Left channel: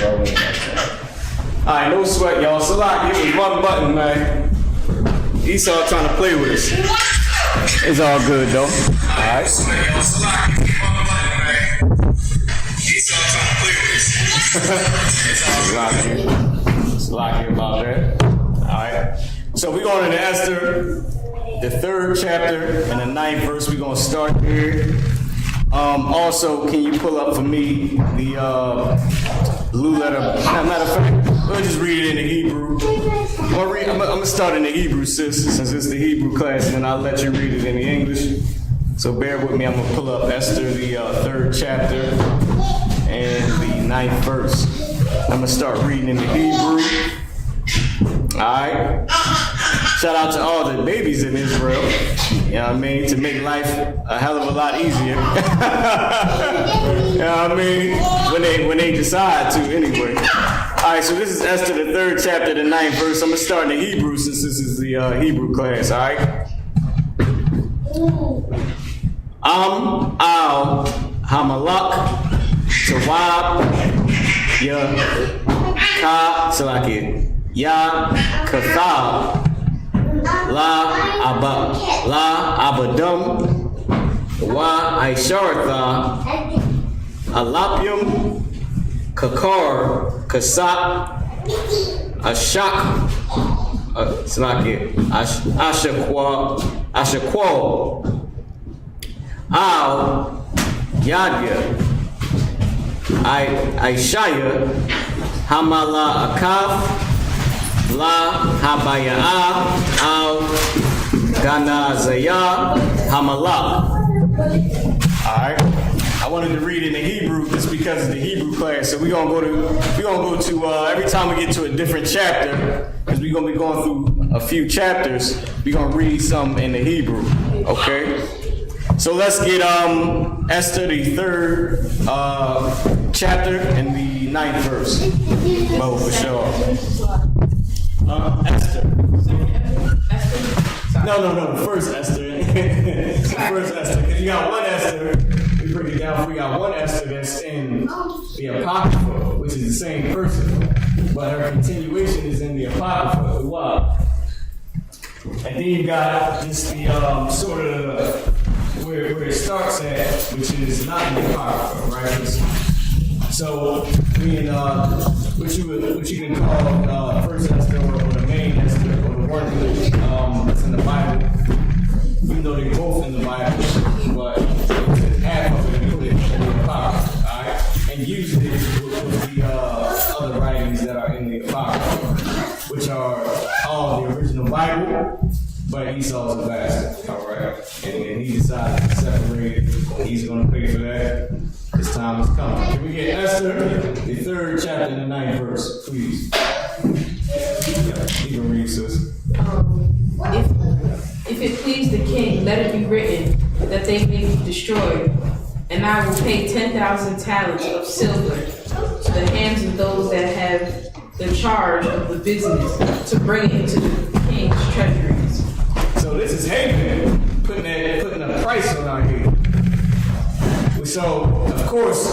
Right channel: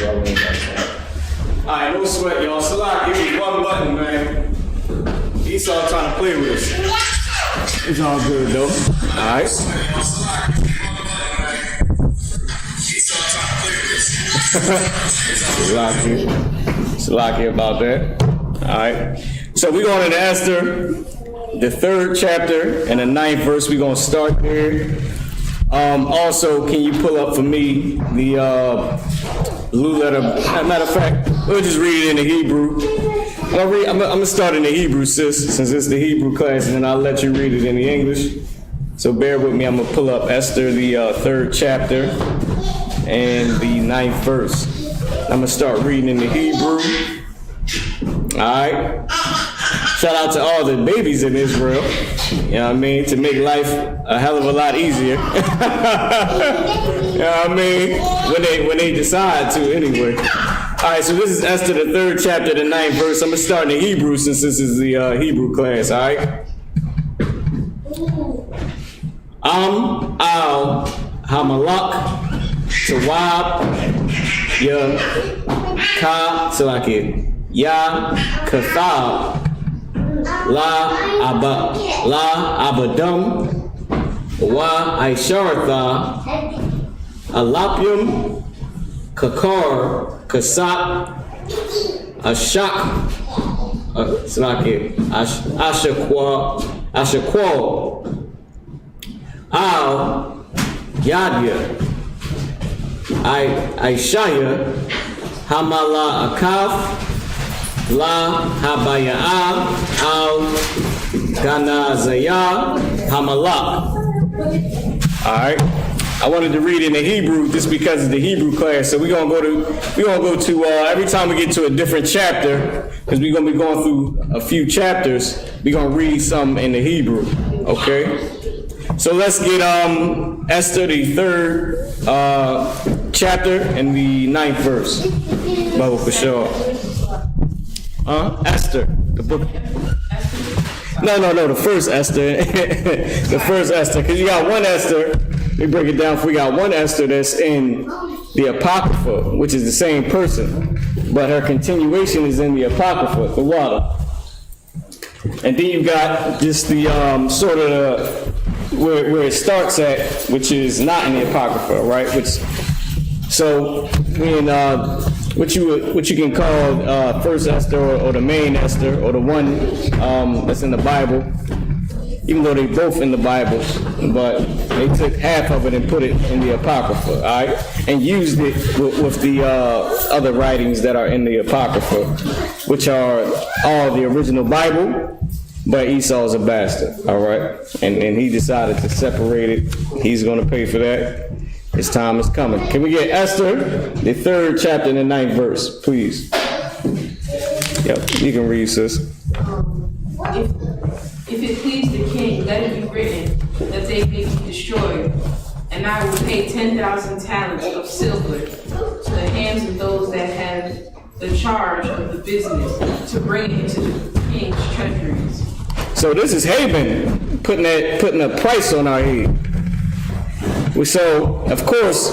bro. Alright, no sweat, y'all. Salak, give me one button, man. Esau trying to play with us. It's all good, though. Alright. Salak here about that. Alright. So we're going into Esther, the 3rd chapter and the 9th verse. We're going to start there. Also, can you pull up for me the blue letter? Matter of fact, we'll just read it in the Hebrew. I'm gonna start in the Hebrew, sis, since it's the Hebrew class, and then I'll let you read it in the English. So bear with me. I'm gonna pull up Esther, the 3rd chapter and the 9th verse. I'm gonna start reading in the Hebrew. All right. Shout out to all the babies in Israel, you know what I mean, to make life a hell of a lot easier. You know what I mean? When they decide to, anyway. All right, so this is Esther, the 3rd chapter, the 9th verse. I'm going to start in the Hebrew since this is the Hebrew class, all right? Al, Hamalak, Tawab, Ya, Ka, Salaki, Ya, Kathab, La Abadam, Wa Aisharatha, Alapium, Kakar, Kasap, Ashak, Ashakwa, Al, Yadya, Aishaya, Hamala Akaf, La Habaya'a Al Ganazaya Hamalak. Alright. I wanted to read in the Hebrew just because of the Hebrew class. So we're gonna go to every time we get to a different chapter, because we're gonna be going through a few chapters, we're gonna read some in the Hebrew. Okay? So let's get Esther, the 3rd chapter and the 9th verse. Bo for sure. Esther. The book. No, the first Esther. The first Esther. Because you got one Esther. We break it down. We got one Esther that's in the Apocrypha, which is the same person. But her continuation is in the Apocrypha for what? And then you got just the sort of where it starts at, which is not in the Apocrypha, right? So, what you can call first Esther or the main Esther or the one that's in the Bible, even though they're both in the Bible, but they took half of it and put it in the Apocrypha, all right, and used it with the other writings that are in the Apocrypha, which are all the original Bible. But Esau's a bastard, all right? And he decided to separate it. He's going to pay for that. His time is coming. Can we get Esther, the 3rd chapter and the 9th verse, please? Yep, you can read, sis. If it please the king, let it be written that they may be destroyed, and I will pay 10,000 talents of silver to the hands of those that have the charge of the business to bring it to the king's treasuries. So this is Haman putting a price on our head. So of course,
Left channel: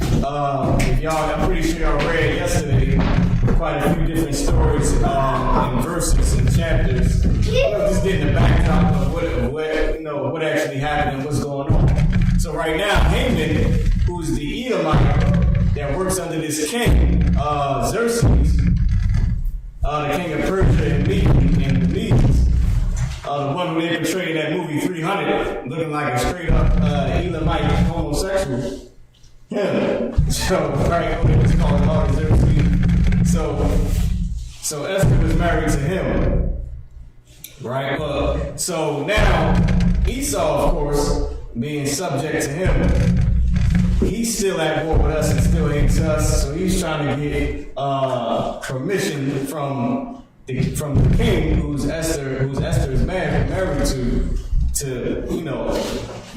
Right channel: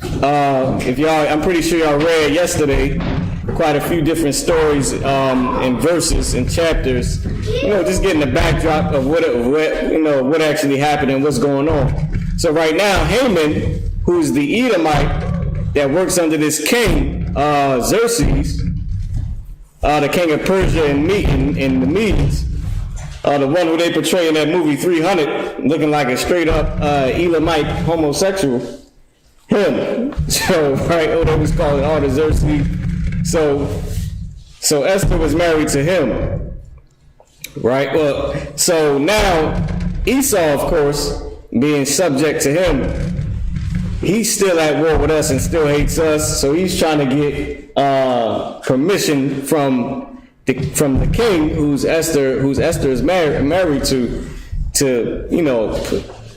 if y'all, I'm pretty sure y'all read yesterday quite a few different stories and verses and chapters. Just getting the backdrop of what actually happened and what's going on. So right now, Haman, who's the Edomite that works under this king, Xerxes, the king of Persia and the Medes. The one who they portray in that movie 300, looking like a straight up Elamite homosexual. Him. So, right, they was calling Artaxerxes. So Esther was married to him. Right? Well, so now Esau, of course, being subject to him, he's still at war with us and still hates us. So he's trying to get permission from the king, who's Esther is married to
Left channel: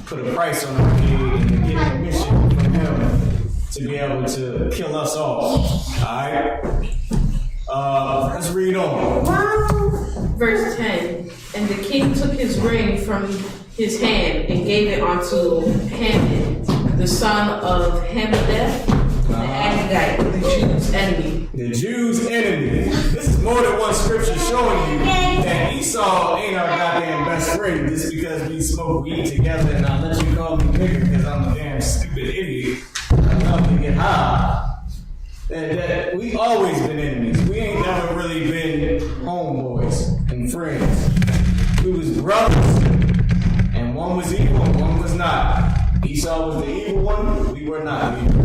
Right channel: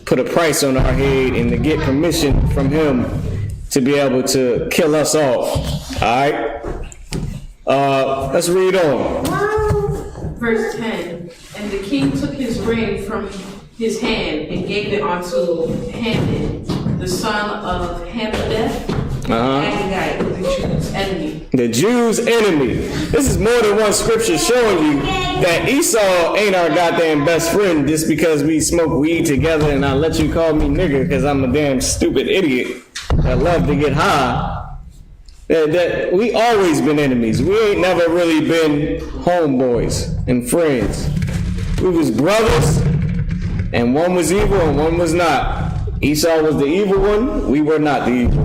put a price on our head and to get permission from him to be able to kill us all. Alright? Let's read on. Verse 10, and the king took his ring from his hand and gave it unto Haman, the son of Hammedatha, Agagite of the Jews, this is more than one scripture showing you that Esau ain't our goddamn best friend just because we smoke weed together and I let you call me nigga because I'm a damn stupid idiot that love to get high. That we always been enemies. We ain't never really been homeboys and friends. We was brothers, and one was evil and one was not. Esau was the evil one, we were not the evil.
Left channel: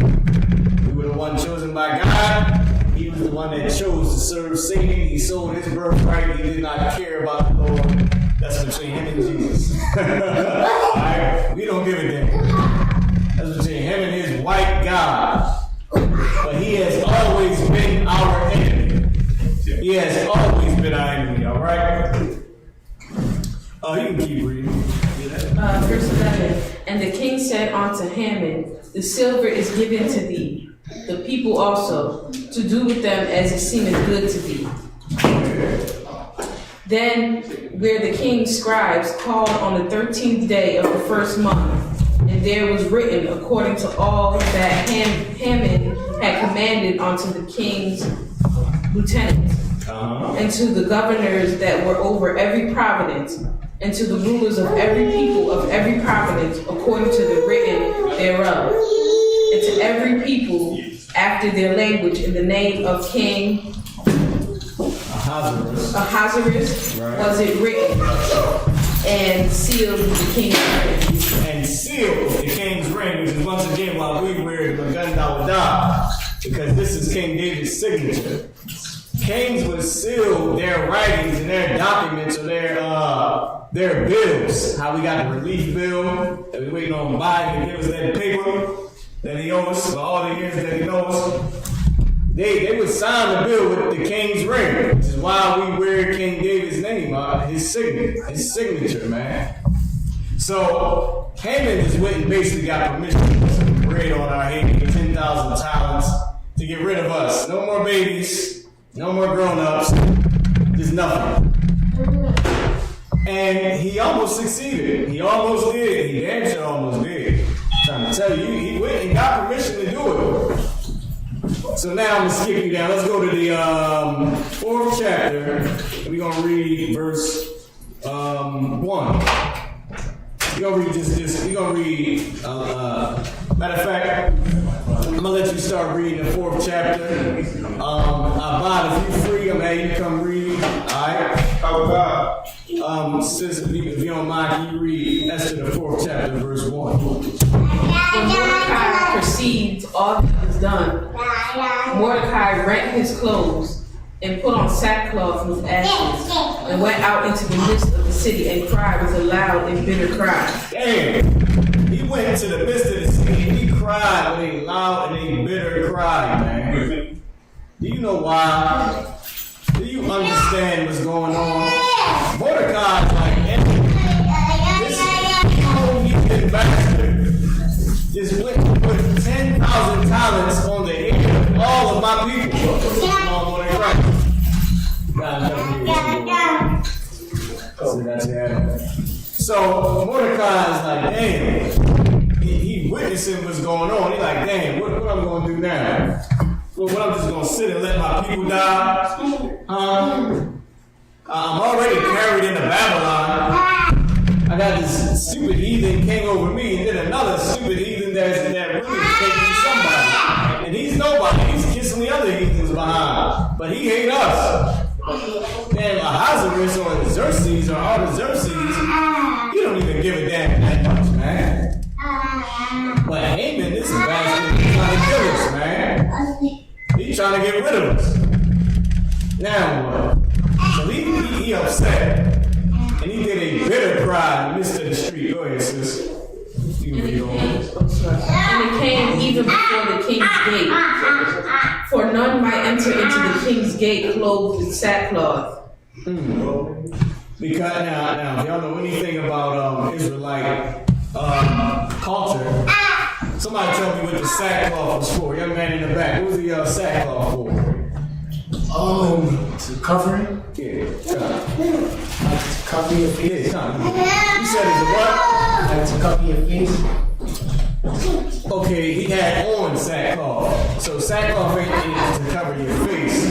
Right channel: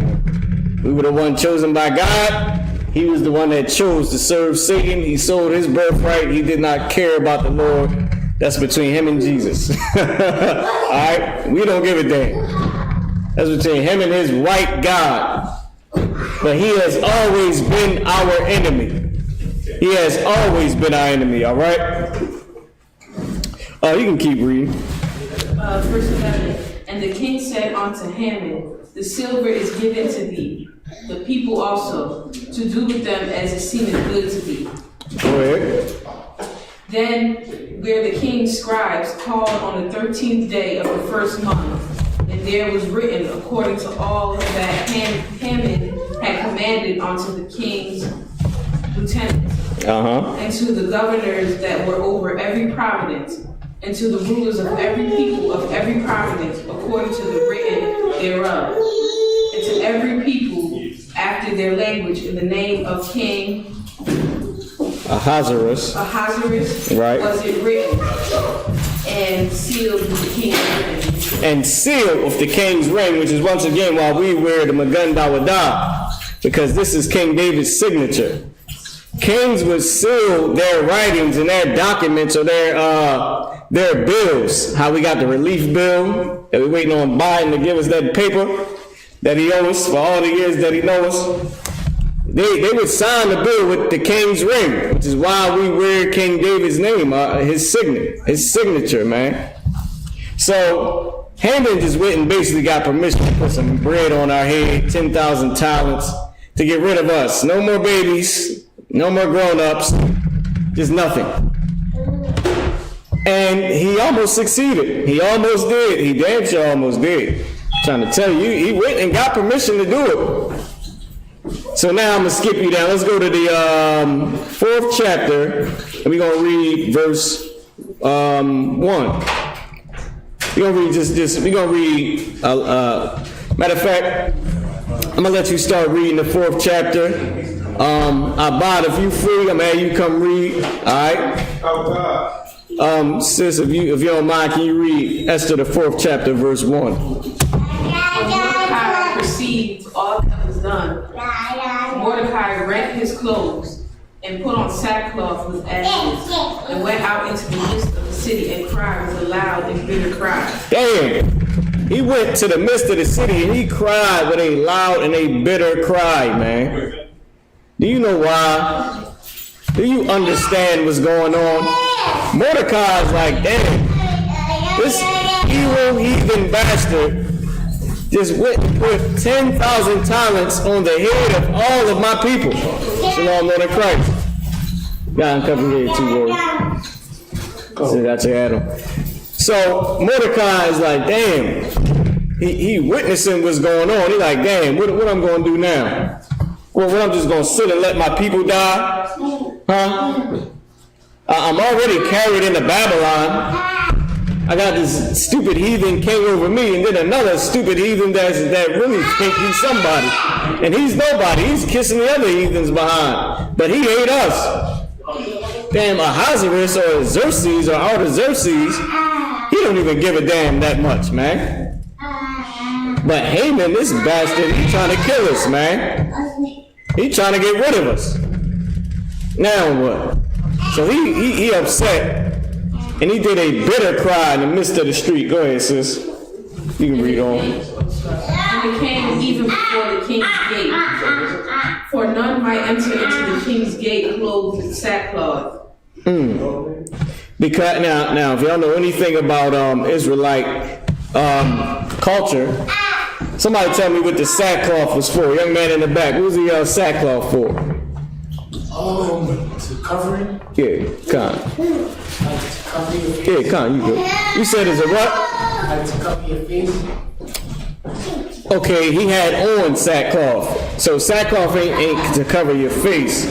We were the one chosen by God. He was the one that chose to serve Satan. He sold his birthright. He did not care about the Lord. That's between him and Jesus. Alright? We don't give a damn. That's between him and his white God. But he has always been our enemy. He has always been our enemy, alright? You can keep reading. Verse 11. And the king said unto Haman, the silver is given to thee, the people also, to do with them as it seemeth good to thee. Go ahead. Then were the king's scribes called on the 13th day of the first month, and there was written according to all that Haman had commanded unto the king's lieutenants, and to the governors that were over every province, and to the rulers of every people of every province, according to the written thereof, and to every people after their language, in the name of King Ahasuerus, right, was it written, and sealed with the king's ring. And sealed with the king's ring, which is once again why we wear the Magun Dawada, because this is King David's signature. Kings would seal their writings and their documents or their bills. How we got the relief bill that we're waiting on Biden to give us that paper that he owes us for all the years that he knows us. They would sign the bill with the king's ring, which is why we wear King David's name, his signature, man. So Haman just went and basically got permission to put some bread on our head, 10,000 talents, to get rid of us. No more babies, no more grown-ups, just nothing. And he almost succeeded. He almost did. He damn sure almost did. I'm trying to tell you, he went and got permission to do it. So now I'm going to skip you down. Let's go to the 4th chapter, and we're going to read verse 1. We're going to read just we're going to read, matter of fact, I'm going to let you start reading the 4th chapter. I bought if you free, I'm going to have you come read, all right? Sis, if you don't mind, can you read Esther the 4th chapter, verse 1? When Mordecai perceived all that was done, Mordecai rent his clothes and put on sackcloth with ashes, and went out into the midst of the city and cried with a loud and bitter cry. Damn! He went to the midst of the city and he cried with a loud and a bitter cry, man. Do you know why? Do you understand what's going on? Mordecai's like, damn, this evil heathen bastard just went and put 10,000 talents on the head of all of my people. Shalom, Lord in Christ. God, I'm coming here too, Lord. So that's your Adam. So Mordecai's like, damn, he witnessing what's going on. He's like, damn, what I'm going to do now? Well, what, I'm just going to sit and let my people die? Huh? I'm already carried into Babylon. I got this stupid heathen king over me, and then another stupid heathen that really think he's somebody. And he's nobody. He's kissing the other heathens behind. But he hate us. Damn, Ahasuerus or Xerxes or Artaxerxes, he don't even give a damn that much, man. But Haman, this bastard, he's trying to kill us, man. He's trying to get rid of us. Now what? So he upset, and he did a bitter cry in the midst of the street. Go ahead, sis. You can read on. And it came even before the king's gate, for none might enter into the king's gate clothed with sackcloth. Because now, if y'all know anything about Israelite culture, somebody tell me what the sackcloth was for. Young man in the back, who's the sackcloth for? To cover it? Yeah, come. Like to cover your face? Yeah, come. You said it's a what? Like to cover your face? Okay, he had on sackcloth. So sackcloth ain't to cover your face.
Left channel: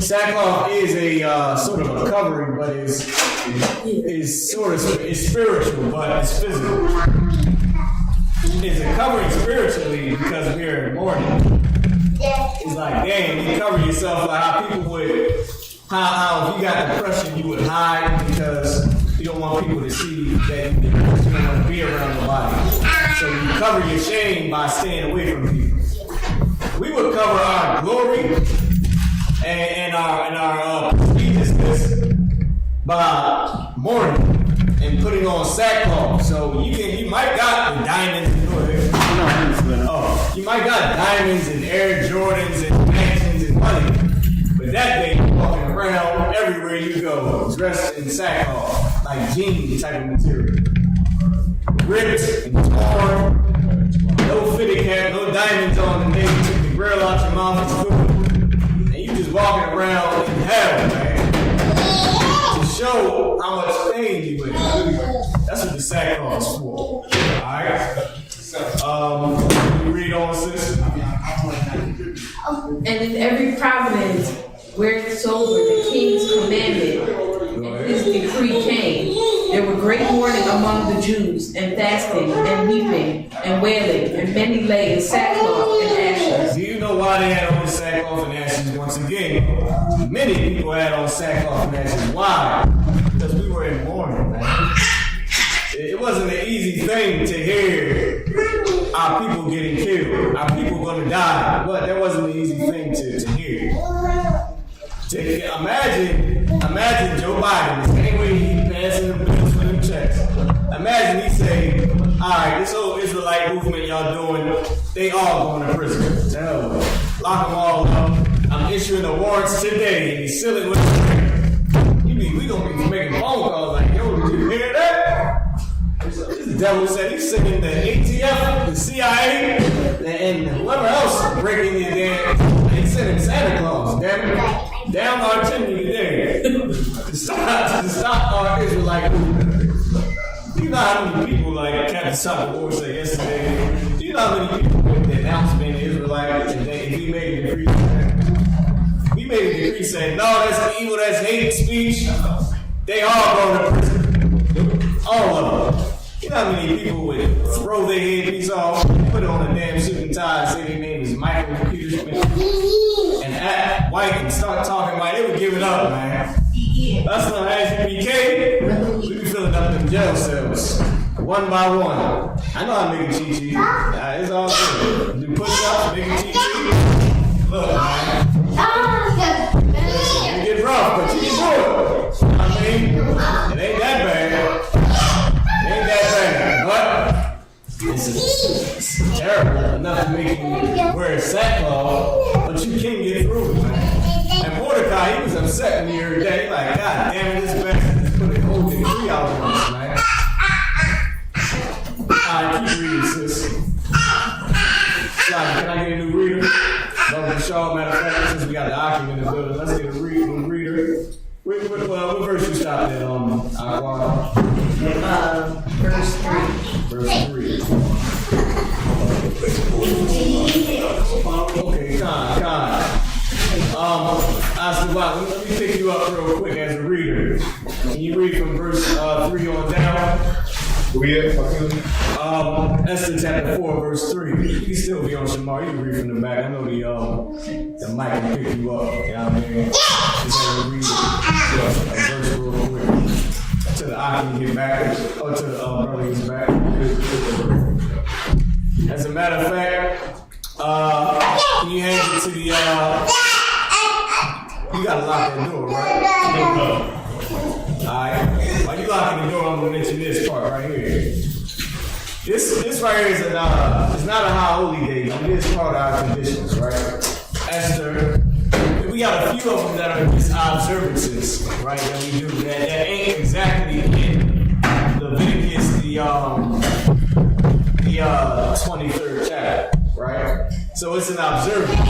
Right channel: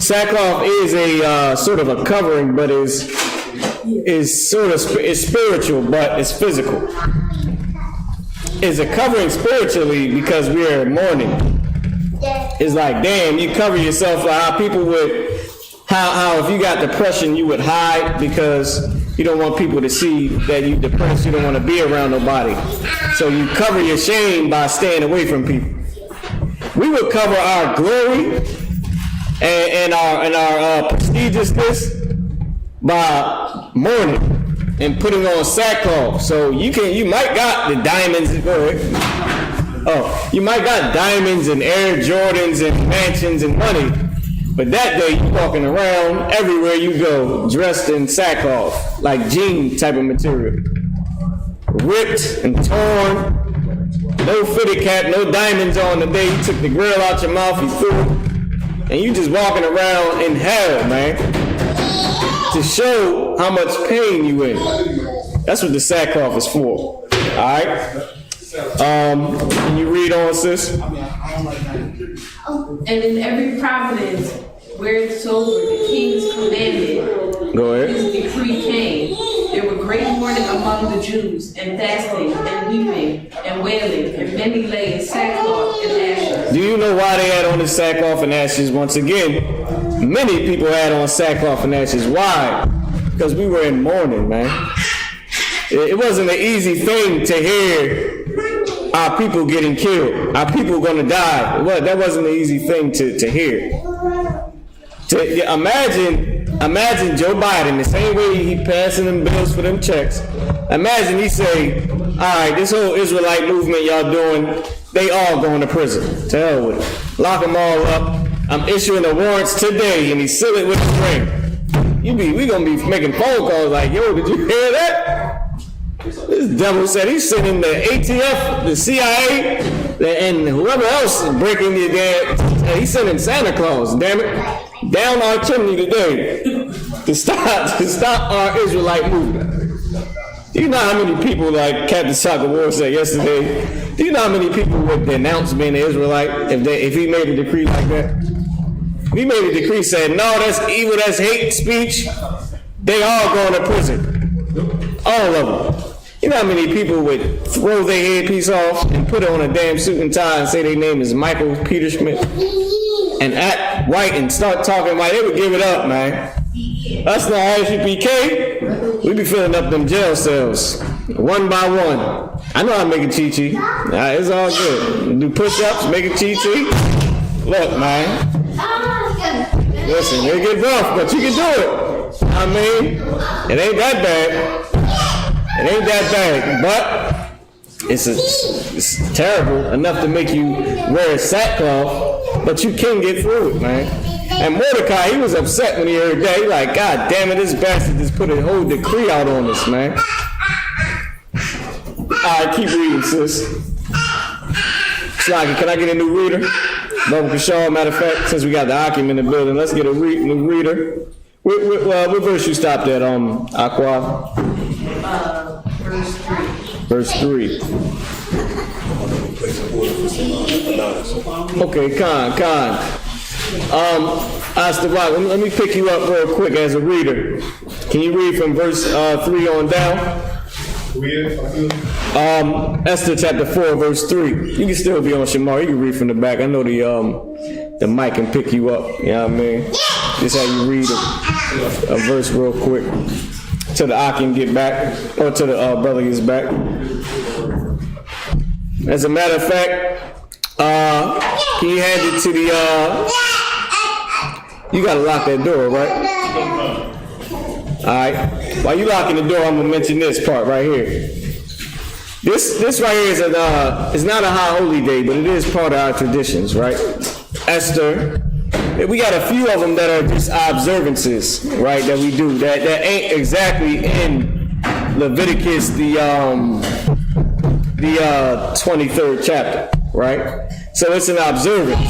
Sackcloth is a sort of a covering, but is spiritual, but it's physical. It's a covering spiritually because we're mourning. It's like, damn, you cover yourself like how people would, how if you got depression, you would hide because you don't want people to see that you're depressed. You don't want to be around nobody. So you cover your shame by staying away from people. We would cover our glory and our prestigiousness by mourning and putting on sackcloth. So you might got the diamonds. You might got diamonds and Air Jordans and mansions and money, but that day you walking around everywhere you go dressed in sackcloth, like jean type of material, ripped and torn. No fitted cap, no diamonds on the day you took the grill out your mouth and threw it. And you just walking around in hell, man. To show how much pain you in. That's what the sackcloth is for. Alright? Can you read on, sis? And in every province where it's over, the king's commanded, his decree came. There were great mourning among the Jews, and fasting, and weeping, and wailing, and many lay in sackcloth and ashes. Do you know why they had on the sackcloth and ashes? Once again, many people had on sackcloth and ashes. Why? Because we were in mourning, man. It wasn't an easy thing to hear our people getting killed, our people gonna die. Well, that wasn't an easy thing to hear. Imagine Joe Biden, the same way he passing them bills for them checks. Imagine he say, all right, this whole Israelite movement y'all doing, they all going to prison. To hell with it. Lock them all up. I'm issuing the warrants today, and he seal it with his ring. We gonna be making phone calls like, yo, did you hear that? This devil said he's sending the ATF, the CIA, and whoever else is breaking your damn. He's sending Santa Claus, damn it, down our chimney today to stop our Israelite movement. Do you know how many people, like Captain Soccer War said yesterday? Do you know how many people would denounce being an Israelite if he made a decree like that? If he made a decree saying, no, that's evil, that's hate speech, they all going to prison. All of them. You know how many people would throw their earpiece off and put it on a damn suit and tie and say their name is Michael Peter Schmidt and act white and start talking white? They would give it up, man. That's not ISUPK. We be filling up them jail cells one by one. I know how to make a cheat. It's all good. Do push-ups, make a cheat. Look, man. Listen, it get rough, but you can do it. I mean, it ain't that bad. It ain't that bad, but it's terrible enough to make you wear a sackcloth, but you can get through it, man. And Mordecai, he was upset when he heard that. He like, God damn it, this bastard just put a whole decree out on us, man. Alright, keep reading, sis. Slaggy, can I get a new reader? Brother Deshaun, matter of fact, since we got the Akim in the building, let's get a new reader. What verse you stopped at, Aqua? Verse 3. Okay, Khan. Let me pick you up real quick as a reader. Can you read from verse 3 on down? Esther chapter 4, verse 3. You can still be on Shamar. You can read from the back. I know the mic can pick you up. You know what I mean? Just have you read a verse real quick till the Akim get back, or till the brother gets back. As a matter of fact, he handed to the. You gotta lock that door, right? Alright. While you locking the door, I'm gonna mention this part right here. This right here is not a high holy day, but it is part of our traditions, right? Esther. We got a few of them that are just observances, right? That we do that ain't exactly in Leviticus the 23rd chapter, right? So it's an observance,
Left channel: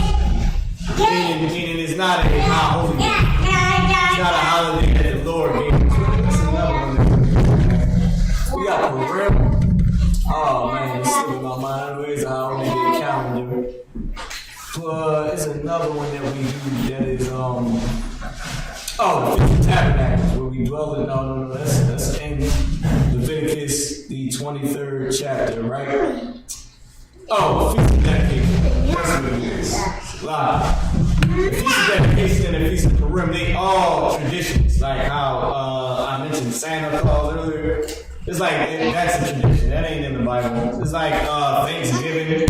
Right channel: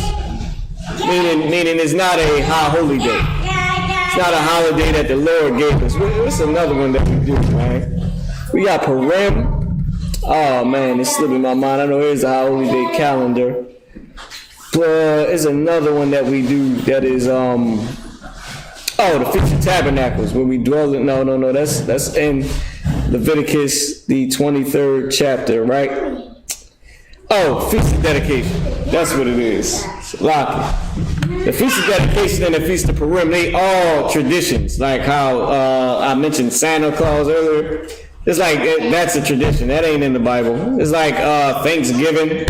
meaning it's not a high holy day. It's not a holiday that the Lord gave us. What's another one that we do, man? We got Purim. Oh man, it's slipping my mind. I know there's a high holy day calendar. There's another one that we do that is the Feast of Tabernacles where we dwell in. No. That's in Leviticus, the 23rd chapter, right? Oh, Feast of Dedication. That's what it is. The Feast of Dedication and the Feast of Purim, they all traditions. Like how I mentioned Santa Claus earlier. It's like that's a tradition. That ain't in the Bible. It's like Thanksgiving.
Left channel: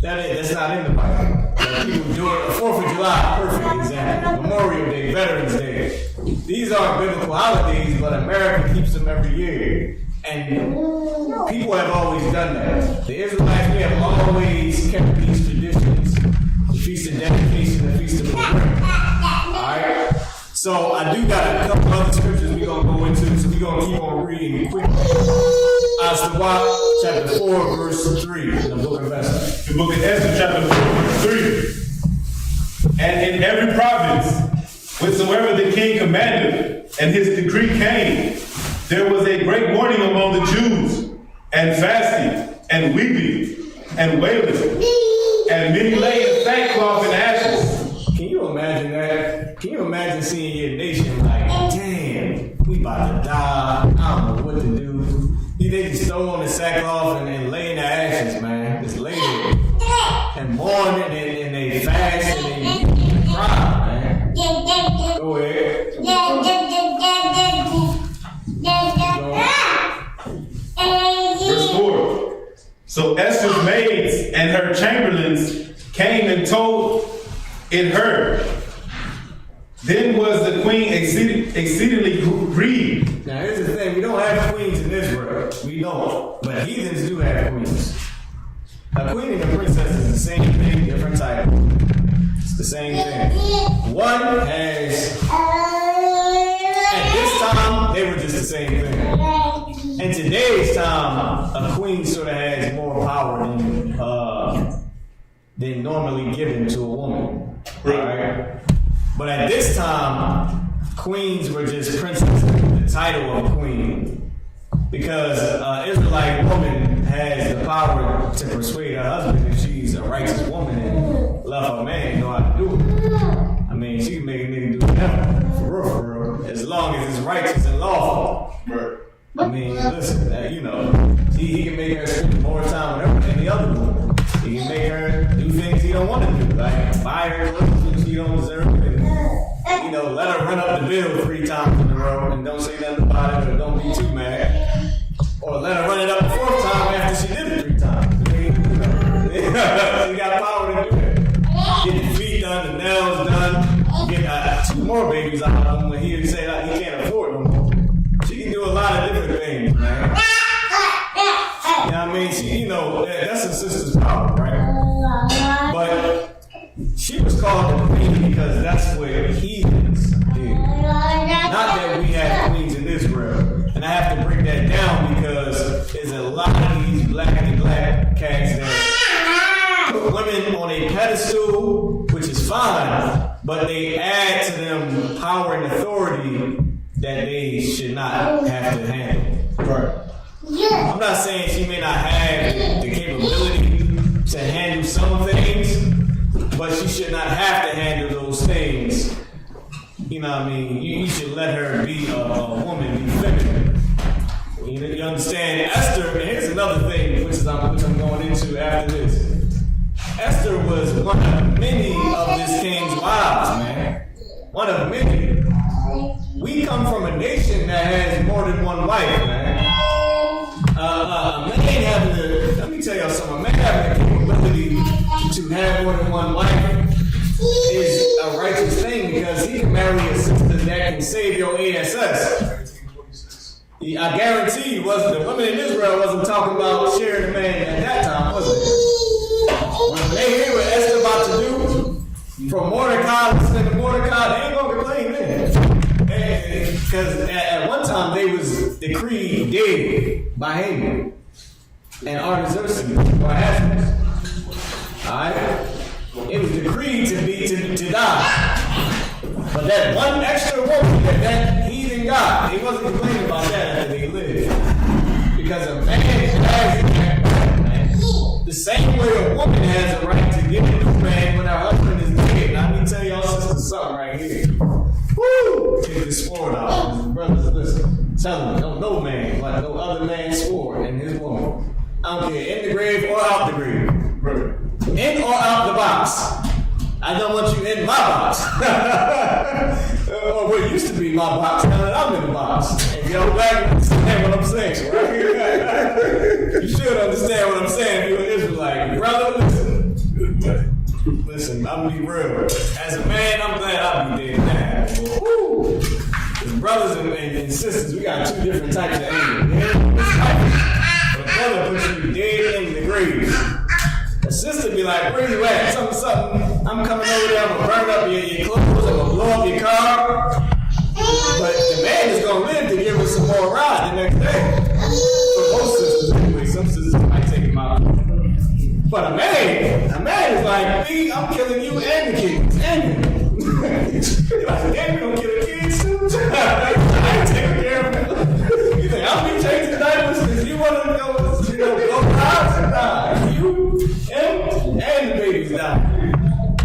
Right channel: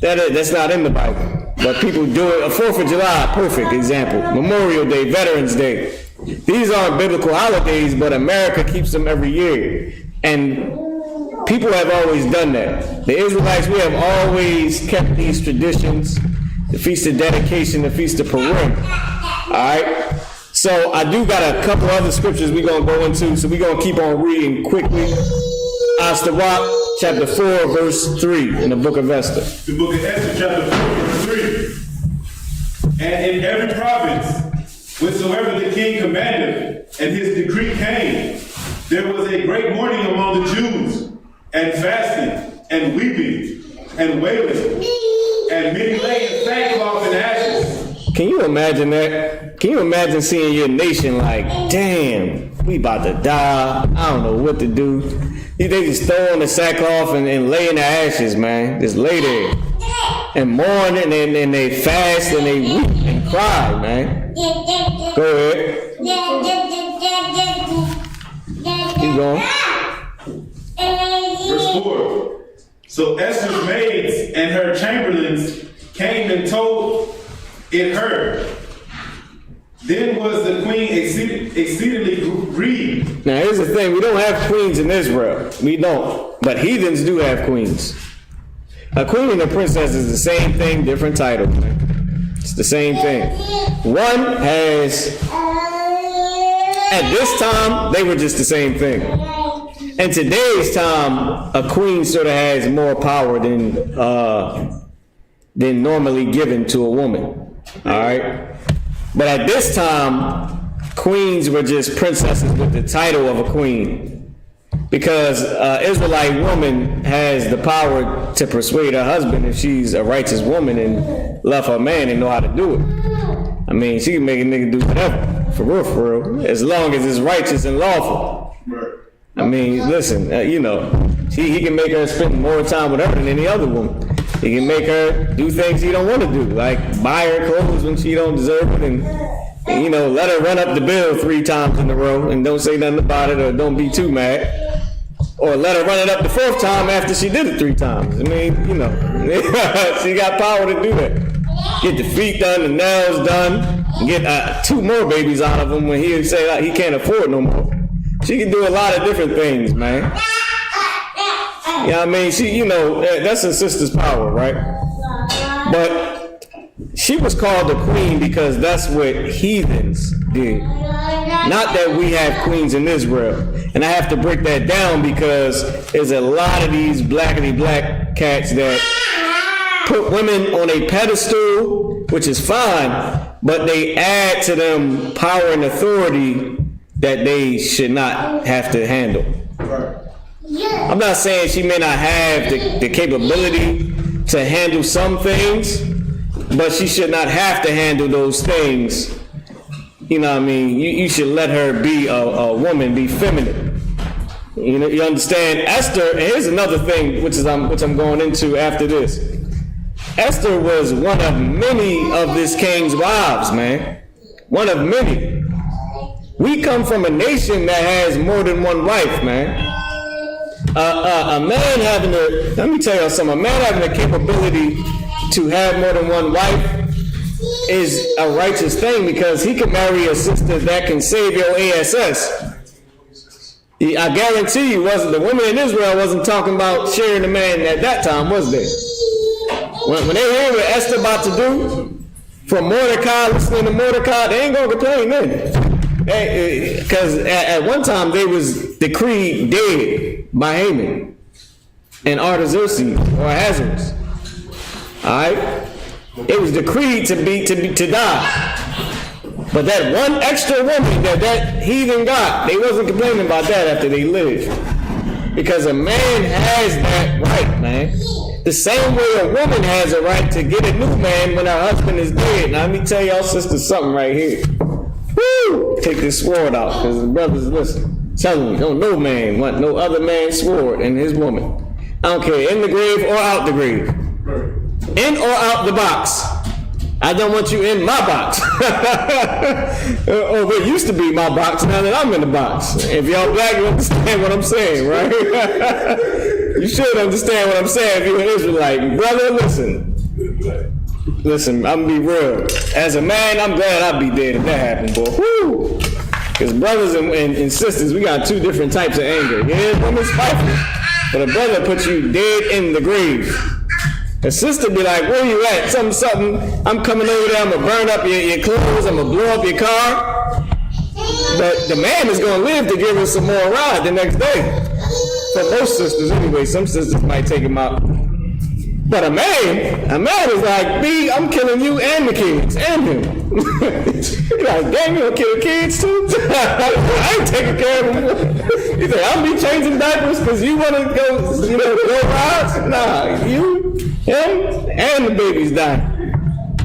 That's not in the Bible. But people do it. 4th of July, perfect example. Memorial Day, Veterans Day. These aren't biblical holidays, but America keeps them every year. And people have always done that. The Israelites, we have always kept these traditions. The Feast of Dedication, the Feast of Purim. Alright? So I do got a couple other scriptures we're going to go into, so we're going to keep on reading quickly. Isupk, chapter 4, verse 3 in the book of Esther. The book of Esther, chapter 4, verse 3. And in every province, whatsoever the king commanded, and his decree came, there was a great mourning among the Jews, and fasting, and weeping, and wailing, and many lay in sackcloth and ashes. Can you imagine that? Can you imagine seeing your nation like, damn, we about to die, I don't know what to do. They just throw on the sackcloth and lay in the ashes, man. Just lay there and mourn and they fast and they weep and cry, man. Go ahead. Keep going. Verse 4. So Esther's maids and her chamberlains came and told it her. Then was the queen exceedingly grieved. Now here's the thing, we don't have queens in Israel. We don't. But heathens do have queens. A queen and a princess is the same thing, different title. It's the same thing. One has, at this time, they were just the same thing. In today's time, a queen sort of has more power than normally given to a woman. Alright? But at this time, queens were just princesses with the title of a queen. Because an Israelite woman has the power to persuade her husband if she's a righteous woman and love her man and know how to do it. I mean, she can make a nigga do whatever, for real, as long as it's righteous and lawful. I mean, listen, he can make her spend more time with her than any other woman. He can make her do things he don't want to do, like buy her clothes when she don't deserve it, and let her run up the bill 3 times in a row and don't say nothing about it or don't be too mad. Or let her run it up the 4th time after she did it 3 times. I mean, she got power to do that. Get the feet done, the nails done, get 2 more babies out of him when he say he can't afford no more. She can do a lot of different things, man. Yeah, I mean, that's her sister's power, right? But she was called the queen because that's what heathens did. Not that we have queens in Israel. And I have to break that down because there's a lot of these blackity black cats that put women on a pedestal, which is fine, but they add to them power and authority that they should not have to handle. Right. I'm not saying she may not have the capability to handle some things, but she should not have to handle those things. You know what I mean? You should let her be a woman, be feminine. You understand? Esther, here's another thing which I'm going into after this. Esther was one of many of this king's wives, man. One of many. We come from a nation that has more than one wife, man. A man having let me tell you something, a man having the capability to have more than one wife is a righteous thing because he can marry a sister that can save your ASS. I guarantee you, the women in Israel wasn't talking about sharing the man at that time, was they? When they hear what Esther about to do, from Mordecai, listening to Mordecai, they ain't gonna complain then. Because at one time they was decreed dead by Haman and Artaxerxes or Ahasuerus. Alright? It was decreed to die. But that one extra woman that heathen got, they wasn't complaining about that after they lived. Because a man has that right, man. the same way a woman has a right to get a new man when her husband is dead. Now, let me tell y'all sisters something right here. Woo! Take this sword out, because the brothers listen. Tell me, no man want no other man's sword in his woman. I don't care, in the grave or out the grave. In or out the box. I don't want you in my box. Or what used to be my box, now that I'm in the box. If y'all black, you understand what I'm saying, right? You should understand what I'm saying if you're an Israelite. Brother, listen. Listen, I'm gonna be real. As a man, I'm glad I'll be dead if that happened, boy. Woo! Because brothers and sisters, we got two different types of anger. Yeah, women's fighting. But a brother puts you dead in the grave. A sister be like, where you at? Something. I'm coming over there, I'm gonna burn up your clothes, I'm gonna blow up your car. But the man is gonna live to give us some more ride the next day. For most sisters anyway, some sisters might take him out. But a man is like, B, I'm killing you and the kids, and him. You're like, damn, you gonna kill the kids too? I ain't taking care of them. You think, I'll be changing diapers because you wanna go rides? Nah, you, him, and the baby's dying.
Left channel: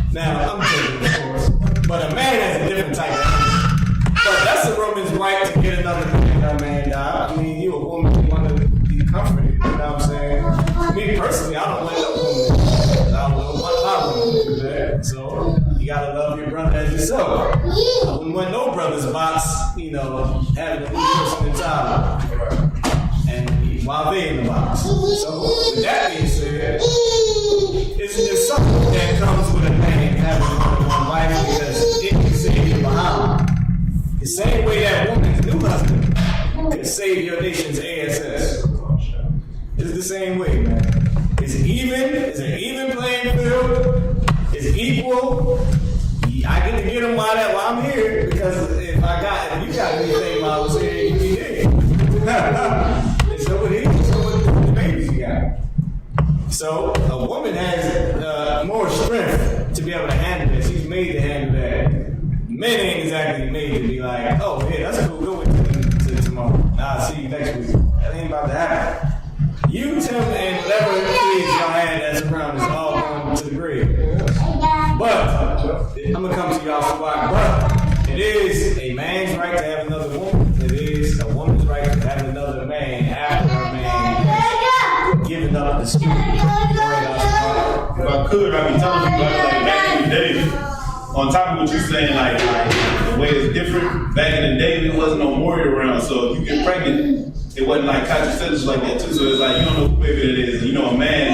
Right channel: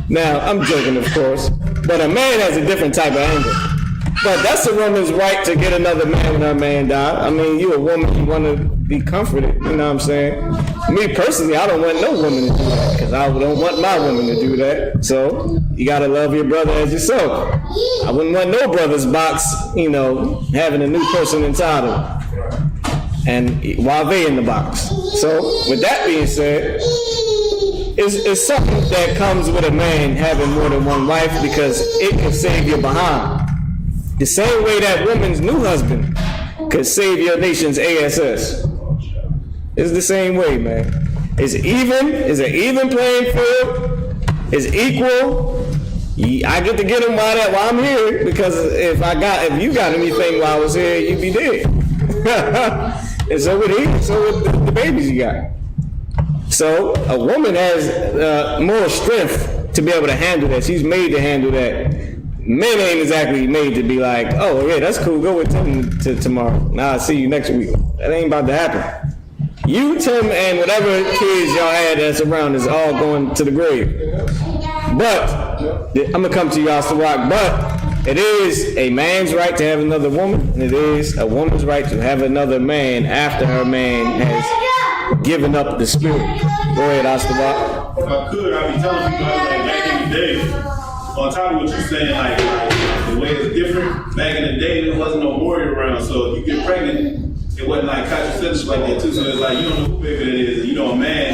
Now, I'm joking, of course, but a man has a different type of anger. But that's a woman's right to get another man when her man died. I mean, you a woman, you want to be comforted, you know what I'm saying? Me personally, I don't want no woman to do that, because I don't want my woman to do that. So, you gotta love your brother as yourself. I wouldn't want no brother's box, you know, having a new person inside of them. And while they in the box. So, with that being said, it's something that comes with a man having more than one wife, because it can save your behind. The same way that woman's new husband could save your nation's ASS. It's the same way, man. It's even. It's an even playing field. It's equal. I get to get him while I'm here, because if you got anything while I was here, you'd be dead. And so with the babies you got. So a woman has more strength to be able to handle that. She's made to handle that. Men ain't exactly made to be like, oh yeah, that's cool, go with Tim to tomorrow. Nah, I'll see you next week. That ain't about to happen. You, Tim, and whatever kids y'all had that's around is all going to the grave. But, I'm gonna come to y'all, Isupk, but it is a man's right to have another woman, and it is a woman's right to have another man after her man has given up the spirit. Go ahead, Isupk. If I could, I'd be telling people like back in the day, on top of what you're saying, like the way it's different, back in the day, there wasn't no warrior around, so if you get pregnant, it wasn't like contraception like that too, so it's like, you don't know who baby it is, you know a man,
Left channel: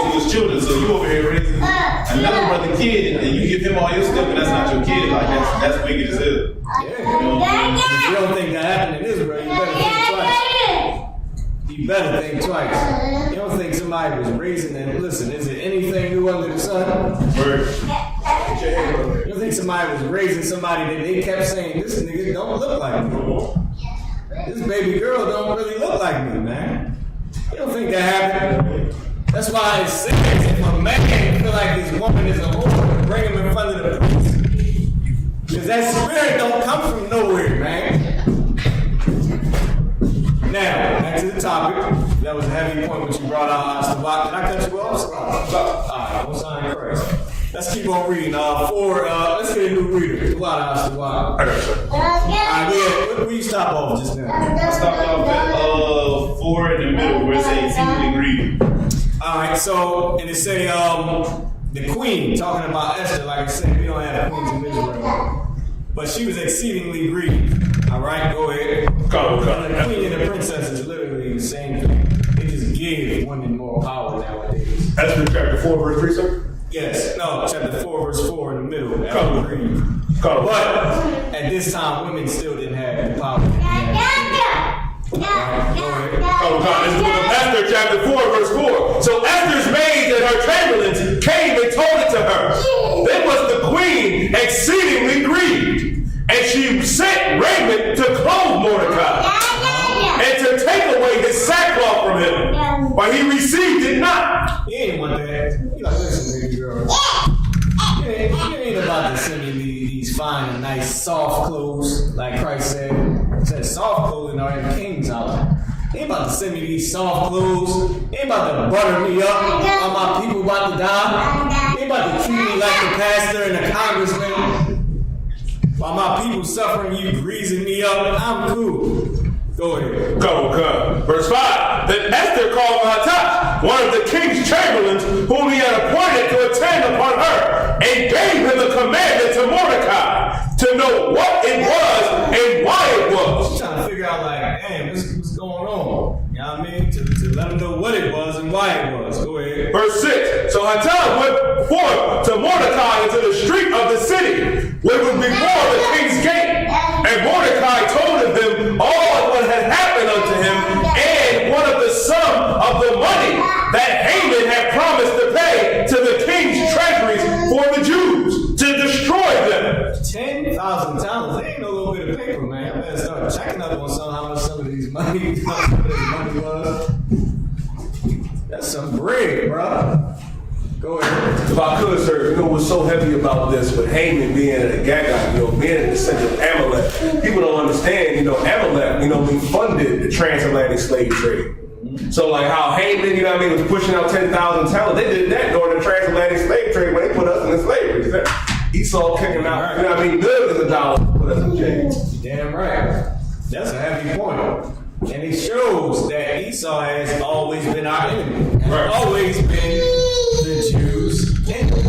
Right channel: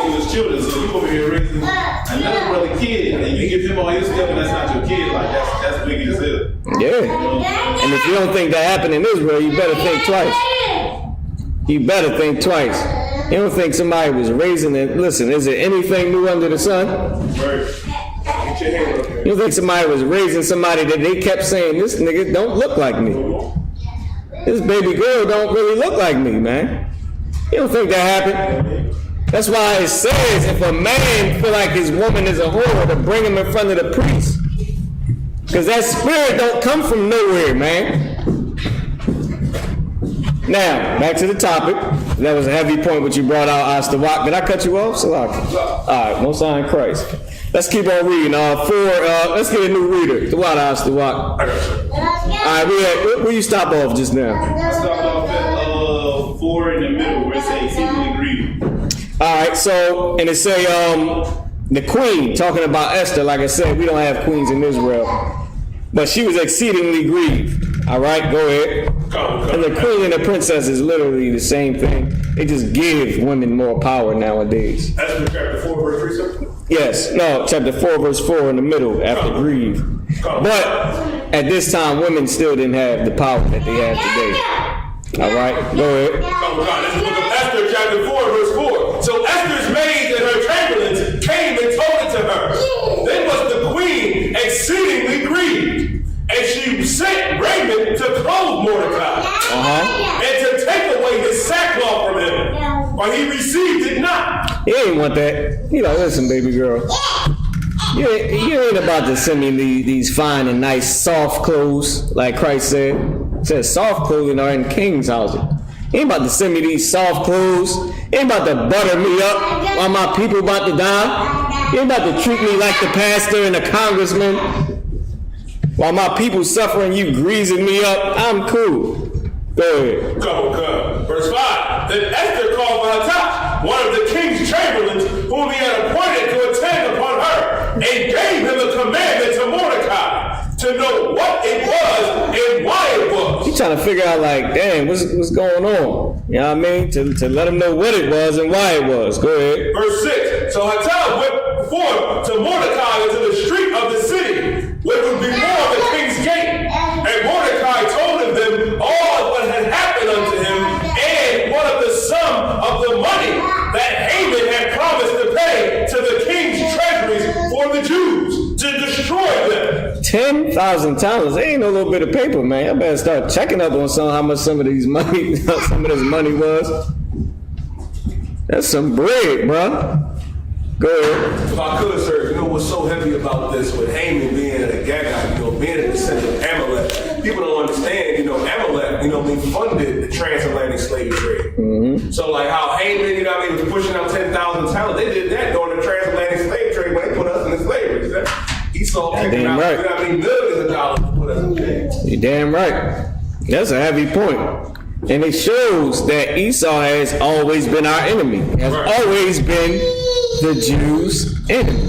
to his children, so you over here raising another brother kid, and you give him all your stuff, and that's not your kid, like that's big as hell. Yeah, and if you don't think that happened in Israel, you better think twice. You better think twice. You don't think somebody was raising it. Listen, is there anything new under the sun? Word. You don't think somebody was raising somebody that they kept saying, this nigga don't look like me. This baby girl don't really look like me, man. You don't think that happened? That's why it says if a man feel like his woman is a whore, to bring him in front of the priest. Because that spirit don't come from nowhere, man. Now, back to the topic. That was a heavy point which you brought out, Isupk. Did I cut you off? Alright, Most High in Christ. Let's keep on reading. Let's get a new reader. The water, Isupk. I got you. Alright, where you stop off just now? I stopped off at 4 in the middle where it says exceedingly greedy. Alright, so, and it say, the queen, talking about Esther, like I said, we don't have queens in Israel. But she was exceedingly grieved. Alright, go ahead. And the queen and the princess is literally the same thing. They just give women more power nowadays. Esther chapter 4, verse 3, sir? Yes, no, chapter 4, verse 4 in the middle, after grieve. But at this time, women still didn't have the power that they have today. Alright, go ahead. Oh God, this is the book of Esther, chapter 4, verse 4. So Esther's maids and her chamberlains came and told it to her. Then was the queen exceedingly grieved, and she sent raiment to clothe Mordecai, and to take away his sackcloth from him, but he received it not. He ain't want that. He like, listen, baby girl. You ain't about to send me these fine and nice soft clothes, like Christ said. It says soft clothing are in king's houses. He ain't about to send me these soft clothes. He ain't about to butter me up while my people about to die. He ain't about to treat me like the pastor and the congressman. While my people suffering, you greasing me up. I'm cool. Go ahead. Come. Verse 5. Then Esther called for Hathach, one of the king's chamberlains, whom he had appointed to attend upon her, and gave him the commandment to Mordecai to know what it was and why it was. She's trying to figure out, like, damn, what's going on? You know what I mean? To let him know what it was and why it was. Go ahead. Verse 6. So Hathach went forth to Mordecai into the street of the city, which was before the king's gate. And Mordecai told them all what had happened unto him, and one of the sum of the money that Haman had promised to pay to the king's treasuries for the Jews to destroy them. 10,000 talents. That ain't no little bit of paper, man. I better start checking up on how much some of this money was. That's some bread, bro. Go ahead. If I could, sir, you know what's so heavy about this with Haman being a Gagite, being in the center of Amalek. People don't understand, Amalek, funded the transatlantic slave trade. Mm-hmm. So like how Haman, was pushing out 10,000 talents. They did that during the transatlantic slave trade when they put us in slavery. Esau kicking out, right. Millions of dollars to put us in chains. You're damn right. That's a heavy point. And it shows that Esau has always been our enemy. Has always been the Jews' enemy.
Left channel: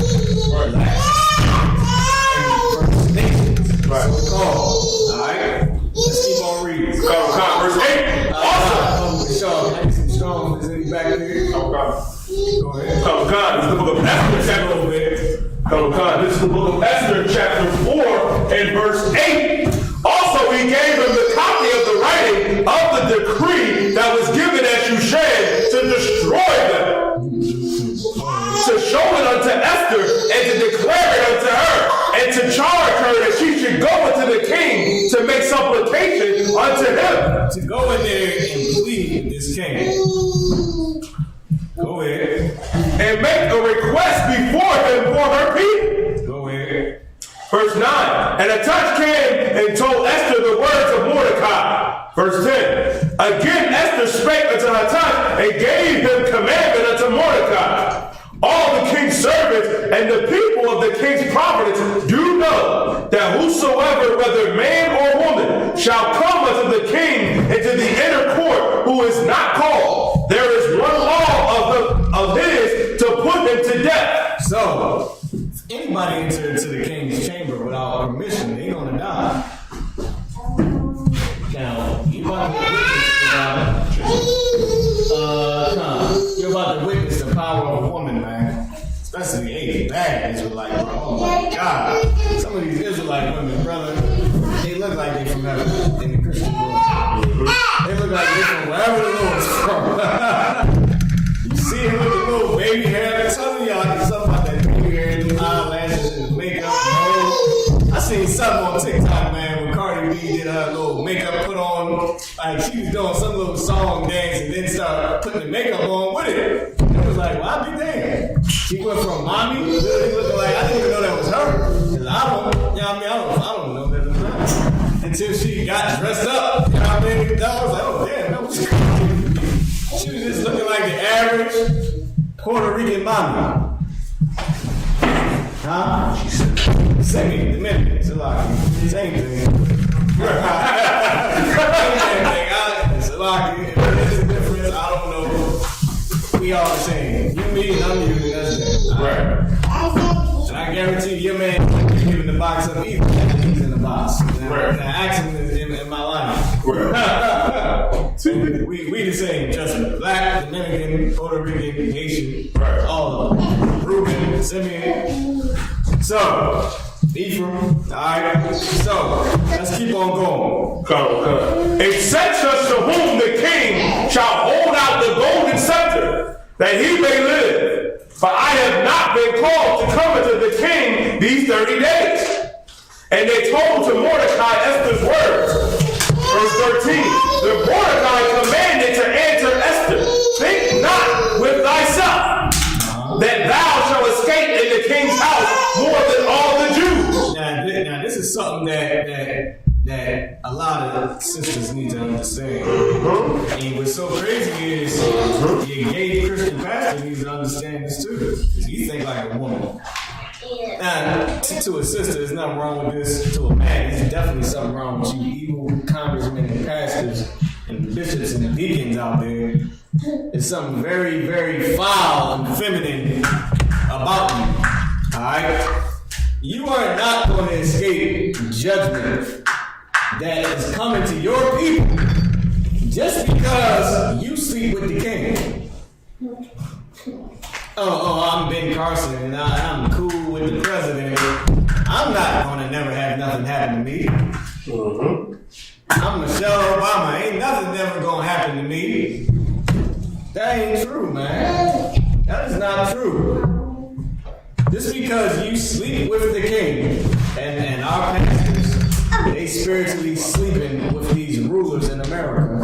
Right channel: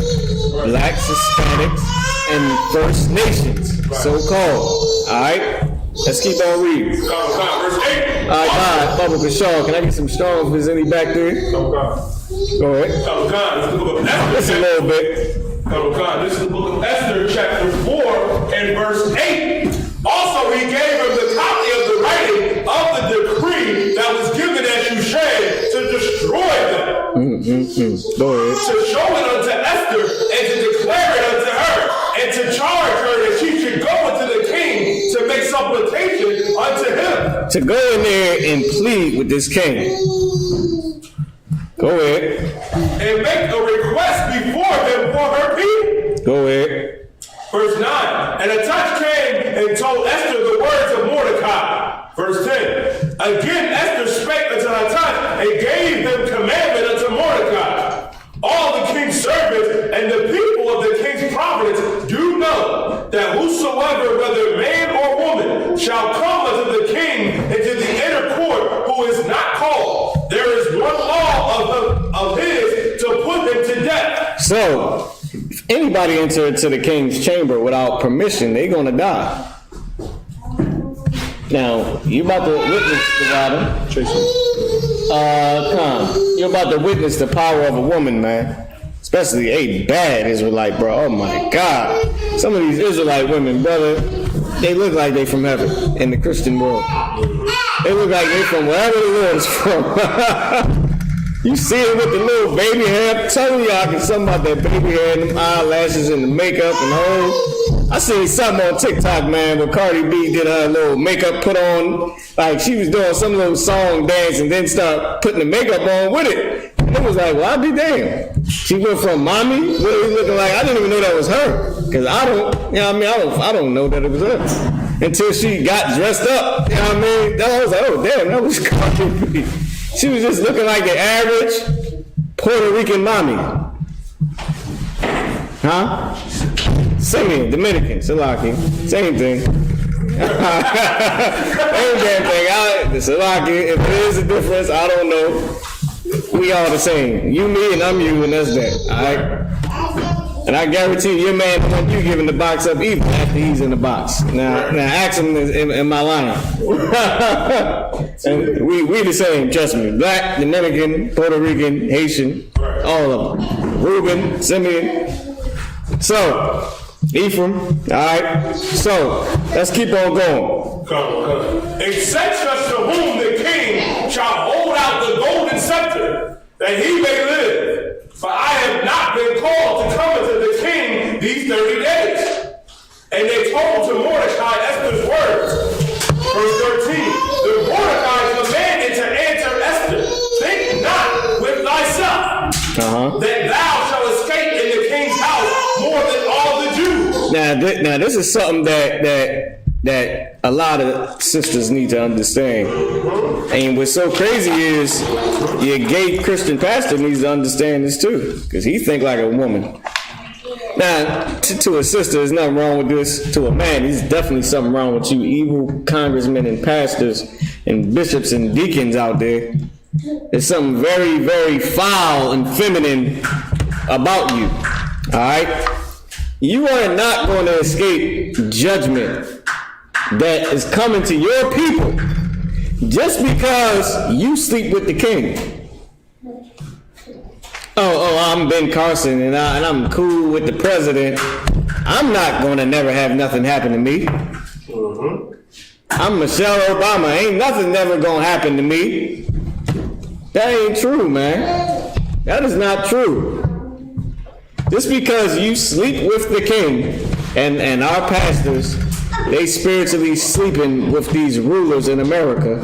Right. Blacks, Hispanics, and First Nations, so-called. Alright? Let's keep on reading. Verse 8. Mama Bashar, can I get some strong if there's any back there? Go ahead. This is the book of Esther. A little bit. This is the book of Esther, chapter 4, and verse 8. Also, he gave him the copy of the writing of the decree that was given at Shushan to destroy them. To show it unto Esther and to declare it unto her and to charge her that she should go unto the king to make supplication unto him. To go in there and plead with this king. Go ahead. And make a request before him for her people. Go ahead. Verse 9, and Hathach came and told Esther the words of Mordecai. Verse 10, again Esther spake unto Hathach and gave him commandment unto Mordecai. All the king's servants and the people of the king's providence do know that whosoever, whether man or woman, shall come unto the king into the inner court who is not called, there is one law of his to put him to death. So, if anybody enter into the king's chamber without permission, they're gonna die. Now, you about to witness you're about to witness the power of a woman, man. Especially a bad Israelite, bro. Oh my God. Some of these Israelite women, brother, they look like they from heaven in the Christian world. They look like they from wherever the Lord's from. You see it with the little baby hair. I'm telling y'all, I get something about that baby hair, and the eyelashes, and the makeup, and all. I seen something on TikTok, man, where Cardi B did her little makeup put on. Like, she was doing some little song dance and then start putting the makeup on with it. And it was like, well, I'll be damned. She went from mommy, really looking like, I didn't even know that was her. Because I don't know that it was her. Until she got dressed up. You know what I mean? I was like, oh, damn, that was Cardi B. She was just looking like an average Puerto Rican mommy. Huh? Same Dominican, Salaki. Same thing. Same damn thing. Salaki, if there is a difference, I don't know. We all the same. You me and I'm you, and that's that. Alright? And I guarantee your man don't want you giving the box up either after he's in the box. Now ask him, am I lying? we the same, trust me. Black, Dominican, Puerto Rican, Haitian, all of them. Reuben, Simeon. So, Ephraim, alright? So, let's keep on going. Come. Except such to whom the king shall hold out the golden scepter, that he may live. For I have not been called to come unto the king these 30 days. And they told to Mordecai Esther's words. Verse 13, the Mordecai commanded to answer Esther, think not with thyself that thou shalt escape in the king's house more than all the Jews. Now this is something that that a lot of sisters need to understand. And what's so crazy is your gay Christian pastor needs to understand this too, because he think like a woman. Now, to a sister, there's nothing wrong with this. To a man, there's definitely something wrong with you evil congressmen and pastors and bishops and deacons out there. There's something very, very foul and feminine about you. All right? You are not going to escape judgment that is coming to your people just because you sleep with the king. I'm Ben Carson and I'm cool with the president. I'm not going to never have nothing happen to me. I'm Michelle Obama. Ain't nothing never going to happen to me. That ain't true, man. That is not true. Just because you sleep with the king and our pastors, they spiritually sleeping with these rulers in America,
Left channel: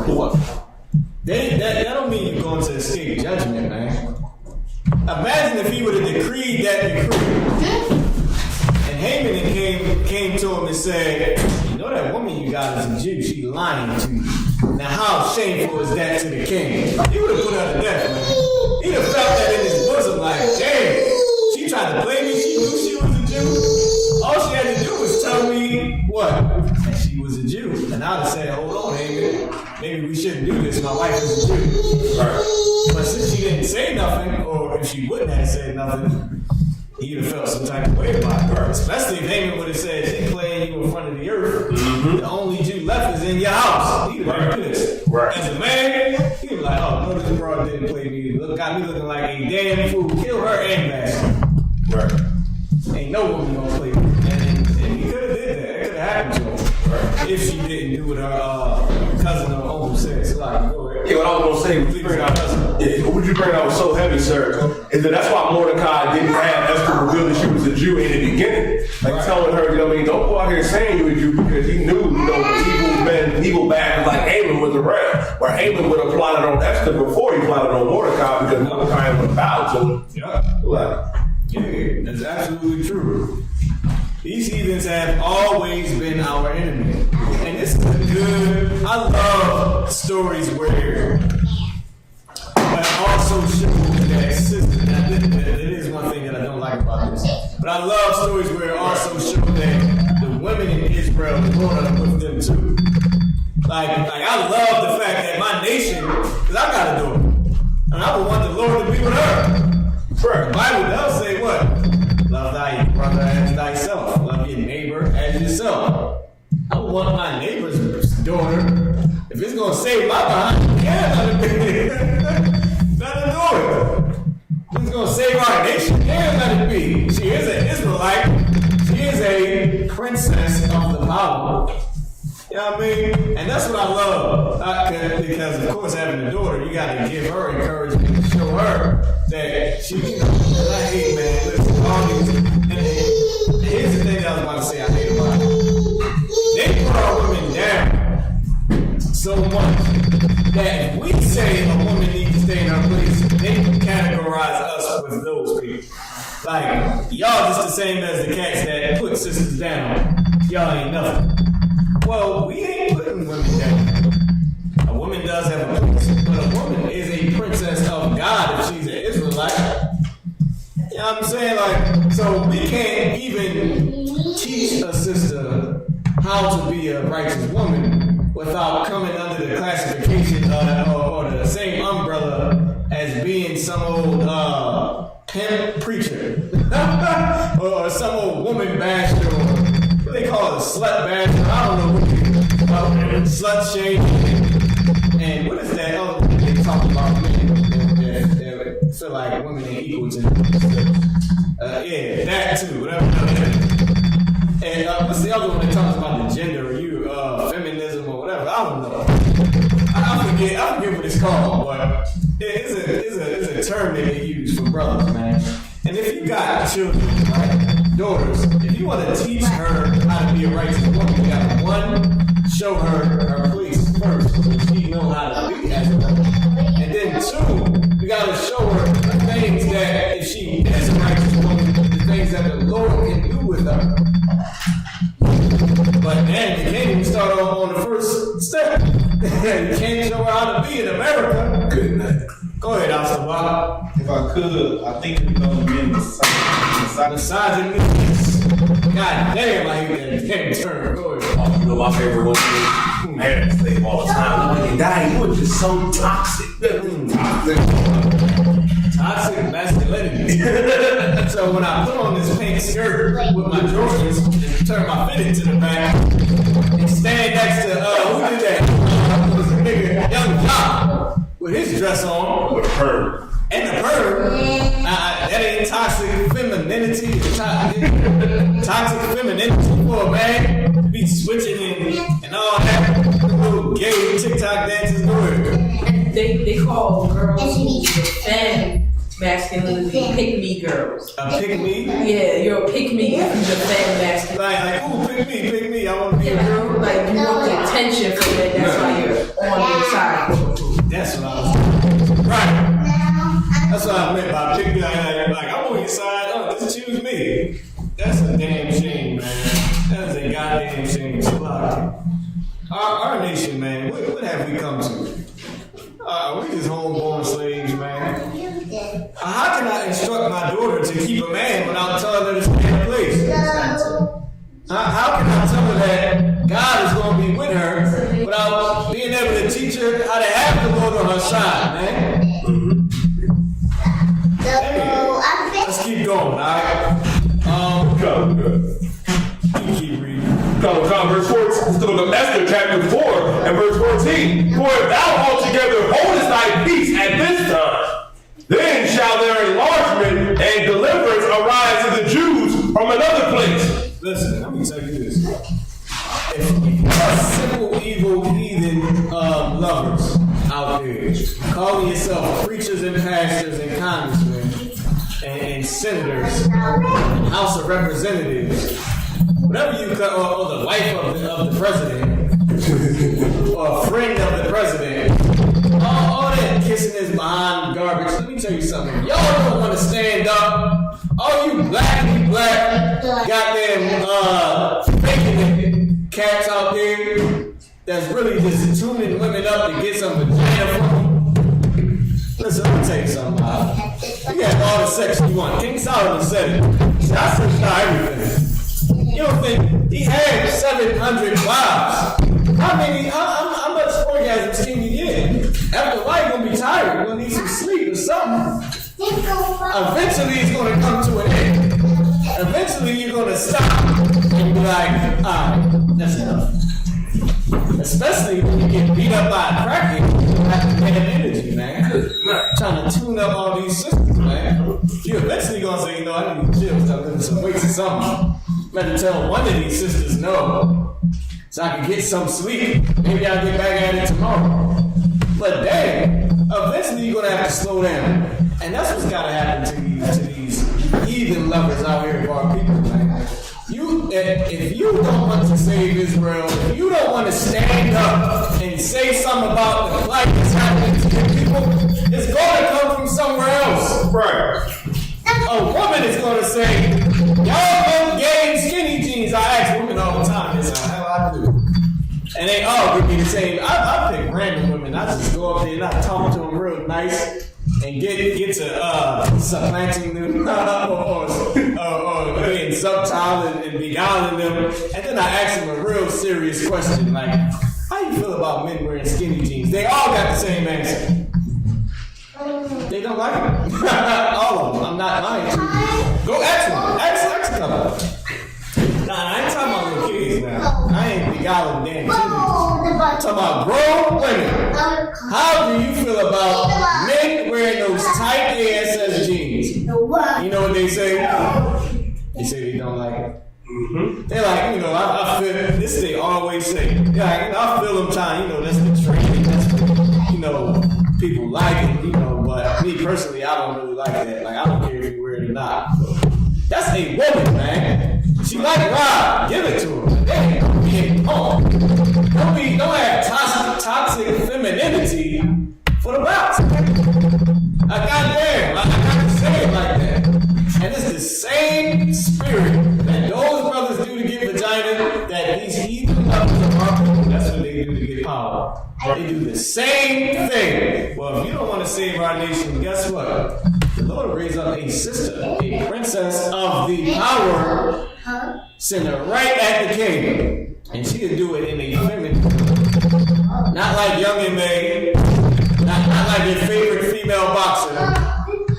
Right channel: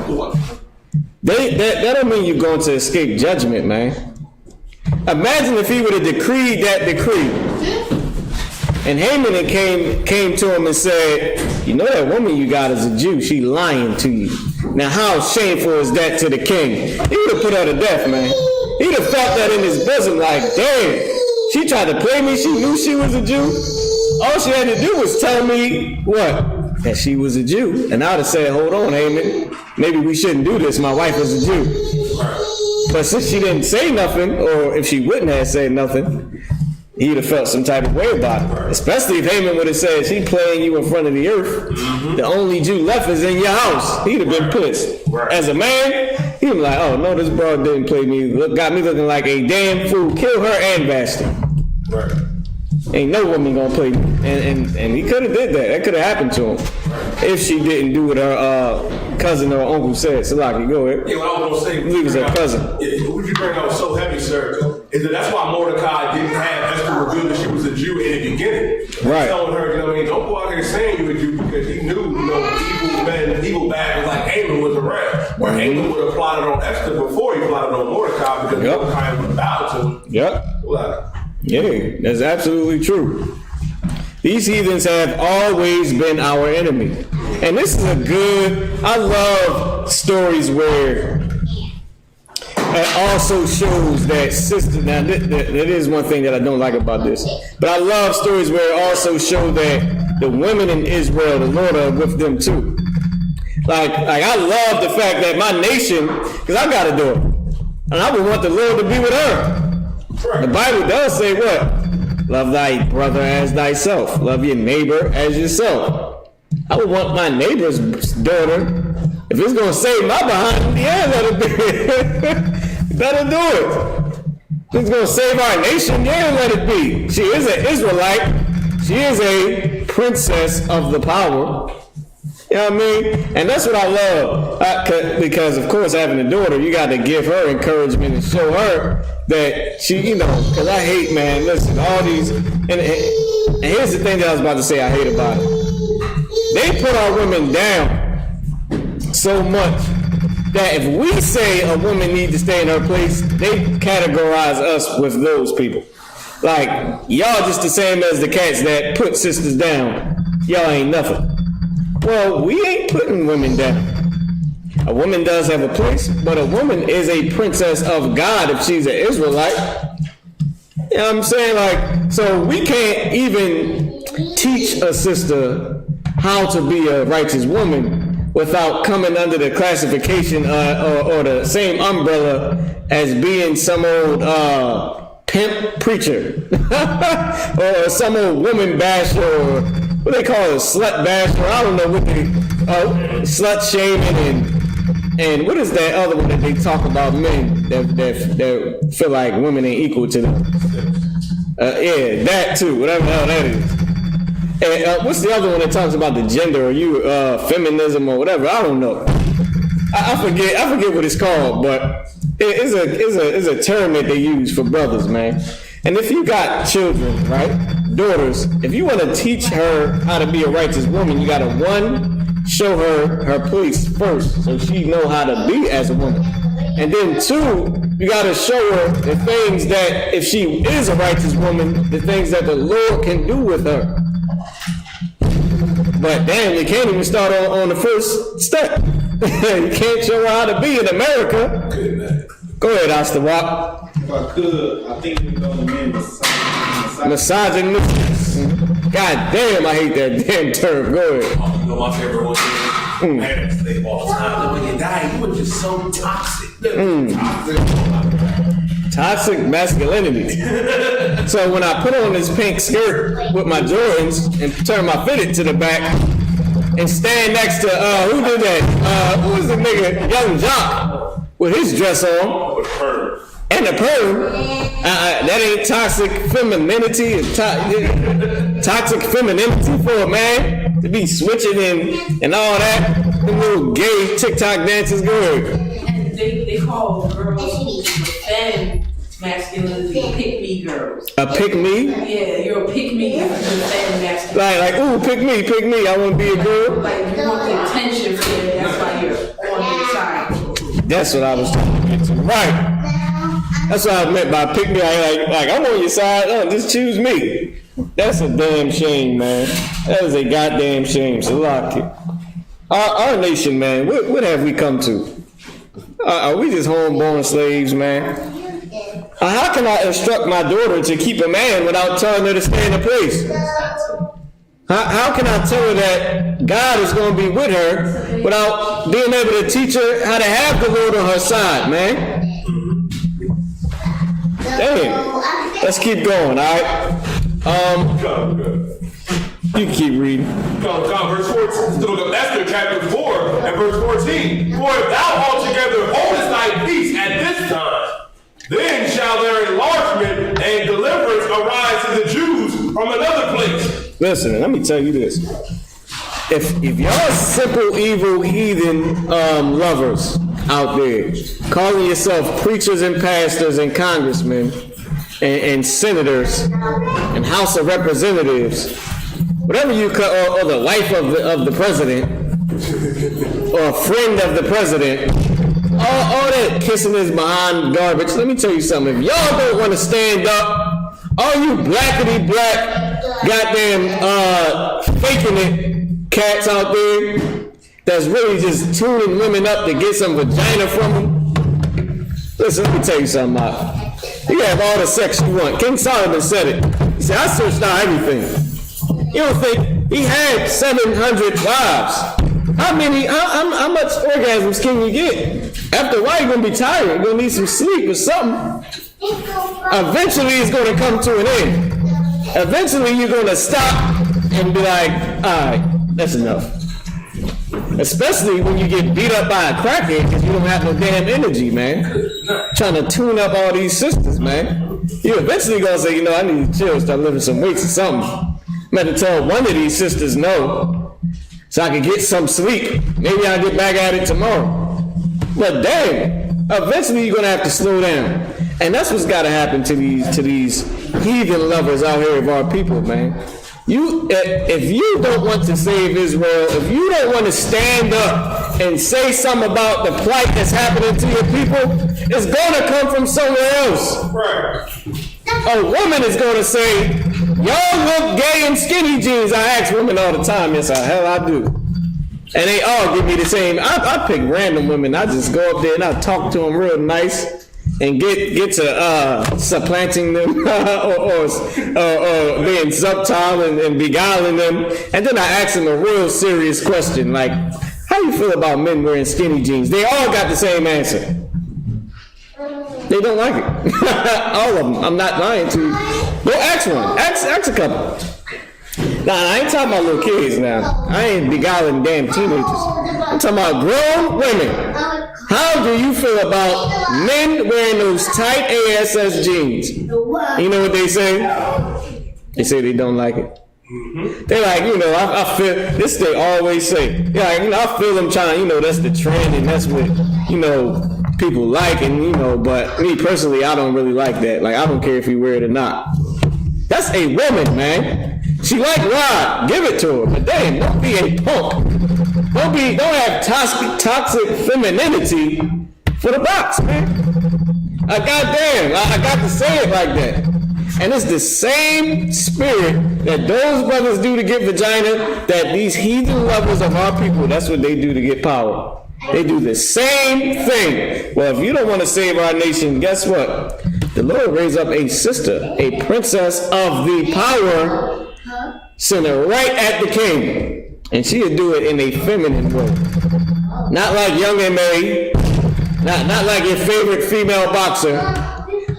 that don't mean you're going to escape judgment, man. Imagine if he would have decreed that decree. And Haman came to him and said, you know that woman you got is a Jew, she lying to you. Now how shameful is that to the king? He would have put her to death, man. He'd have felt that in his bosom like, damn, she tried to play me, she knew she was a Jew. All she had to do was tell me, what? That she was a Jew. And I'd have said, hold on, Haman, maybe we shouldn't do this, my wife is a Jew. But since she didn't say nothing, or if she wouldn't have said nothing, he'd have felt some type of way about it. Especially if Haman would have said, she playing you in front of the earth. The only Jew left is in your house. He'd have been pissed. As a man, he'd be like, oh no, this broad didn't play me. Got me looking like a damn fool. Kill her and Vashti. Ain't no woman gonna play me. And he could have did that. That could have happened to him. If she didn't do what her cousin or uncle said. So like, go ahead. Yeah, what I was gonna say, he was her cousin. Yeah, what you bring out so heavy, sir, is that that's why Mordecai didn't have Esther reveal that she was a Jew in the beginning. Right. Telling her, don't go out here saying you a Jew, because he knew, evil men, evil bags like Haman was around. Where Haman would have plotted on Esther before he plotted on Mordecai, because Mordecai would have bowed to him. Yep. Yeah, that's absolutely true. These heathens have always been our enemy. And this is I love stories where it also shows that sister, now that is one thing that I don't like about this, but I love stories where it also shows that the women in Israel, the Lord are with them too. Like I love the fact that my nation, because I got a daughter, and I would want the Lord to be with her. The Bible does say what? Love thy brother as thyself. Love your neighbor as yourself. I would want my neighbor's daughter, if it's going to save my behind, let her do it. If it's going to save our nation, let it be. She is an Israelite. She is a princess of the power. You know what I mean? And that's what I love. Because, of course, having a daughter, you got to give her encouragement and show her that she, because I hate, man, listen, all these, and here's the thing that I was about to say I hate about it. They put our women down so much that if we say a woman needs to stay in her place, they categorize us with those people. Like, y'all just the same as the cats that put sisters down. Y'all ain't nothing. Well, we ain't putting women down. A woman does have a place, but a woman is a princess of God if she's an Israelite. You know what I'm saying? Like, so we can't even teach a sister how to be a righteous woman without coming under the classification or the same umbrella as being some old pimp preacher or some old woman basher, what they call it, slut basher. I don't know what they slut shaming and what is that other one that they talk about men that feel like women ain't equal to them? Yeah, that too, whatever the hell that is. And what's the other one that talks about the gender or feminism or whatever? I don't know. I forget what it's called, but it's a term that they use for brothers, man. And if you got children, right, daughters, if you want to teach her how to be a righteous woman, you gotta show her place first, so she know how to be as a woman. And then two, you gotta show her the things that if she is a righteous woman, the things that the Lord can do with her. But damn, you can't even start on the first step. You can't show her how to be in America. Good night. Go ahead, Astawak. If I could, I think we know the men Misogynist. God damn, I hate that damn term. Go ahead. Oh, you know my favorite one is I had to slave all the time. When you die, you were just so toxic. Toxic masculinity. So when I put on this pink skirt with my Jordans and turn my fitted to the back and stand next to who did that? Who was the nigga? Young Jock with his dress on. With a perm. And the perm. That ain't toxic femininity. It's toxic femininity for a man to be switching and all that. The little gay TikTok dances. Go ahead. And they call girls who defend masculinity pick-me girls. A pick me? Yeah, you're a pick-me if you defend masculinity. Like, ooh, pick me, I want to be a girl. Like, you want the attention for it, that's why you're on their side. That's what I was talking about. Right. That's what I meant by pick me. Like, I'm on your side. Oh, just choose me. That's a damn shame, man. That is a goddamn shame. Salaki. Our nation, man, what have we come to? Are we just homeborn slaves, man? How can I instruct my daughter to keep a man without telling her to stay in a place? How can I tell her that God is going to be with her without being able to teach her how to have the Lord on her side, man? Dang. Let's keep going, all right? You keep reading. Verse 14, the book of Esther, chapter 4, and verse 14. For if thou altogether holdest thy peace at this time, then shall their enlargement and deliverance arise to the Jews from another place. Listen, let me tell you this. If y'all simple, evil, heathen lovers out there, calling yourself preachers and pastors and congressmen and senators and House of Representatives, whatever you call, or the wife of the president, or a friend of the president, all that kissing his behind garbage. Let me tell you something. If y'all don't want to stand up, all you blackity black, goddamn faking it cats out there that's really just tuning women up to get some vagina from them. Listen, let me tell you something. You can have all the sex you want. King Solomon said it. He said, I searched out everything. You don't think he had 700 wives? How much orgasms can you get? After a while, you're gonna be tired. You're gonna need some sleep or something. Eventually, it's gonna come to an end. Eventually, you're gonna stop and be like, all right, that's enough. Especially when you get beat up by a crackhead because you don't have no damn energy, man. Trying to tune up all these systems, man. You eventually gonna say, I need to chill, start lifting some weights or something. I'm gonna tell one of these sisters no, so I can get some sleep. Maybe I'll get back at it tomorrow. But dang, eventually you're gonna have to slow down. And that's what's gotta happen to these heathen lovers out here of our people, man. If you don't want to save Israel, if you don't want to stand up and say something about the plight that's happening to your people, it's gonna come from somewhere else. Right. A woman is gonna say, y'all look gay in skinny jeans. I ask women all the time, yes, hell I do. And they all give me the same. I pick random women. I just go up there and I talk to them real nice and get to supplanting them or being subtle and beguiling them. And then I ask them a real serious question like, how you feel about men wearing skinny jeans? They all got the same answer. They don't like it. All of them. I'm not lying to you. Go ask one. Ask a couple. Nah, I ain't talking about little kids now. I ain't beguiling damn teenagers. I'm talking about grown women. How do you feel about men wearing those tight ASS jeans? You know what they say? They say they don't like it. Mm-hmm. They're like, I feel, this they always say. They're like, I feel them trying, that's the trend and that's what, people like and, but me personally, I don't really like that. Like, I don't care if you wear it or not. That's a woman, man. She like Rob. Give it to her. But dang, don't be a punk. Don't have toxic femininity for the box, man. Goddamn, I got to say it like that. And it's the same spirit that those brothers do to get vagina, that these heathen lovers of our people, that's what they do to get power. They do the same thing. Well, if you don't want to save our nation, guess what? The Lord raised up a sister, a princess of the power, send her right at the king. And she'll do it in a feminine way. Not like Young and May, not like your favorite female boxer,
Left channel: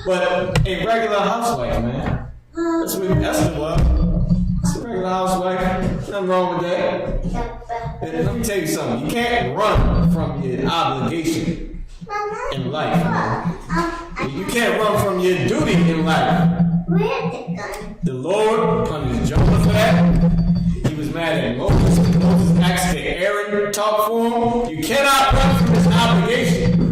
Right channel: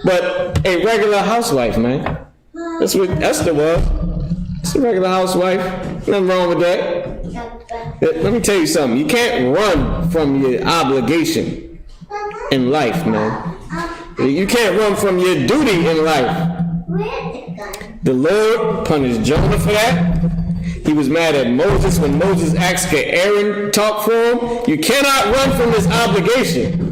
but a regular housewife, man. That's what Esther was. It's a regular housewife. Nothing wrong with that. Let me tell you something. You can't run from your obligation in life, man. You can't run from your duty in life. The Lord punished Jonah for that. He was mad at Moses when Moses asked could Aaron talk for him. You cannot run from this obligation.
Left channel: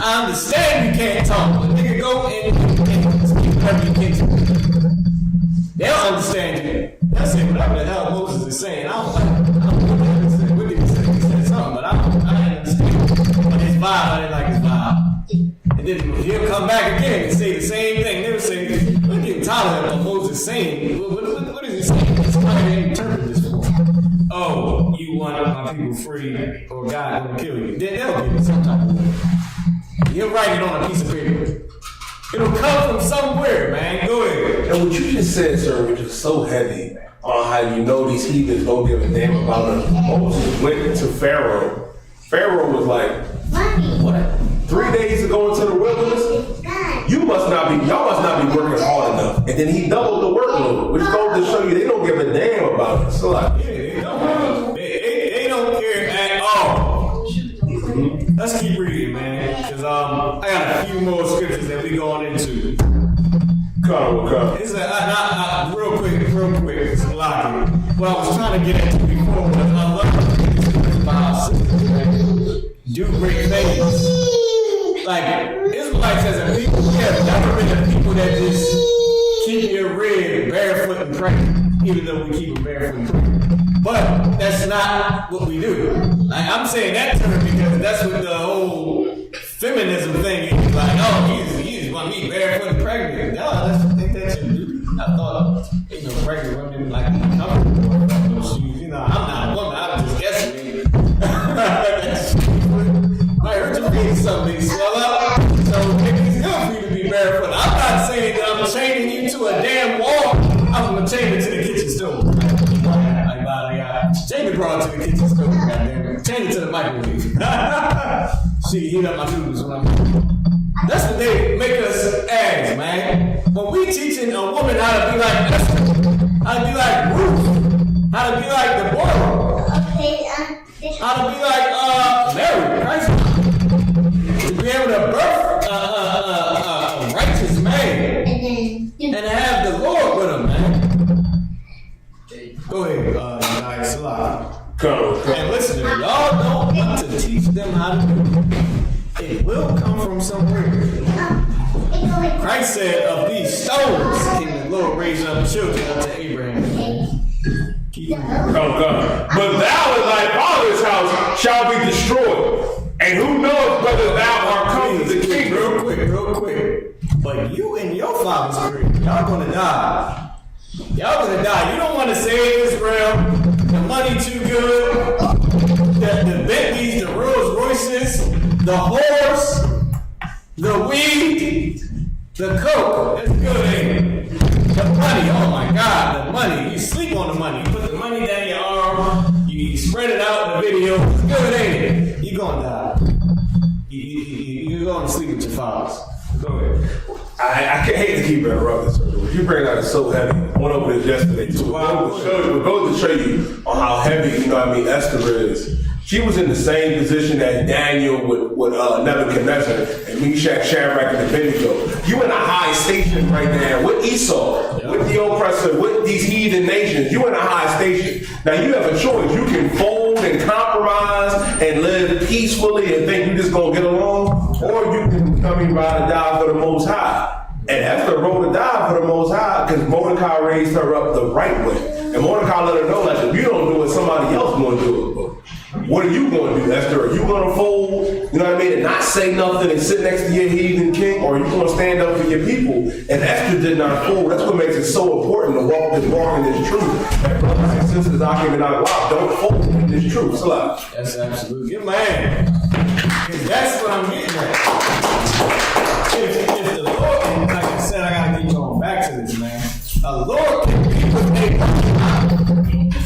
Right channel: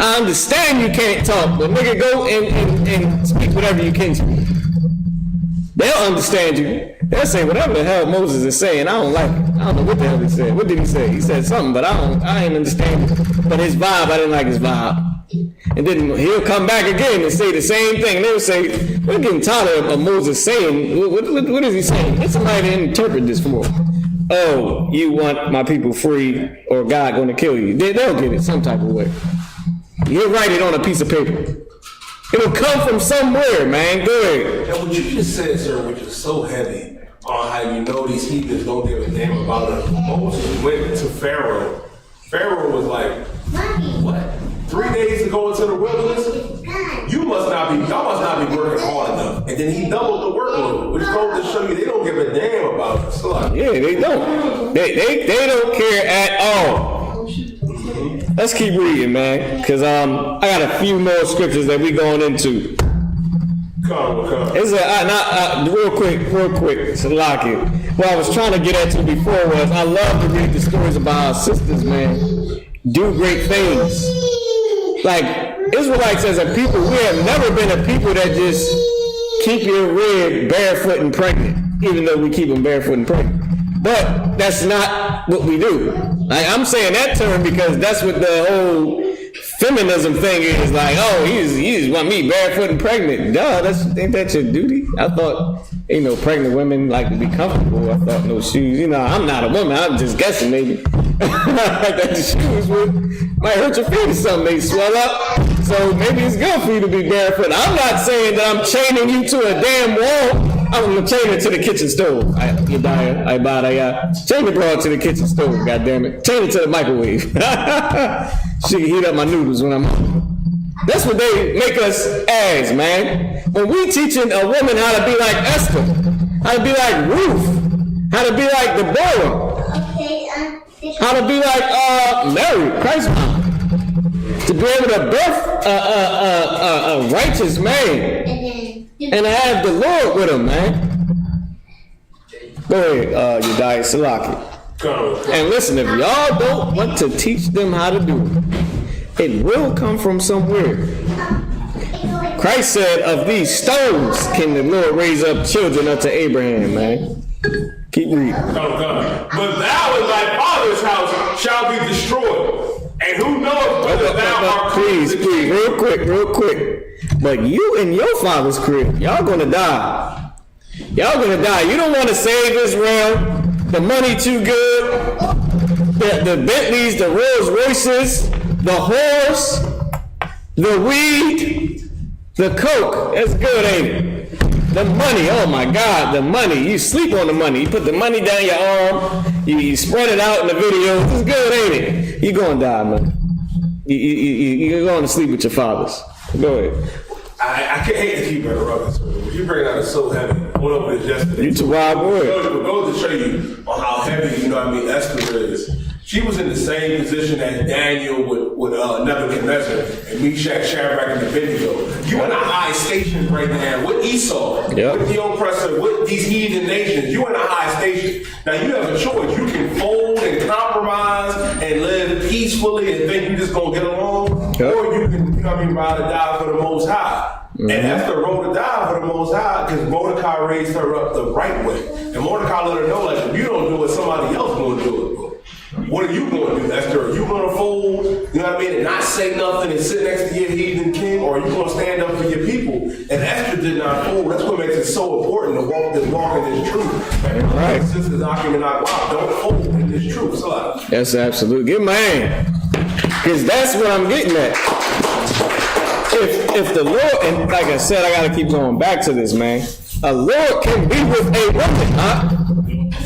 I understand you can't talk, but nigga, go and speak whatever you can speak. They'll understand you. They'll say whatever the hell Moses is saying. I don't like it. I don't know what the hell he said. What did he say? He said something, but I didn't understand it. But his vibe, I didn't like his vibe. And then he'll come back again and say the same thing. And they'll say, we're getting tired of Moses saying, what is he saying? Get somebody to interpret this for. Oh, you want my people free or God going to kill you. They'll get it some type of way. He'll write it on a piece of paper. It'll come from somewhere, man. Go ahead. And what you just said, sir, which is so heavy on how you know these heathens don't give a damn about us. Moses went to Pharaoh. Pharaoh was like, what? 3 days to go into the wilderness? Y'all must not be working hard enough. And then he doubled the workload, which goes to show you they don't give a damn about us. So like, yeah, they don't. They don't care at all. Let's keep reading, man, because I got a few more scriptures that we going into. Come. It's real quick, it's a lock it. What I was trying to get at you before was I love to read the stories about our sisters, man. Do great things. Like, Israelites as a people, we have never been a people that just keep your red barefoot and pregnant, even though we keep them barefoot and pregnant. But that's not what we do. Like, I'm saying that term because that's what the whole feminism thing is. Like, oh, you just want me barefoot and pregnant. Duh, ain't that your duty? I thought, pregnant women like to be comfortable. I thought no shoes. I'm not a woman. I'm just guessing maybe. That the shoes might hurt your feet or something. They swell up. So maybe it's good for you to be barefoot. I'm not saying that I'm chaining you to a damn wall. I'm gonna chain it to the kitchen stove. Chain the broad to the kitchen stove, goddammit. Chain it to the microwave. She can heat up my noodles when I'm home. That's what they make us as, man. When we teaching a woman how to be like Esther, how to be like Ruth, how to be like Deborah, how to be like Mary, Christ's mom, to be able to birth a righteous man and to have the Lord with him, man. Go ahead, Yedai Salaki. And listen, if y'all don't want to teach them how to do it, it will come from somewhere. Christ said, of these stones can the Lord raise up children unto Abraham, man. Keep reading. Come. But thou in thy father's house shall be destroyed. And who knows whether thou art come to the kingdom? Real quick. But you and your father's crib, y'all gonna die. Y'all gonna die. You don't want to save Israel. The money too good. The Bentleys, the Rolls Royces, the horse, the weed, the coke. That's good, ain't it? The money, oh my God, the money. You sleep on the money. You put the money down your arm. You spread it out in the video. It's good, ain't it? You're gonna die, man. You're going to sleep with your fathers. Go ahead. I can't hate to keep interrupting. What you bring out is so heavy. I went over this yesterday. It's a wild word. It goes to show you on how heavy, Esther is. She was in the same position as Daniel with Nebuchadnezzar and Meshach, Shadrach, and Abednego. You in a high station right now with Esau, with the oppressor, with these heathen nations. You in a high station. Now you have a choice. You can fold and compromise and live peacefully and think you're just gonna get along, or you can come and ride or die for the Most High. And Esther rode or die for the Most High because Mordecai raised her up the right way. And Mordecai let her know, like, if you don't do it, somebody else gonna do it. What are you going to do, Esther? Are you going to fold, you know what I mean, and not say nothing and sit next to your heathen king? Or are you going to stand up for your people? And Esther did not fold. That's what makes it so important to walk in this truth. Right. Sisters, Akim and Agwab, don't fold in this truth. So, That's absolute. Give him a hand. Because that's what I'm getting at. If the Lord, and like I said, I gotta keep going back to this, man. A Lord can be with a woman, huh?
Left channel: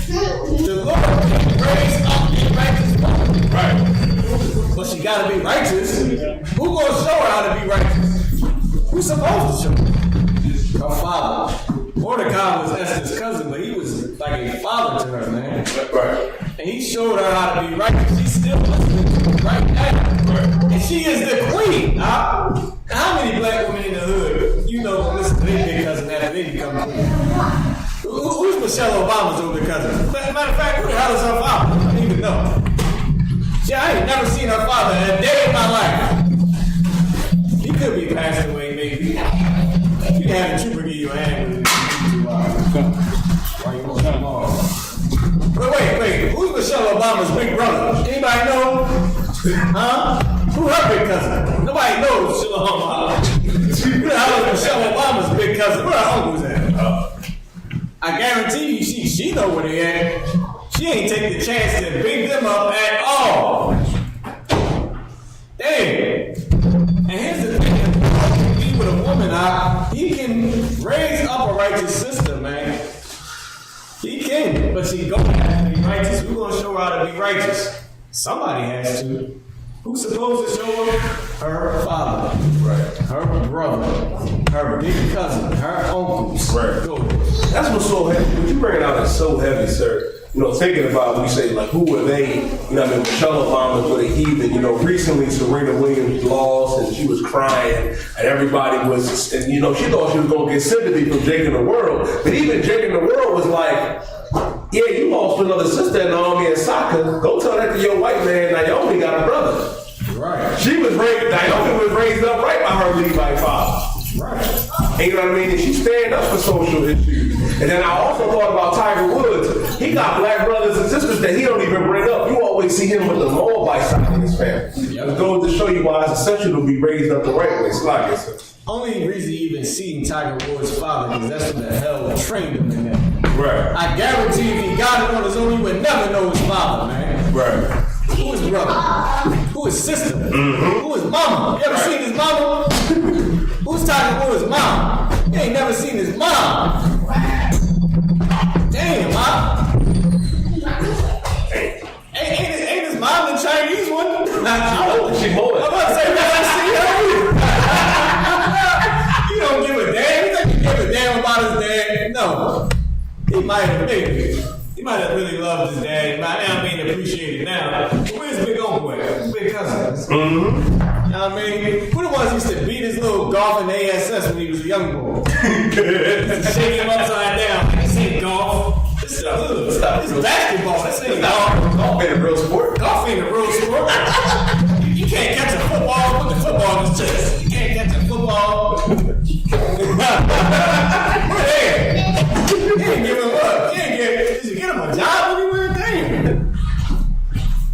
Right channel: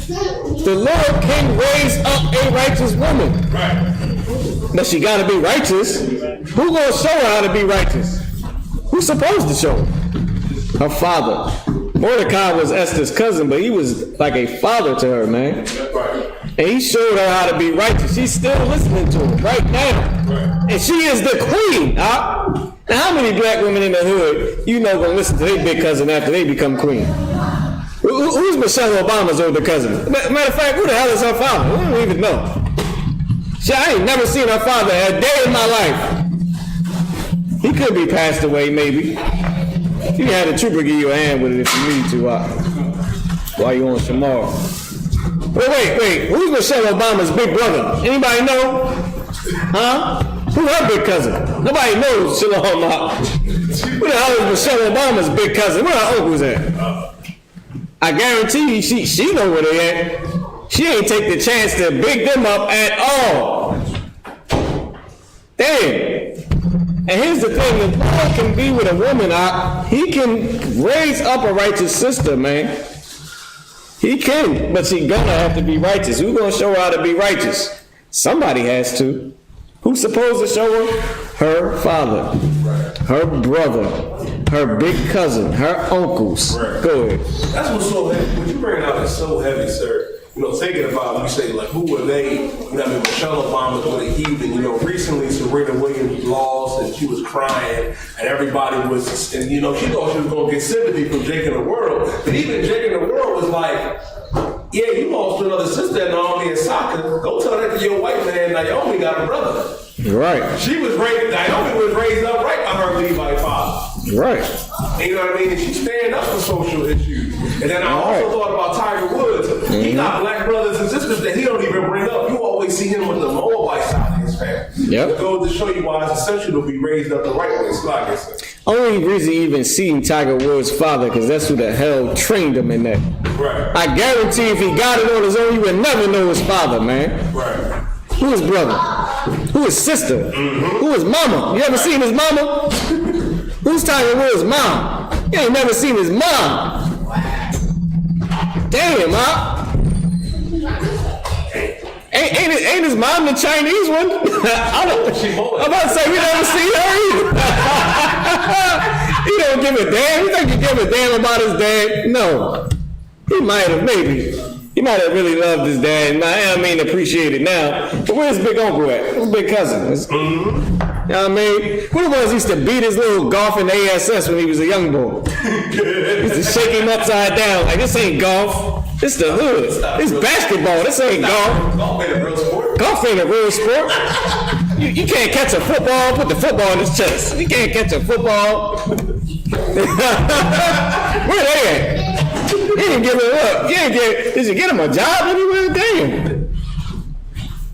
The Lord can raise up a righteous woman. Right. But she gotta be righteous. Who gonna show her how to be righteous? Who's supposed to show her? Her father. Mordecai was Esther's cousin, but he was like a father to her, man. right. And he showed her how to be righteous. She's still listening to him right now. Right. And she is the queen, huh? Now, how many black women in the hood, you know, gonna listen to their big cousin after they become queen? Who's Michelle Obama's older cousin? Matter of fact, who the hell is her father? We don't even know. See, I ain't never seen her father a day in my life. He could be passed away, maybe. You can have the trooper give you a hand with it if you need to while you on tomorrow. But wait, who's Michelle Obama's big brother? Anybody know? Huh? Who's her big cousin? Nobody knows Shalom. Who the hell is Michelle Obama's big cousin? Where her uncle's at? I guarantee you she know where they at. She ain't take the chance to big them up at all. Damn. And here's the thing, if God can be with a woman, he can raise up a righteous sister, man. He can, but she gonna have to be righteous. Who's gonna show her how to be righteous? Somebody has to. Who's supposed to show her? Her father, her brother, her big cousin, her uncles. Right. Go ahead. That's what's so heavy. What you bring it out is so heavy, sir. You know, thinking about when you say, like, who were they? You know what I mean? Michelle Obama was a heathen. You know, recently Serena Williams lost and she was crying and everybody was, and you know, she thought she was going to get sympathy from Jake in the World. But even Jake in the World was like, yeah, you lost another sister in the army in soccer. Go tell that to your white man. Naomi got a brother. Right. She was raised, Naomi was raised up right by her Levite father. Right. And you know what I mean? And she stand up for social issues. And then I also thought about Tiger Woods. He got black brothers and sisters that he don't even bring up. You always see him with the Moabite side of his family. Yep. It goes to show you why it's essential to be raised up the right way. It's like this. Only reason you even seen Tiger Woods' father, because that's who the hell trained him in that. Right. I guarantee if he got it on his own, he would never know his father, man. Right. Who his brother? Who his sister? Who his mama? You ever seen his mama? Who's Tiger Woods' mom? You ain't never seen his mom. Damn, Mom. Ain't his mom the Chinese one? I don't know. She more. I'm about to say we haven't seen her either. He don't give a damn. You think he give a damn about his dad? No. He might have, maybe. He might have really loved his dad, and I mean appreciate it now. But where's big uncle at? Where's big cousin? You know what I mean? Who the ones used to beat his little golf in the ASS when he was a young boy? Used to shake him upside down like, this ain't golf. This the hood. This basketball. This ain't golf. Golf ain't a real sport. Golf ain't a real sport. You can't catch a football. Put the football in his chest. You can't catch a football. Where they at? You didn't give him up. Did you get him a job anywhere? Damn.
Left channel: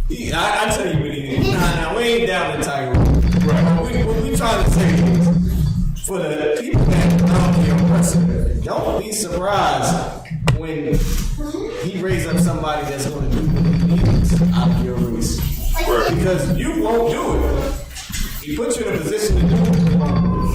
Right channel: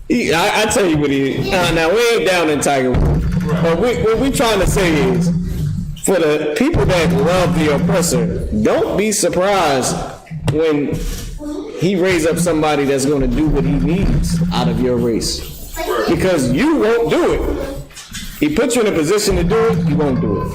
I tell you what he is. Now we ain't down in Tiger Woods. But what we trying to say is, for the people that love the oppressor, don't be surprised when he raise up somebody that's going to do what he needs out of your race. Because you won't do it. He put you in a position to do it, you won't do it.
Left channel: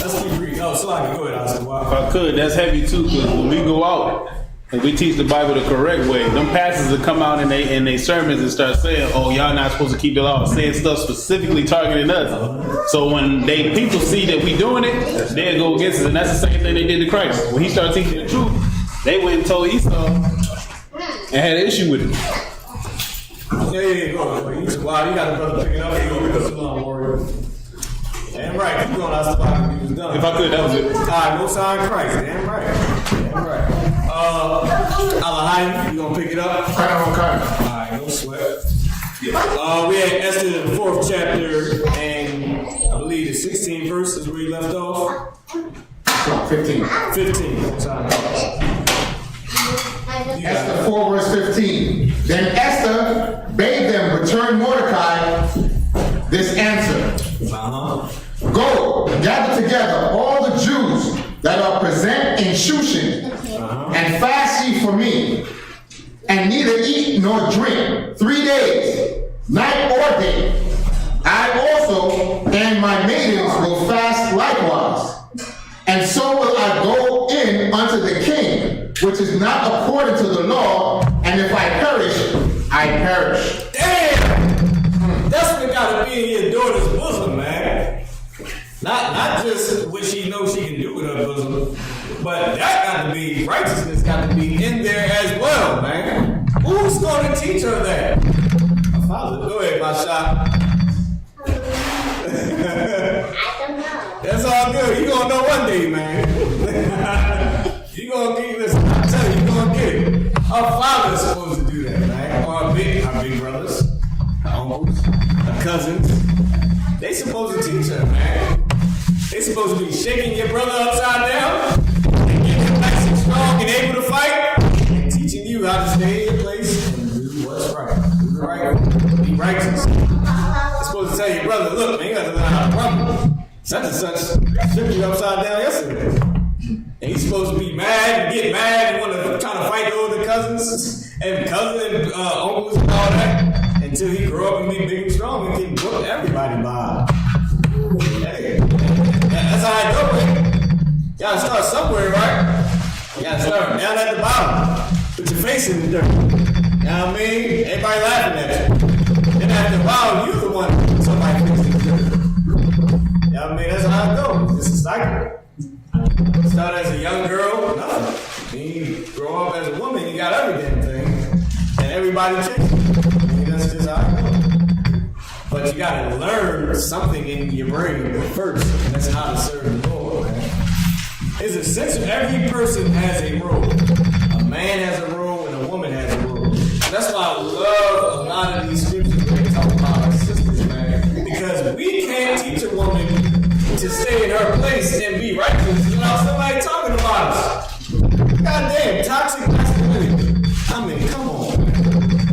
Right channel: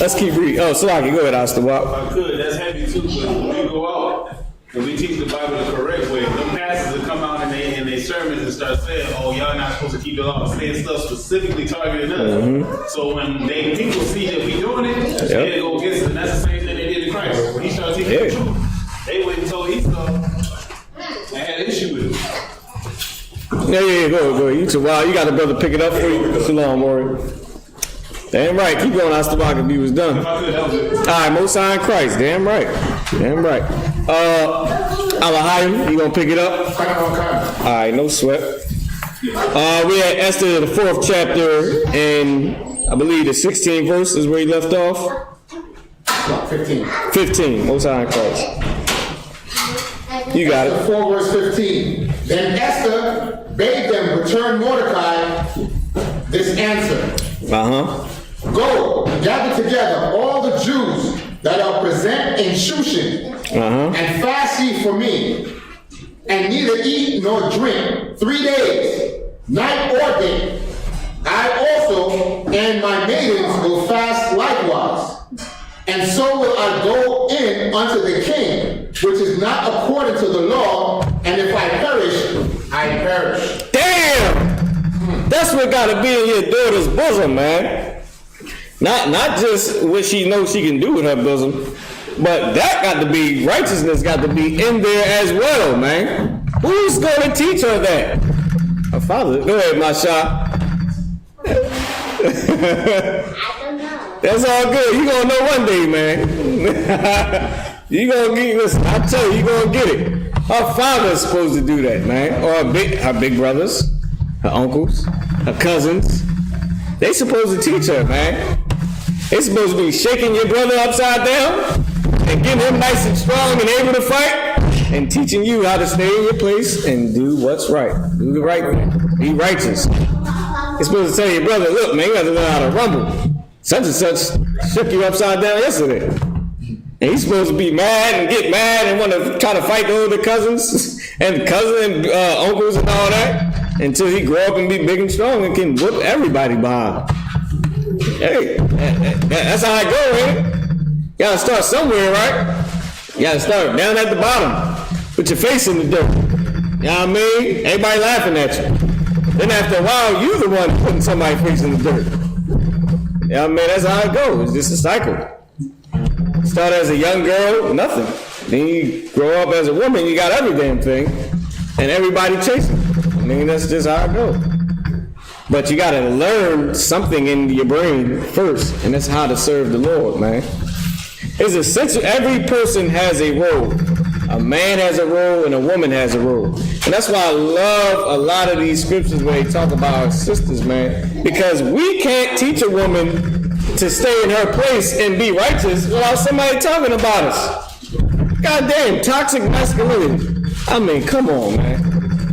Let's keep reading. Oh, Salaki, go ahead, Astawak. If I could, that's heavy too, because when we go out and we teach the Bible the correct way, them pastors will come out in they sermons and start saying, oh, y'all not supposed to keep the law, saying stuff specifically targeting us. So when people see that we doing it, they go against us, and that's the same thing they did to Christ. When he started teaching the truth, they went and told Esau and had an issue with it. Yeah, go. You got a brother pick it up for you. Too long, warrior. Damn right. Keep going, Astawak, if he was done. If I could, that was it. All right, Most High Christ. Damn right. Alahai, you gonna pick it up? All right, no sweat. We're at Esther, the 4th chapter, and I believe the 16th verse is where he left off. 15. Most High Christ. You got it. Esther 4 verse 15. Then Esther gather together all the Jews that are present in Shushan, and fast ye for me, and neither eat nor drink 3 days, night or day. I also and my maidens will fast likewise. And so will I go in unto the king, which is not according to the law, and if I perish, I perish. Damn! That's what gotta be in your daughter's bosom, man. Not just what she knows she can do with her bosom, but that got to be, righteousness got to be in there as well, man. Who's gonna teach her that? Her father. Go ahead, my shot. That's all good. You gonna know one day, man. You gonna get, listen, I tell you gonna get it. Her father's supposed to do that, man. Or her big brothers, her uncles, her cousins. They supposed to teach her, man. They supposed to be shaking your brother upside down and getting him nice and strong and able to fight and teaching you how to stay in your place and do what's right. Do the right thing. Be righteous. They're supposed to tell your brother, look, man, you got to learn how to rumble. Such and such shook you upside down yesterday. And he's supposed to be mad and get mad and want to try to fight the older cousins and uncles and all that until he grow up and be big and strong and can whoop everybody behind. Hey, that's how I go, man. You gotta start somewhere, right? You gotta start down at the bottom. Put your face in the dirt. You know what I mean? Everybody laughing at you. Then after a while, you're the one putting somebody's face in the dirt. You know what I mean? That's how it goes. It's just a cycle. Start as a young girl, nothing. Then you grow up as a woman, you got every damn thing. And everybody chasing you. I mean, that's just how it goes. But you gotta learn something in your brain first, and that's how to serve the Lord, man. It's essential. Every person has a role. A man has a role and a woman has a role. And that's why I love a lot of these scriptures where they talk about our sisters, man. Because we can't teach a woman to stay in her place and be righteous without somebody talking about us. Goddamn, toxic masculinity. I mean, come on, man.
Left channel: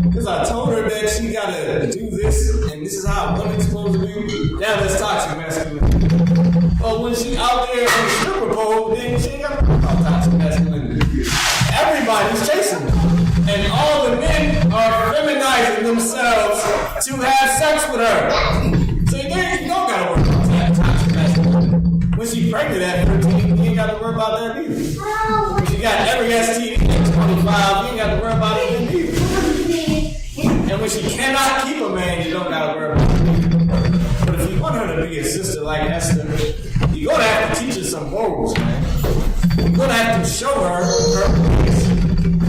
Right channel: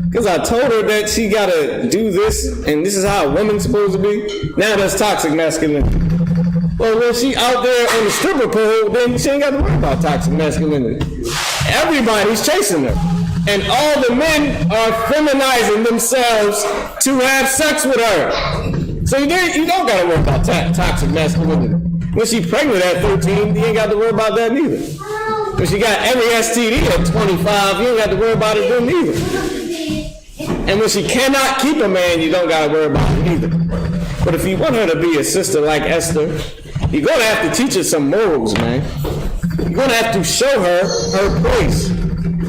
Because I told her that she gotta do this, and this is how a woman's supposed to be. Now that's toxic masculinity. Well, when she out there on the stripper pole, then she ain't got to worry about toxic masculinity. Everybody's chasing her. And all the men are feminizing themselves to have sex with her. So you don't got to worry about toxic masculinity. When she's pregnant at 13, you ain't got to worry about that neither. Because she got every STD at 25, you ain't got to worry about it then neither. And when she cannot keep a man, you don't got to worry about it either. But if you want her to be a sister like Esther, you're going to have to teach her some morals, man. You're going to have to show her her place.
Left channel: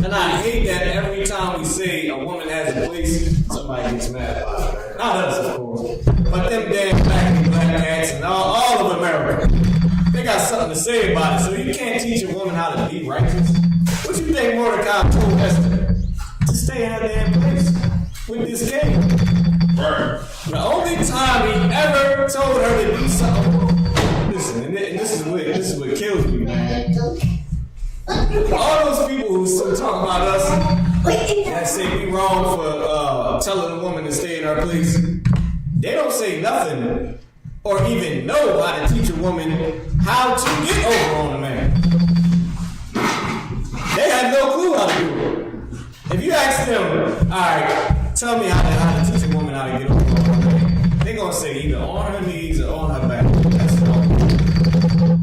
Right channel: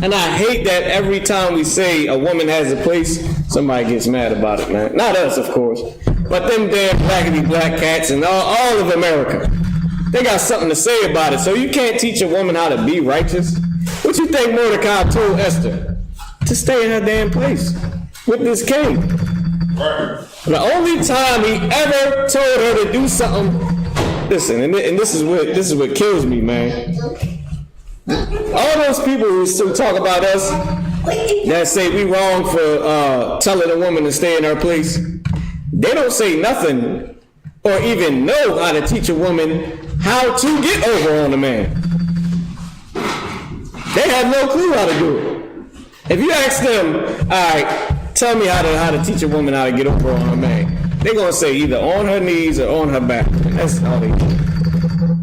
And I hate that every time we say a woman has a place, somebody gets mad about it, man. Not us, of course. But them damn blackity black cats and all of America. They got something to say about it. So you can't teach a woman how to be righteous. What you think Mordecai told Esther? To stay in her damn place with this king. Right. The only time he ever told her to do something, listen, and this is what kills me, man. All those people who still talk about us that say we wrong for telling a woman to stay in her place, they don't say nothing or even know how to teach a woman how to get over on a man. They have no clue how to do it. If you ask them, all right, tell me how to teach a woman how to get over on a man, they're gonna say either on her knees or on her back. That's all they do.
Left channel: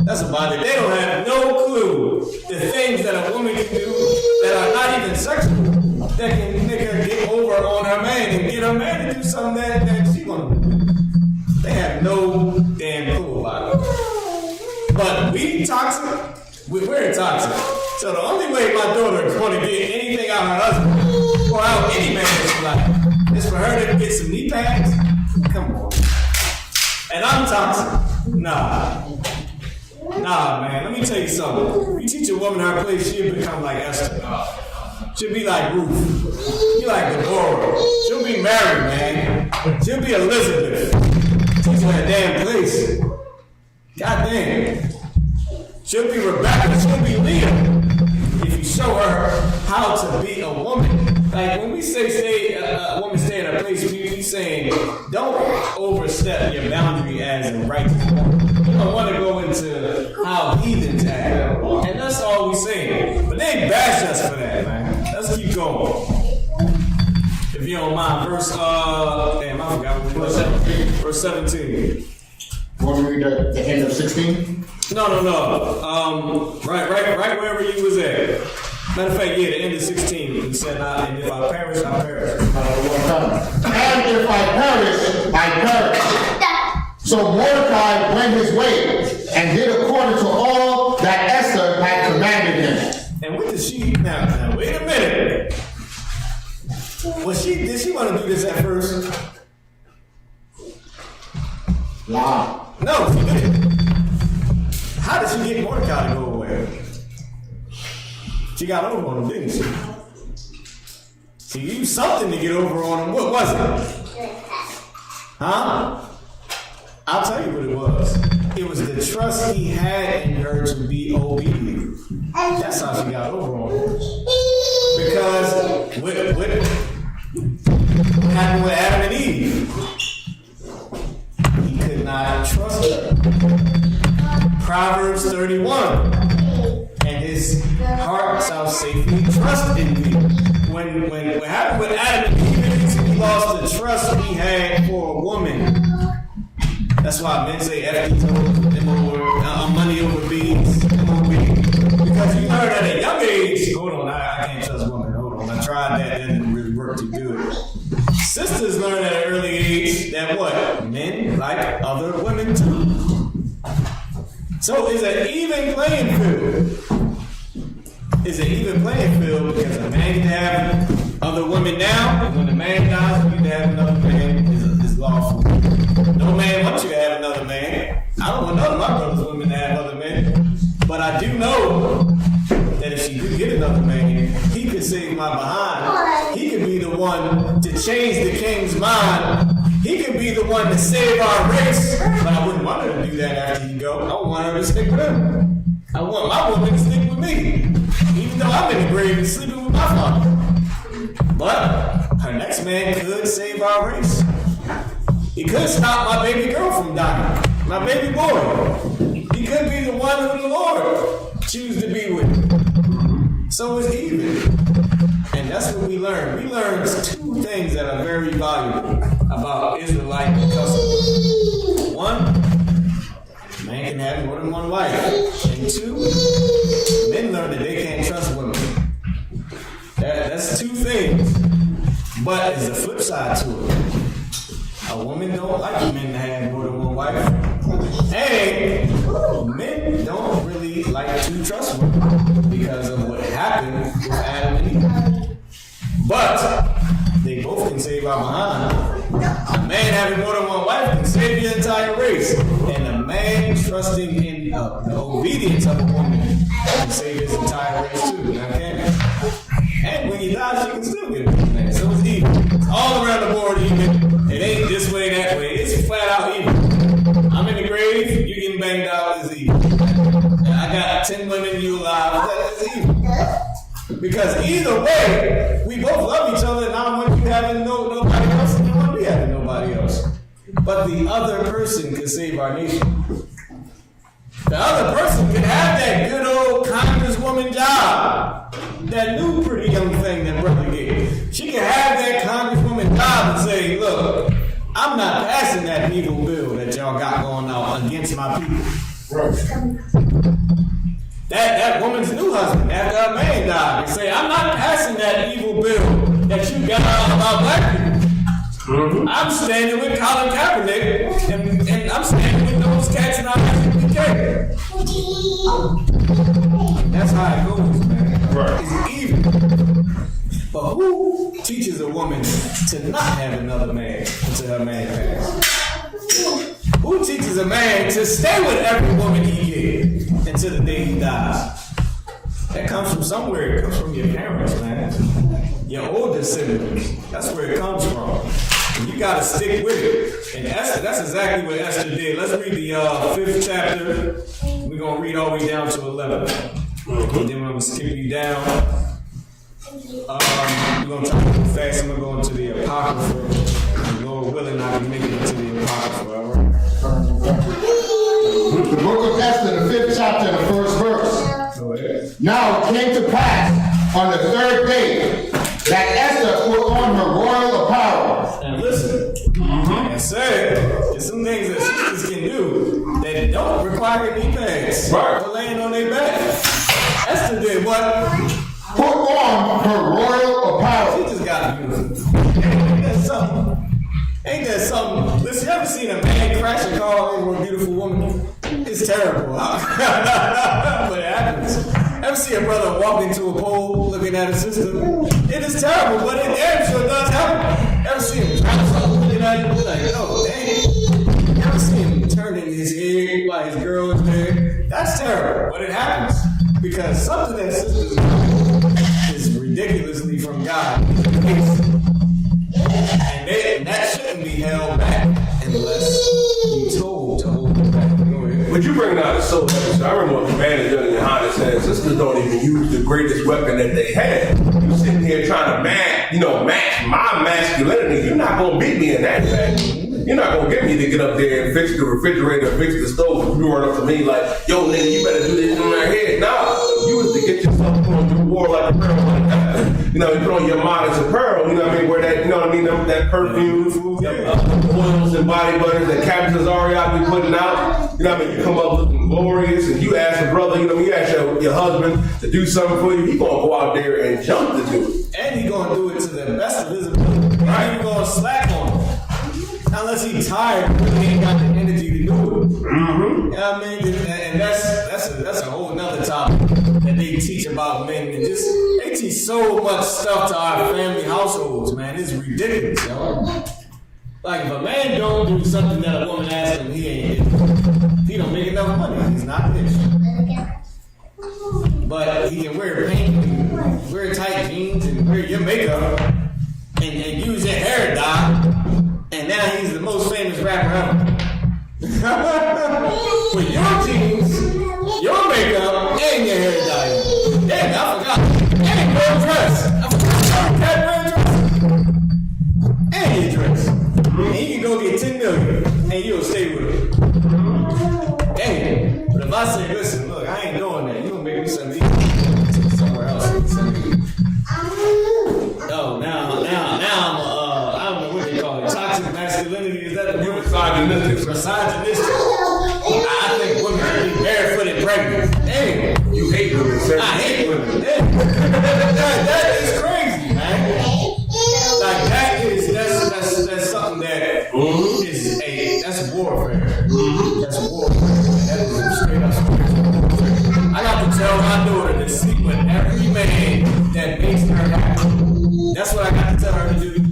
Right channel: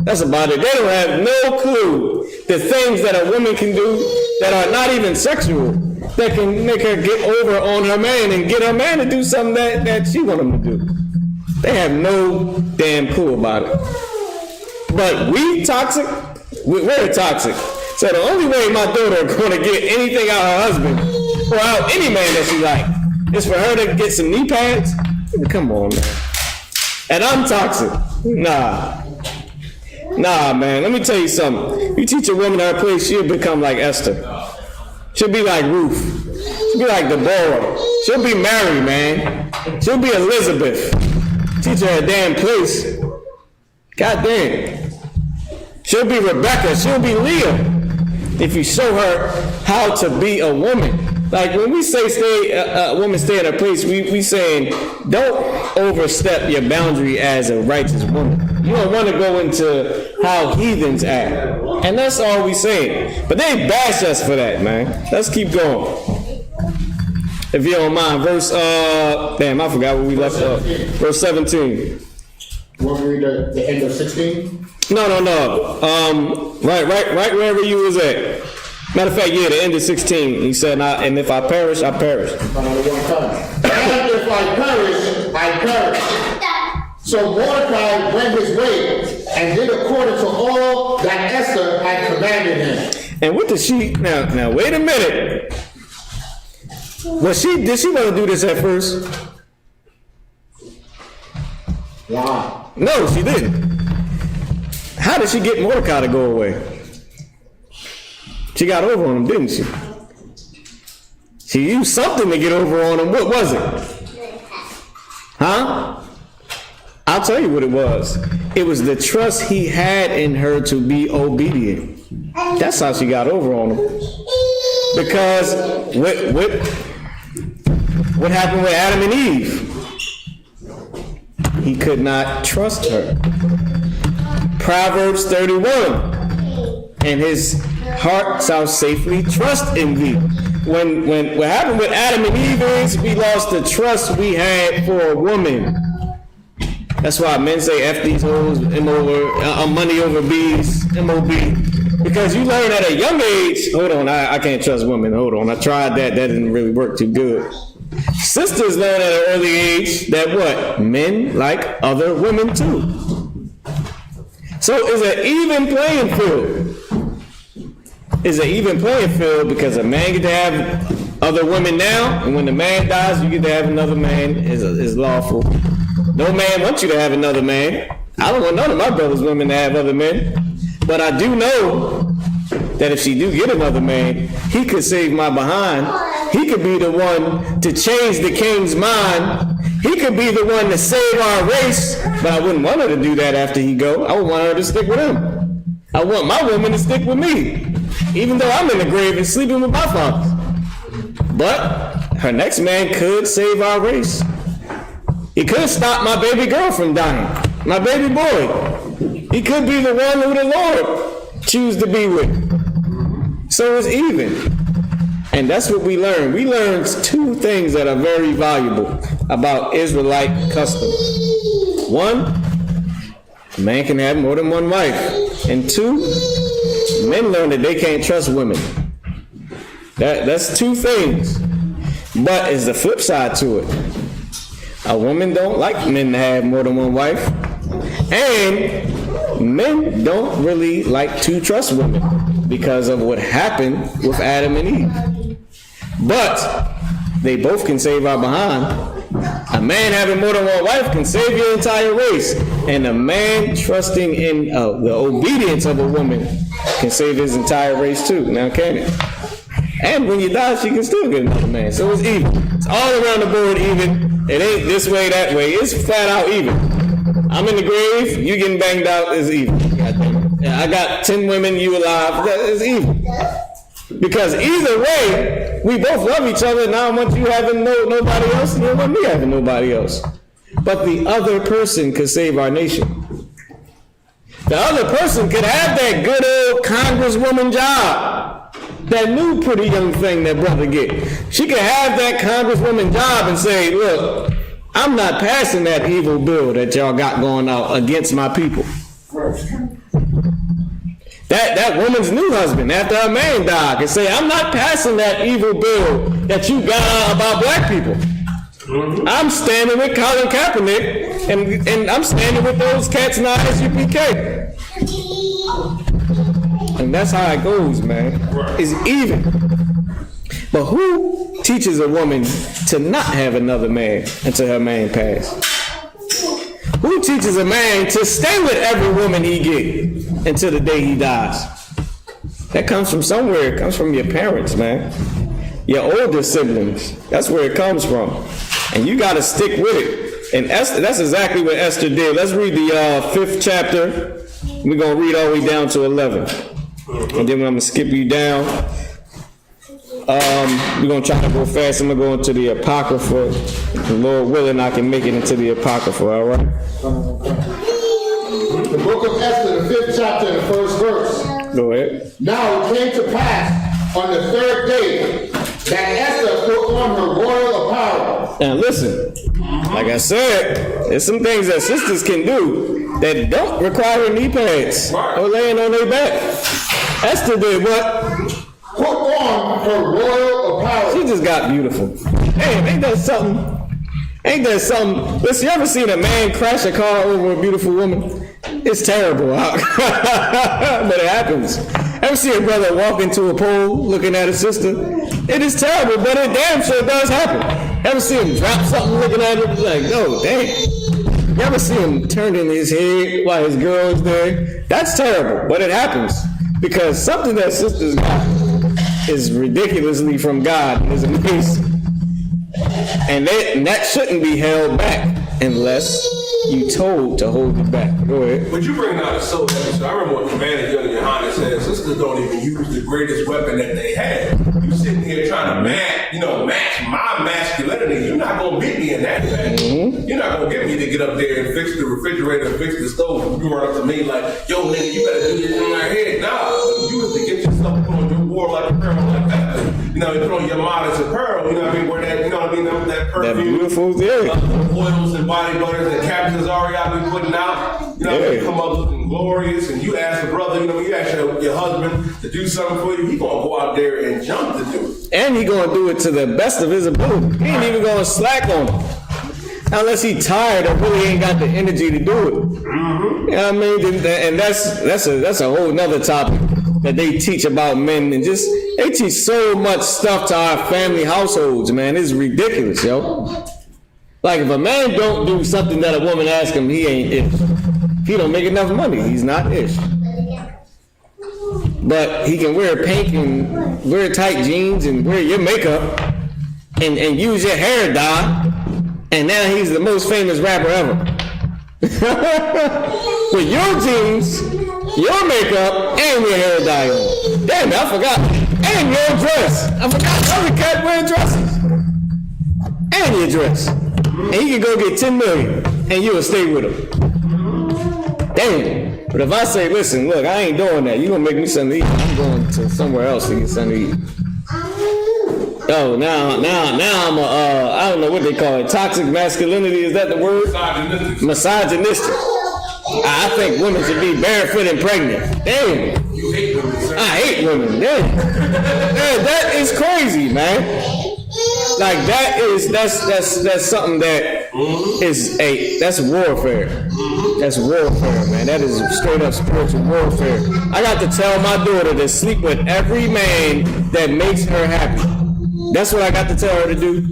That's about it. They don't have no clue the things that a woman can do that are not even sexual, that can make her get over on her man and get her man to do something that she want him to do. They have no damn clue about it. But we toxic, we're very toxic. So the only way my daughter is going to get anything out of her husband or out any man that she like is for her to get some knee pads. Come on, man. And I'm toxic. Nah, man. Let me tell you something. You teach a woman her place, she'll become like Esther. She'll be like Ruth. She'll be like Deborah. She'll be Mary, man. She'll be Elizabeth. Teach her a damn place. God damn. She'll be Rebecca. She'll be Leah. If you show her how to be a woman. Like when we say a woman stay in her place, we saying don't overstep your boundary as a righteous woman. You don't want to go into how heathens act. And that's all we saying. But they bash us for that, man. Let's keep going. If you don't mind, verse, damn, I forgot what we left off. Verse 17. You want me to read the end of 16? No. Right wherever you was at. Matter of fact, yeah, the end of 16. He said, and if I perish, I perish. And if I perish, I perish. So Mordecai went his way and did according to all that Esther had commanded him. And what did she, now wait a minute. Did she want to do this at first? Wow. No, she didn't. How did she get Mordecai to go away? She got over on him, didn't she? She used something to get over on him. What was it? Huh? I'll tell you what it was. It was the trust he had in her to be obedient. That's how she got over on him. Because what happened with Adam and Eve? He could not trust her. Proverbs 31. And his heart shall safely trust in thee. When what happened with Adam and Eve is we lost the trust we had for a woman. That's why men say F these hoes, money over bees, MOB. Because you learn at a young age, hold on, I can't trust women, hold on. I tried that didn't really work too good. Sisters learn at an early age that what? Men like other women too. So it's an even playing field. It's an even playing field because a man get to have other women now, and when the man dies, you get to have another man. Is lawful. No man wants you to have another man. I don't want none of my brother's women to have other men. But I do know that if she do get another man, he could save my behind. He could be the one to change the king's mind. He could be the one to save our race. But I wouldn't want her to do that after he go. I would want her to stick with him. I want my woman to stick with me. Even though I'm in the grave and sleeping with my father. But her next man could save our race. He could stop my baby girl from dying. My baby boy. He could be the one who the Lord choose to be with. So it's even. And that's what we learn. We learned two things that are very valuable about Israelite customs. One, a man can have more than one wife. And two, men learn that they can't trust women. That's two things. But it's the flip side to it. A woman don't like men to have more than one wife. And men don't really like to trust women because of what happened with Adam and Eve. But they both can save our behind. A man having more than one wife can save your entire race. And a man trusting in the obedience of a woman can save his entire race too. Now, okay? And when you die, she can still get another man. So it's even. It's all around the board even. It ain't this way, that way. It's flat out even. I'm in the grave, you getting banged out, is even. I got 10 women, you alive, that is even. Because either way, we both love each other, and I don't want you having nobody else, and I don't want me having nobody else. But the other person could save our nation. The other person could have that good old congresswoman job. That new pretty young thing that brother get. She could have that congresswoman job and say, look, I'm not passing that evil bill that y'all got going out against my people. That woman's new husband, after her man died, can say, I'm not passing that evil bill that you got out about black people. Mm-hmm. I'm standing with Colin Kaepernick, and I'm standing with those cats in ISUPK. And that's how it goes, man. Right. It's even. But who teaches a woman to not have another man until her man passes? Who teaches a man to stay with every woman he gets until the day he dies? That comes from somewhere. It comes from your parents, man. Your older siblings. That's where it comes from. And you got to stick with it. And Esther, that's exactly what Esther did. Let's read the 5th chapter. We're going to read all the way down to 11. And then I'm going to skip you down. We're going to try to go fast. I'm going to go into the Apocrypha. The Lord willing, I can make it into the Apocrypha, all right? The book of Esther, the 5th chapter, and the 1st verse. Go ahead. Now it came to pass on the 3rd day that Esther put on her royal apparel. Now listen, like I said, there's some things that sisters can do that don't require knee pads or laying on their back. Esther did what? Put on her royal apparel. She just got beautiful. Hey, ain't that something? Ain't that something? Listen, you ever seen a man crash a car over a beautiful woman? It's terrible, but it happens. Ever see a brother walk into a pole looking at his sister? It is terrible, but it damn sure does happen. Ever see him drop something looking at him? Like, no, damn. You ever see him turning his head while his girl is there? That's terrible, but it happens. Because something that sisters got is ridiculously from God. Is amazing. And that shouldn't be held back unless you told to hold it back. Go ahead. But you bring out so heavy. So I remember what Commander General Yohana said, sisters don't even use the greatest weapon that they have. You sitting here trying to match my masculinity. You're not gonna beat me in that fashion. You're not gonna get me to get up there and fix the refrigerator, fix the stove. You run up to me like, yo nigga, you better do this in my head. Nah, you was to get yourself put on your war like a pearl like that. You know, you put on your modest apparel, you know what I mean, where that, you know what I mean, that perfume, oils and body butters that Captain Zariah be putting out, you know what I mean, come up looking glorious, and you ask a brother, you know, you ask your husband to do something for you, he gonna go out there and jump to do it. And he gonna do it to the best of his ability. He ain't even gonna slack on him. Unless he tired and really ain't got the energy to do it. You know what I mean? And that's a whole nother topic that they teach about men, and just they teach so much stuff to our family households, man. It's ridiculous, yo. Like if a man don't do something that a woman asks him, he ain't ish. If he don't make enough money, he's not ish. But he can wear pink and wear tight jeans and wear your makeup and use your hair dye, and now he's the most famous rapper ever. With your jeans, your makeup, and your hair dye. Damn, I forgot. And your dress. I forgot every cat wearing dresses. And your dress. And he can go get 10 million, and you will stay with him. Damn. But if I say, listen, look, I ain't doing that. You gonna make me something to eat. I'm going to somewhere else to get something to eat. Oh, now I'm I don't know what they call it. Toxic masculinity, is that the word? Misogynistic. I think women should be barefoot and pregnant. Damn. You hate women, sir. I hate women. Damn. that is crazy, man. Like that's something that is that's warfare. That's warfare, man. That is straight up spiritual warfare. I got to tell my daughter to sleep with every man that makes her happy. That's what I got to tell her to do.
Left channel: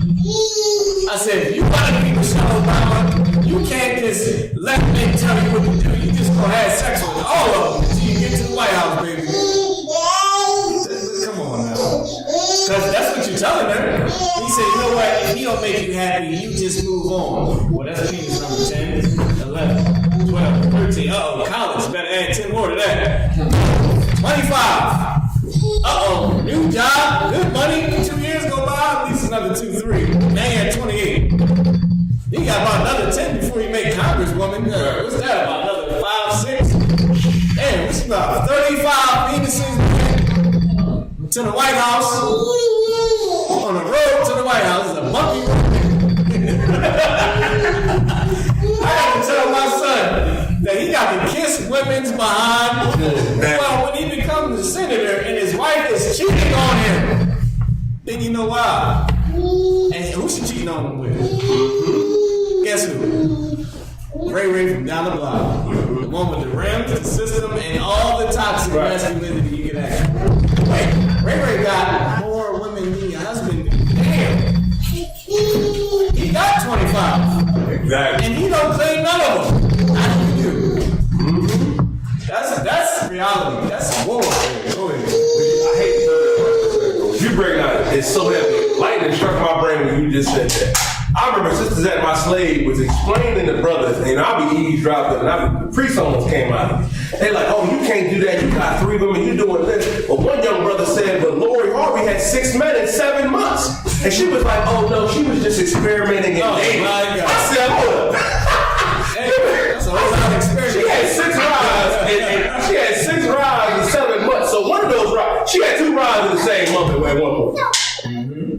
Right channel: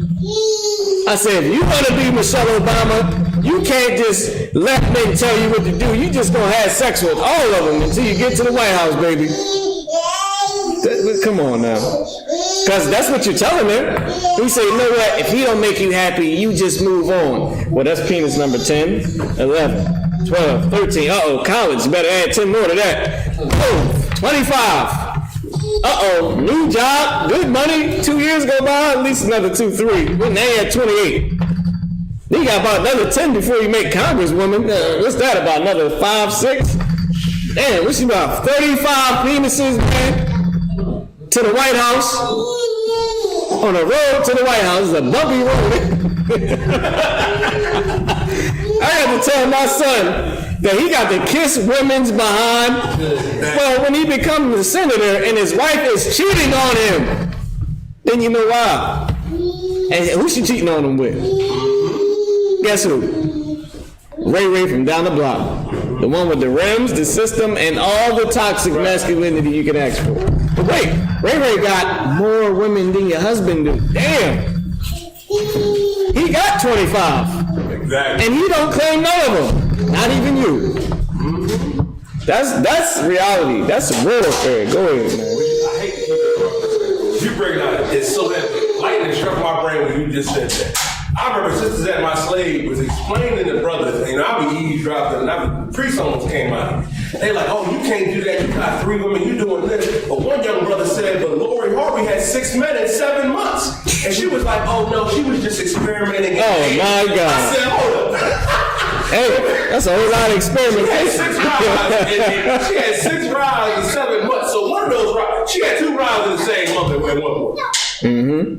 I said, if you want to be Michelle Obama, you can't just let men tell you what to do. You just gonna have sex with all of them until you get to the White House, baby. Come on now. Because that's what you're telling her. You say, you know what, if he don't make you happy, you just move on. Well, that's penis number 10, 11, 12, 13. Uh-oh, college. Better add 10 more to that. Oh, 25. Uh-oh, new job, good money. 2 years go by, at least another 2, 3. We're now at 28. You got about another 10 before you make Congresswoman. What's that, about another 5, 6? Damn, what's about 35 penises, man? To the White House. On the road to the White House, it's a bumpy road. I had to tell my son that he got to kiss women's behind. Well, when he becomes a senator and his wife is cheating on him, then you know why. And who she cheating on him with? Guess who? Ray from down the block. The one with the rims, the system, and all the toxic masculinity you can ask for. But wait, Ray got more women than your husband do. Damn. He got 25. Exactly. And he don't claim none of them. Not even you. That's reality. That's warfare. Go ahead. I hate to you bring out it's so heavy. Lightning struck my brain when you just said that. I remember Sisters at My Slave was explaining to brothers, and I'll be eavesdropping, and the priest almost came out. They like, oh, you can't do that. You got 3 women, you doing this. But one young brother said, but Lori Harvey had 6 men in 7 months. And she was like, oh no, she was just experimenting. Oh my God. I said, hold up. Hey, that's a whole lot of experience. She had 6 months She had 2 rounds in the same month at one point.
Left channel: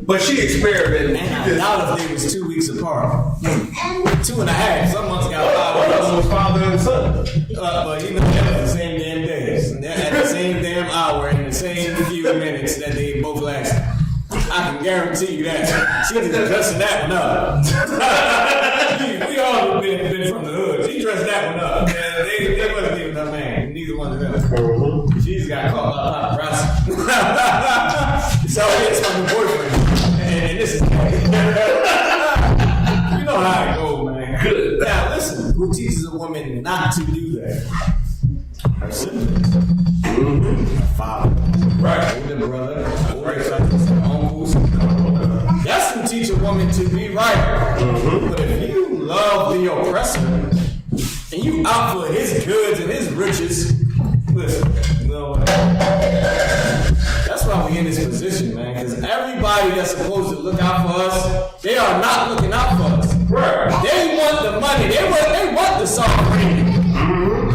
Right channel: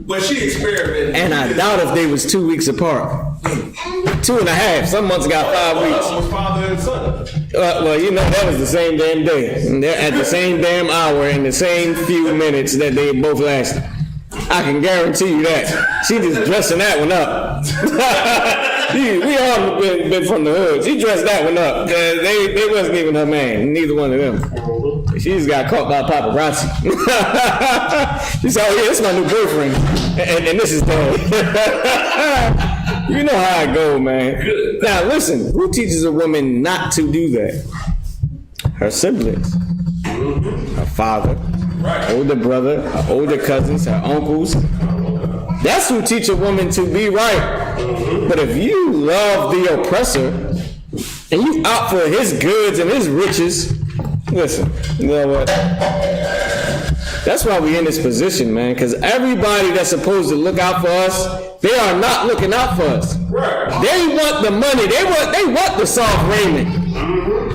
But she experimented. And I doubt if they was 2 weeks apart. 2.5. Some months got 5 weeks. Was father and son. Well, you know, that was the same damn day. And they're at the same damn hour in the same few minutes that they both lasted. I can guarantee you that. She just dressing that one up. We all been from the hood. She dressed that one up. They wasn't even her man. Neither one of them. She just got caught by paparazzi. She said, oh yeah, it's my new boyfriend. And this is Dad. You know how it go, man. Good. Now listen, who teaches a woman not to do that? Her siblings. Her father. Right. Older brother, her older cousins, her uncles. That's who teach a woman to be right. But if you love the oppressor and you out for his goods and his riches, listen, you know what? That's why we in this position, man. Because everybody that's supposed to look out for us, they are not looking out for us. Right. They want the money. They want the soft raiment.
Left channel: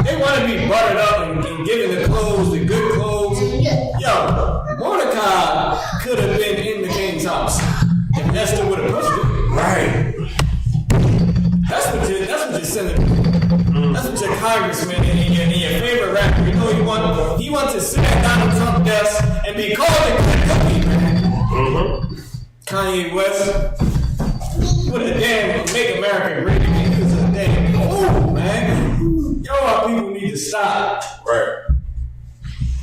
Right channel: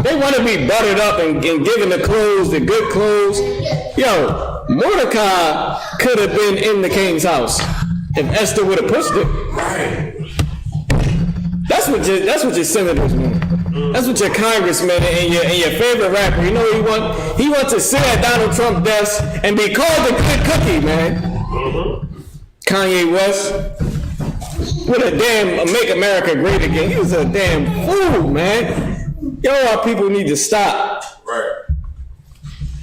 They want to be buttered up and given the clothes, the good clothes. Yo, Mordecai could have been in the king's house if Esther would have pushed it. Right. That's what your senators want. That's what your congressman and your favorite rapper. You know he wants to sit at Donald Trump's desk and be called a good cookie, man. Kanye West. What a damn Make America Great Again. He was a damn fool, man. Yo, our people need to stop. Right.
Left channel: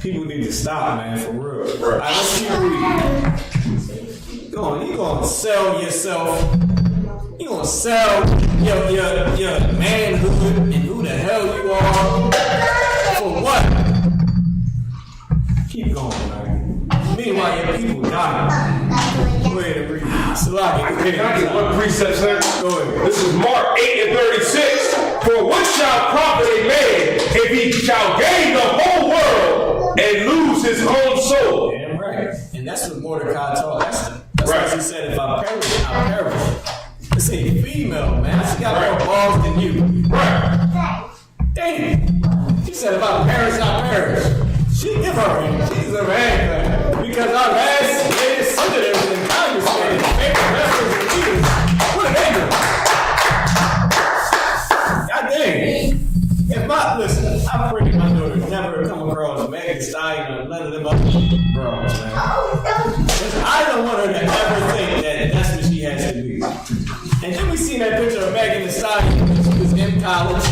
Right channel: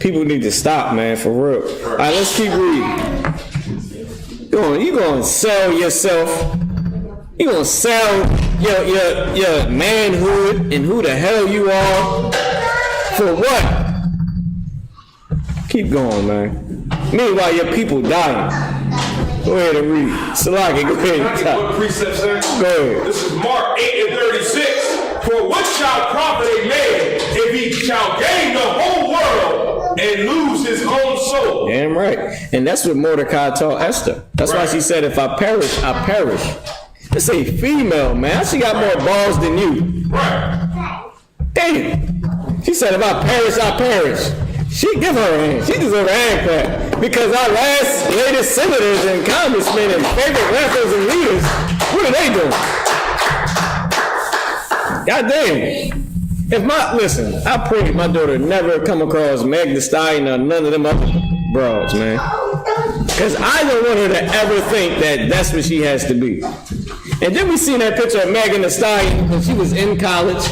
People need to stop, man, for real. Right. All right, let's keep reading. You gonna sell yourself. You gonna sell your manhood and who the hell you are for what? Keep going, man. Meanwhile, your people dying. Go ahead and read. Salaki, go ahead. Can I get one precept, sir? Go ahead. This is Mark 8:36. For what shall profit a man if he shall gain the whole world and lose his own soul? Damn right. And that's what Mordecai taught Esther. That's why she said, if I perish, I perish. This ain't female, man. She got more balls than you. Right. Damn. She said, if I perish, I perish. She give her a hand. She deserves a hand clap. Because our latest senators and congressmen and favorite rappers and leaders, what are they doing? God damn. Listen, I pray my daughter never come across Meg Thee Stallion or none of them other bros, man. Because I don't want her to ever think that that's what she has to be. And then we seen that picture of Megan Thee Stallion when she was in college,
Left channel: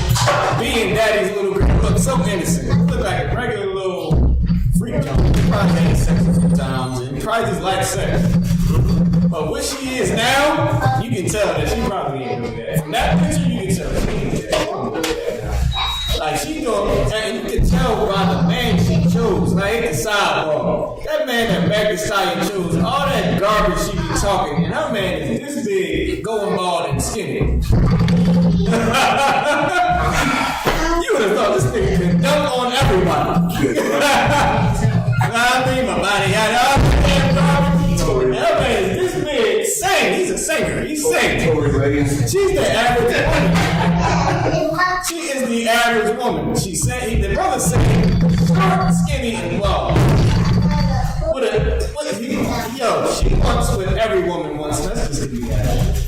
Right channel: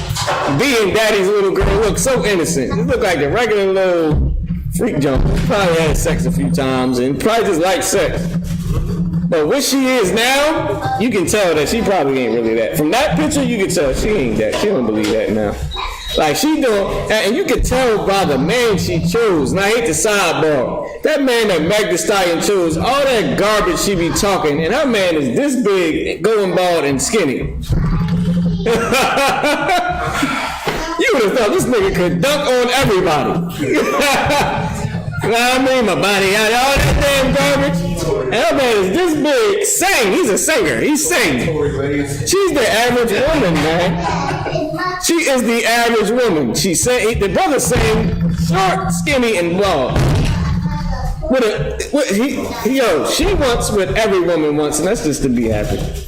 being daddy's little girl. Look so innocent. It looked like a regular little freak jumper. Probably had sex a few times and probably just liked sex. But what she is now, you can tell that she probably ain't really that. From that picture, you can tell she ain't that. She don't believe that now. Like she don't, and you can tell by the man she chose. Now I hate the sidebar. That man that Meg Thee Stallion chose, all that garbage she be talking, and her man is this big, going bald and skinny. You would have thought this nigga could dunk on everybody. You know what I mean? My body got all that damn garbage. And that man is this big, sing. He's a singer. He's singing. She's the average woman, man. She is the average woman. She sang. The brother sang short, skinny, and bald. She wants what every woman wants, and that's just to be average.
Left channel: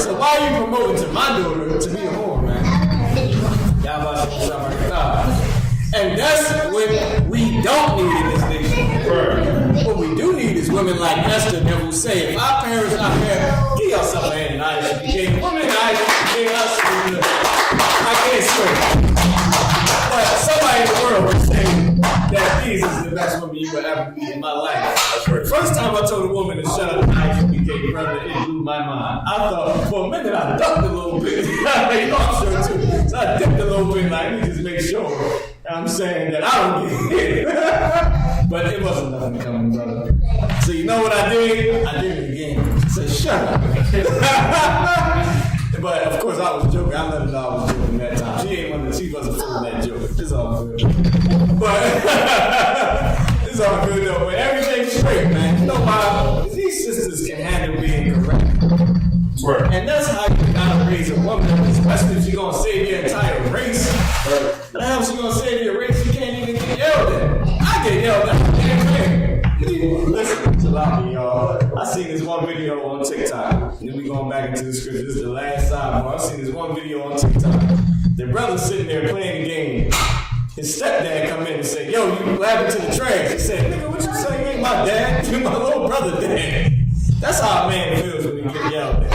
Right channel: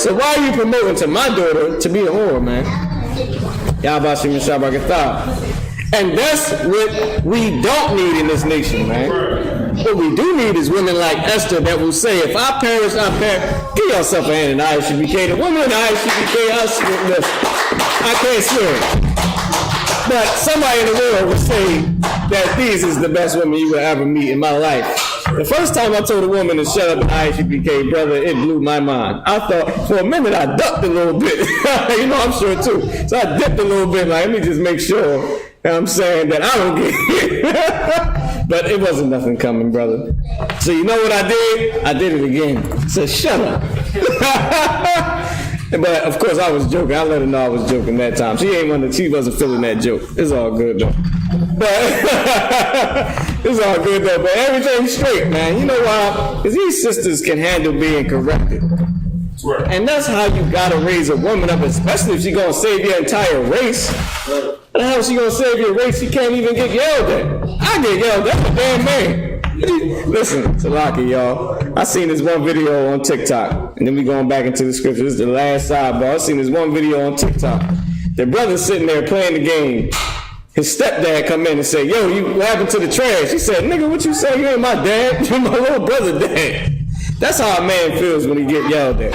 So why are you promoting to my daughter to be a whore, man? Yabashim Shabakatah. And that's what we don't need in this nation, man. What we do need is women like Esther that will say, if I perish, I perish. Give yourself a hand in ISUPK. The woman in ISUPK, I can't swear. But somebody in the world would say that these is the best woman you will ever meet in my life. The first time I told a woman to shut up in ISUPK, brother, it blew my mind. I thought, for a minute, I ducked a little bit. You know, I'm sure too. So I dipped a little bit, like, let me just make sure that I'm saying that I don't get hit. But it wasn't nothing coming, brother. So you know what I did? I did it again. So shut up. But of course I was joking. I let her know I was joking that time. She wasn't feeling that joke. It's all good though. But it's all good though. But everything's straight, man. You know why? Because these sisters can handle being corrected. Right. And that's how you gotta raise a woman up, especially if she's gonna save your entire race. Right. And how she gonna save your race? She can't even get yelled at. I get yelled at, I'm a damn man. Listen, Salaki, y'all. I seen this one video on TikTok, and then we going back into the scripture. This is the last sidebar. I seen this one video on TikTok. The brother sitting there playing the game. His stepdad come in and say, "Yo, what happened to the trash?" He said, "Nigga, what you say? You ain't my dad. You my little brother dad." That's how a man feels when he get yelled at.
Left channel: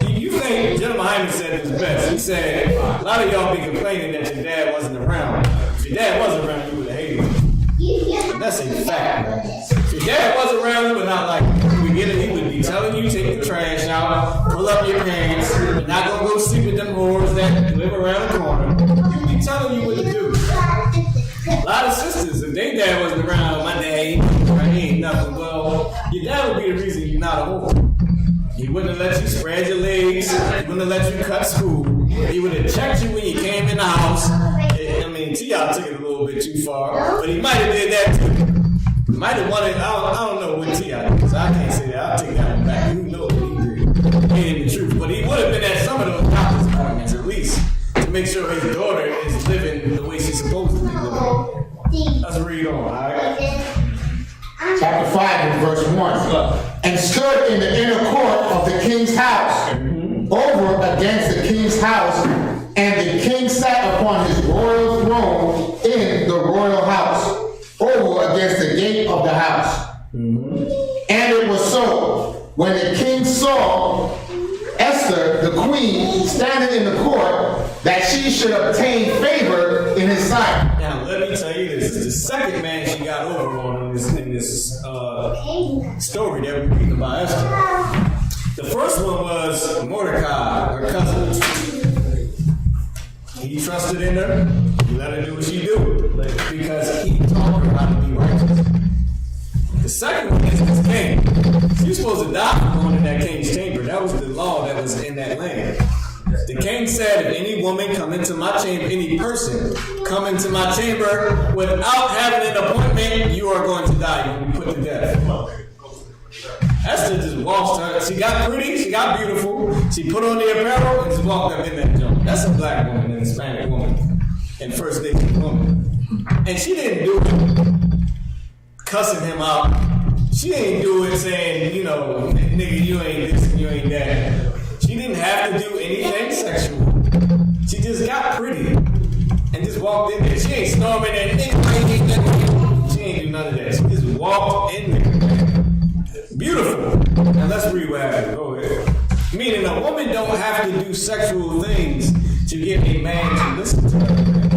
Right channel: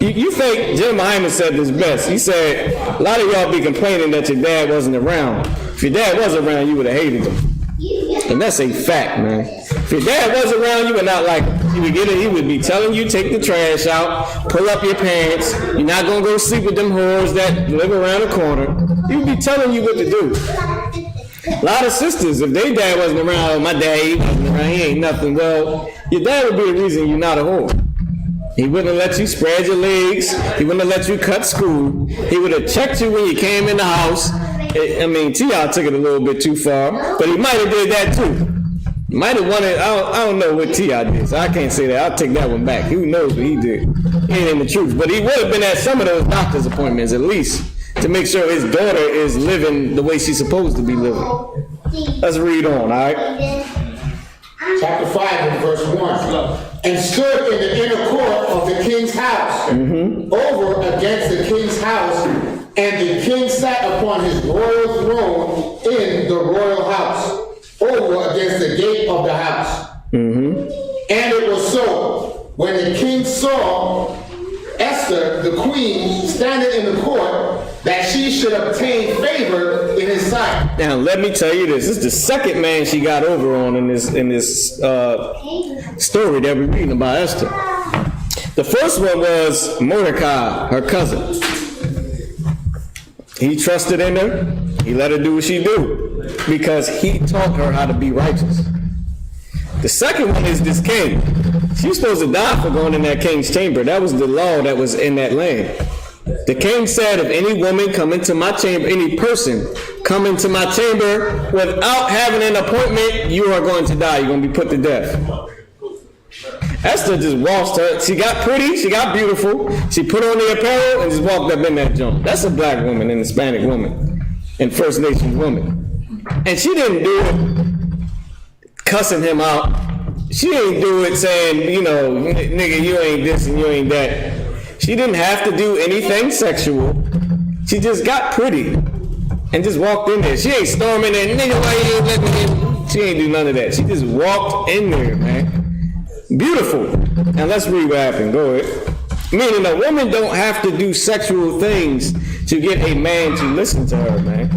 You think Jim Hyman said this best. He said, a lot of y'all be complaining that your dad wasn't around. If your dad was around, you would have hated him. And that's a fact, man. If your dad was around, you would not like him. You get it? He would be telling you, take the trash out, pull up your pants. You're not going to go sleep with them whores that live around the corner. He would be telling you what to do. A lot of sisters, if their dad wasn't around, my dad, he ain't nothing. Well, your dad would be the reason you're not a whore. He wouldn't let you spread your legs. He wouldn't let you cut screw. He would have checked you when you came in the house. I mean, T.I. took it a little bit too far, but he might have did that too. He might have wanted, I don't know what T.I. did, so I can't say that. I'll take that one back. Who knows what he did? He ain't in the truth. But he would have been at some of those doctor's appointments at least to make sure his daughter is living the way she's supposed to be living. Let's read on, all right? Chapter 5 and verse 1. And stood in the inner court of the king's house, over against the king's house, and the king sat upon his royal throne in the royal house, over against the gate of the house. And it was so, when the king saw Esther, the queen, standing in the court, that she should obtain favor in his sight. Now, let me tell you this. This is the second man she got over on in this story that we're reading about Esther. The first one was Mordecai, her cousin. He trusted in her. He let her do what she do because he taught her how to be righteous. The second one is this king. She was supposed to die for going in that king's chamber. That was the law that was in that land. The king said, if any woman come into my chamber, any person come into my chamber without having an appointment, you are going to die. You're going to be put to death. Esther just waltzed her. She got pretty. She got beautiful. She put on the apparel and just walked up in that jump. That's a black woman, an Hispanic woman, and First Nations woman. And she didn't do it cussing him out. She didn't do it saying, you know, nigga, you ain't this and you ain't that. She didn't have to do anything sexual. She just got pretty and just walked in there. She ain't storming there, nigga, why you ain't let me in? She ain't do none of that. She just walked in there, man. Beautiful. Now let's read what happened. Go ahead. Meaning a woman don't have to do sexual things to get a man to listen to her, man.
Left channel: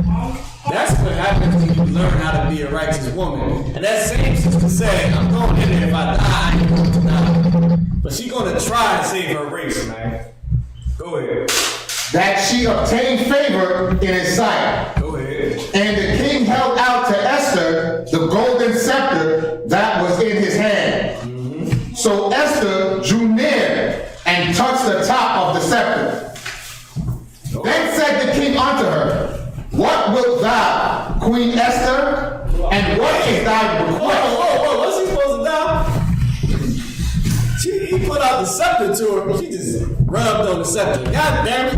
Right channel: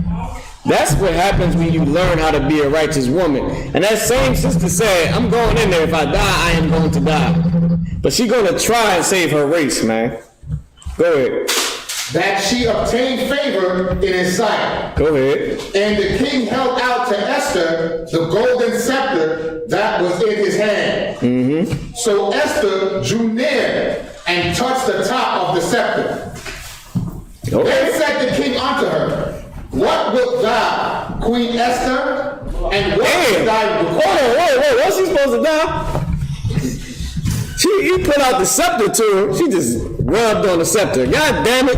That's what happens when you learn how to be a righteous woman. And that same sister said, I'm going in there. If I die, I ain't going to die. But she going to try and save her race, man. Go ahead. That she obtained favor in his sight. Go ahead. And the king held out to Esther the golden scepter that was in his hand. So Esther drew near and touched the top of the scepter. Then said the king unto her, what wilt thou, Queen Esther? And what is thy request? Whoa, what's she supposed to die? He put out the scepter to her. She just rubbed on the scepter. God damn it.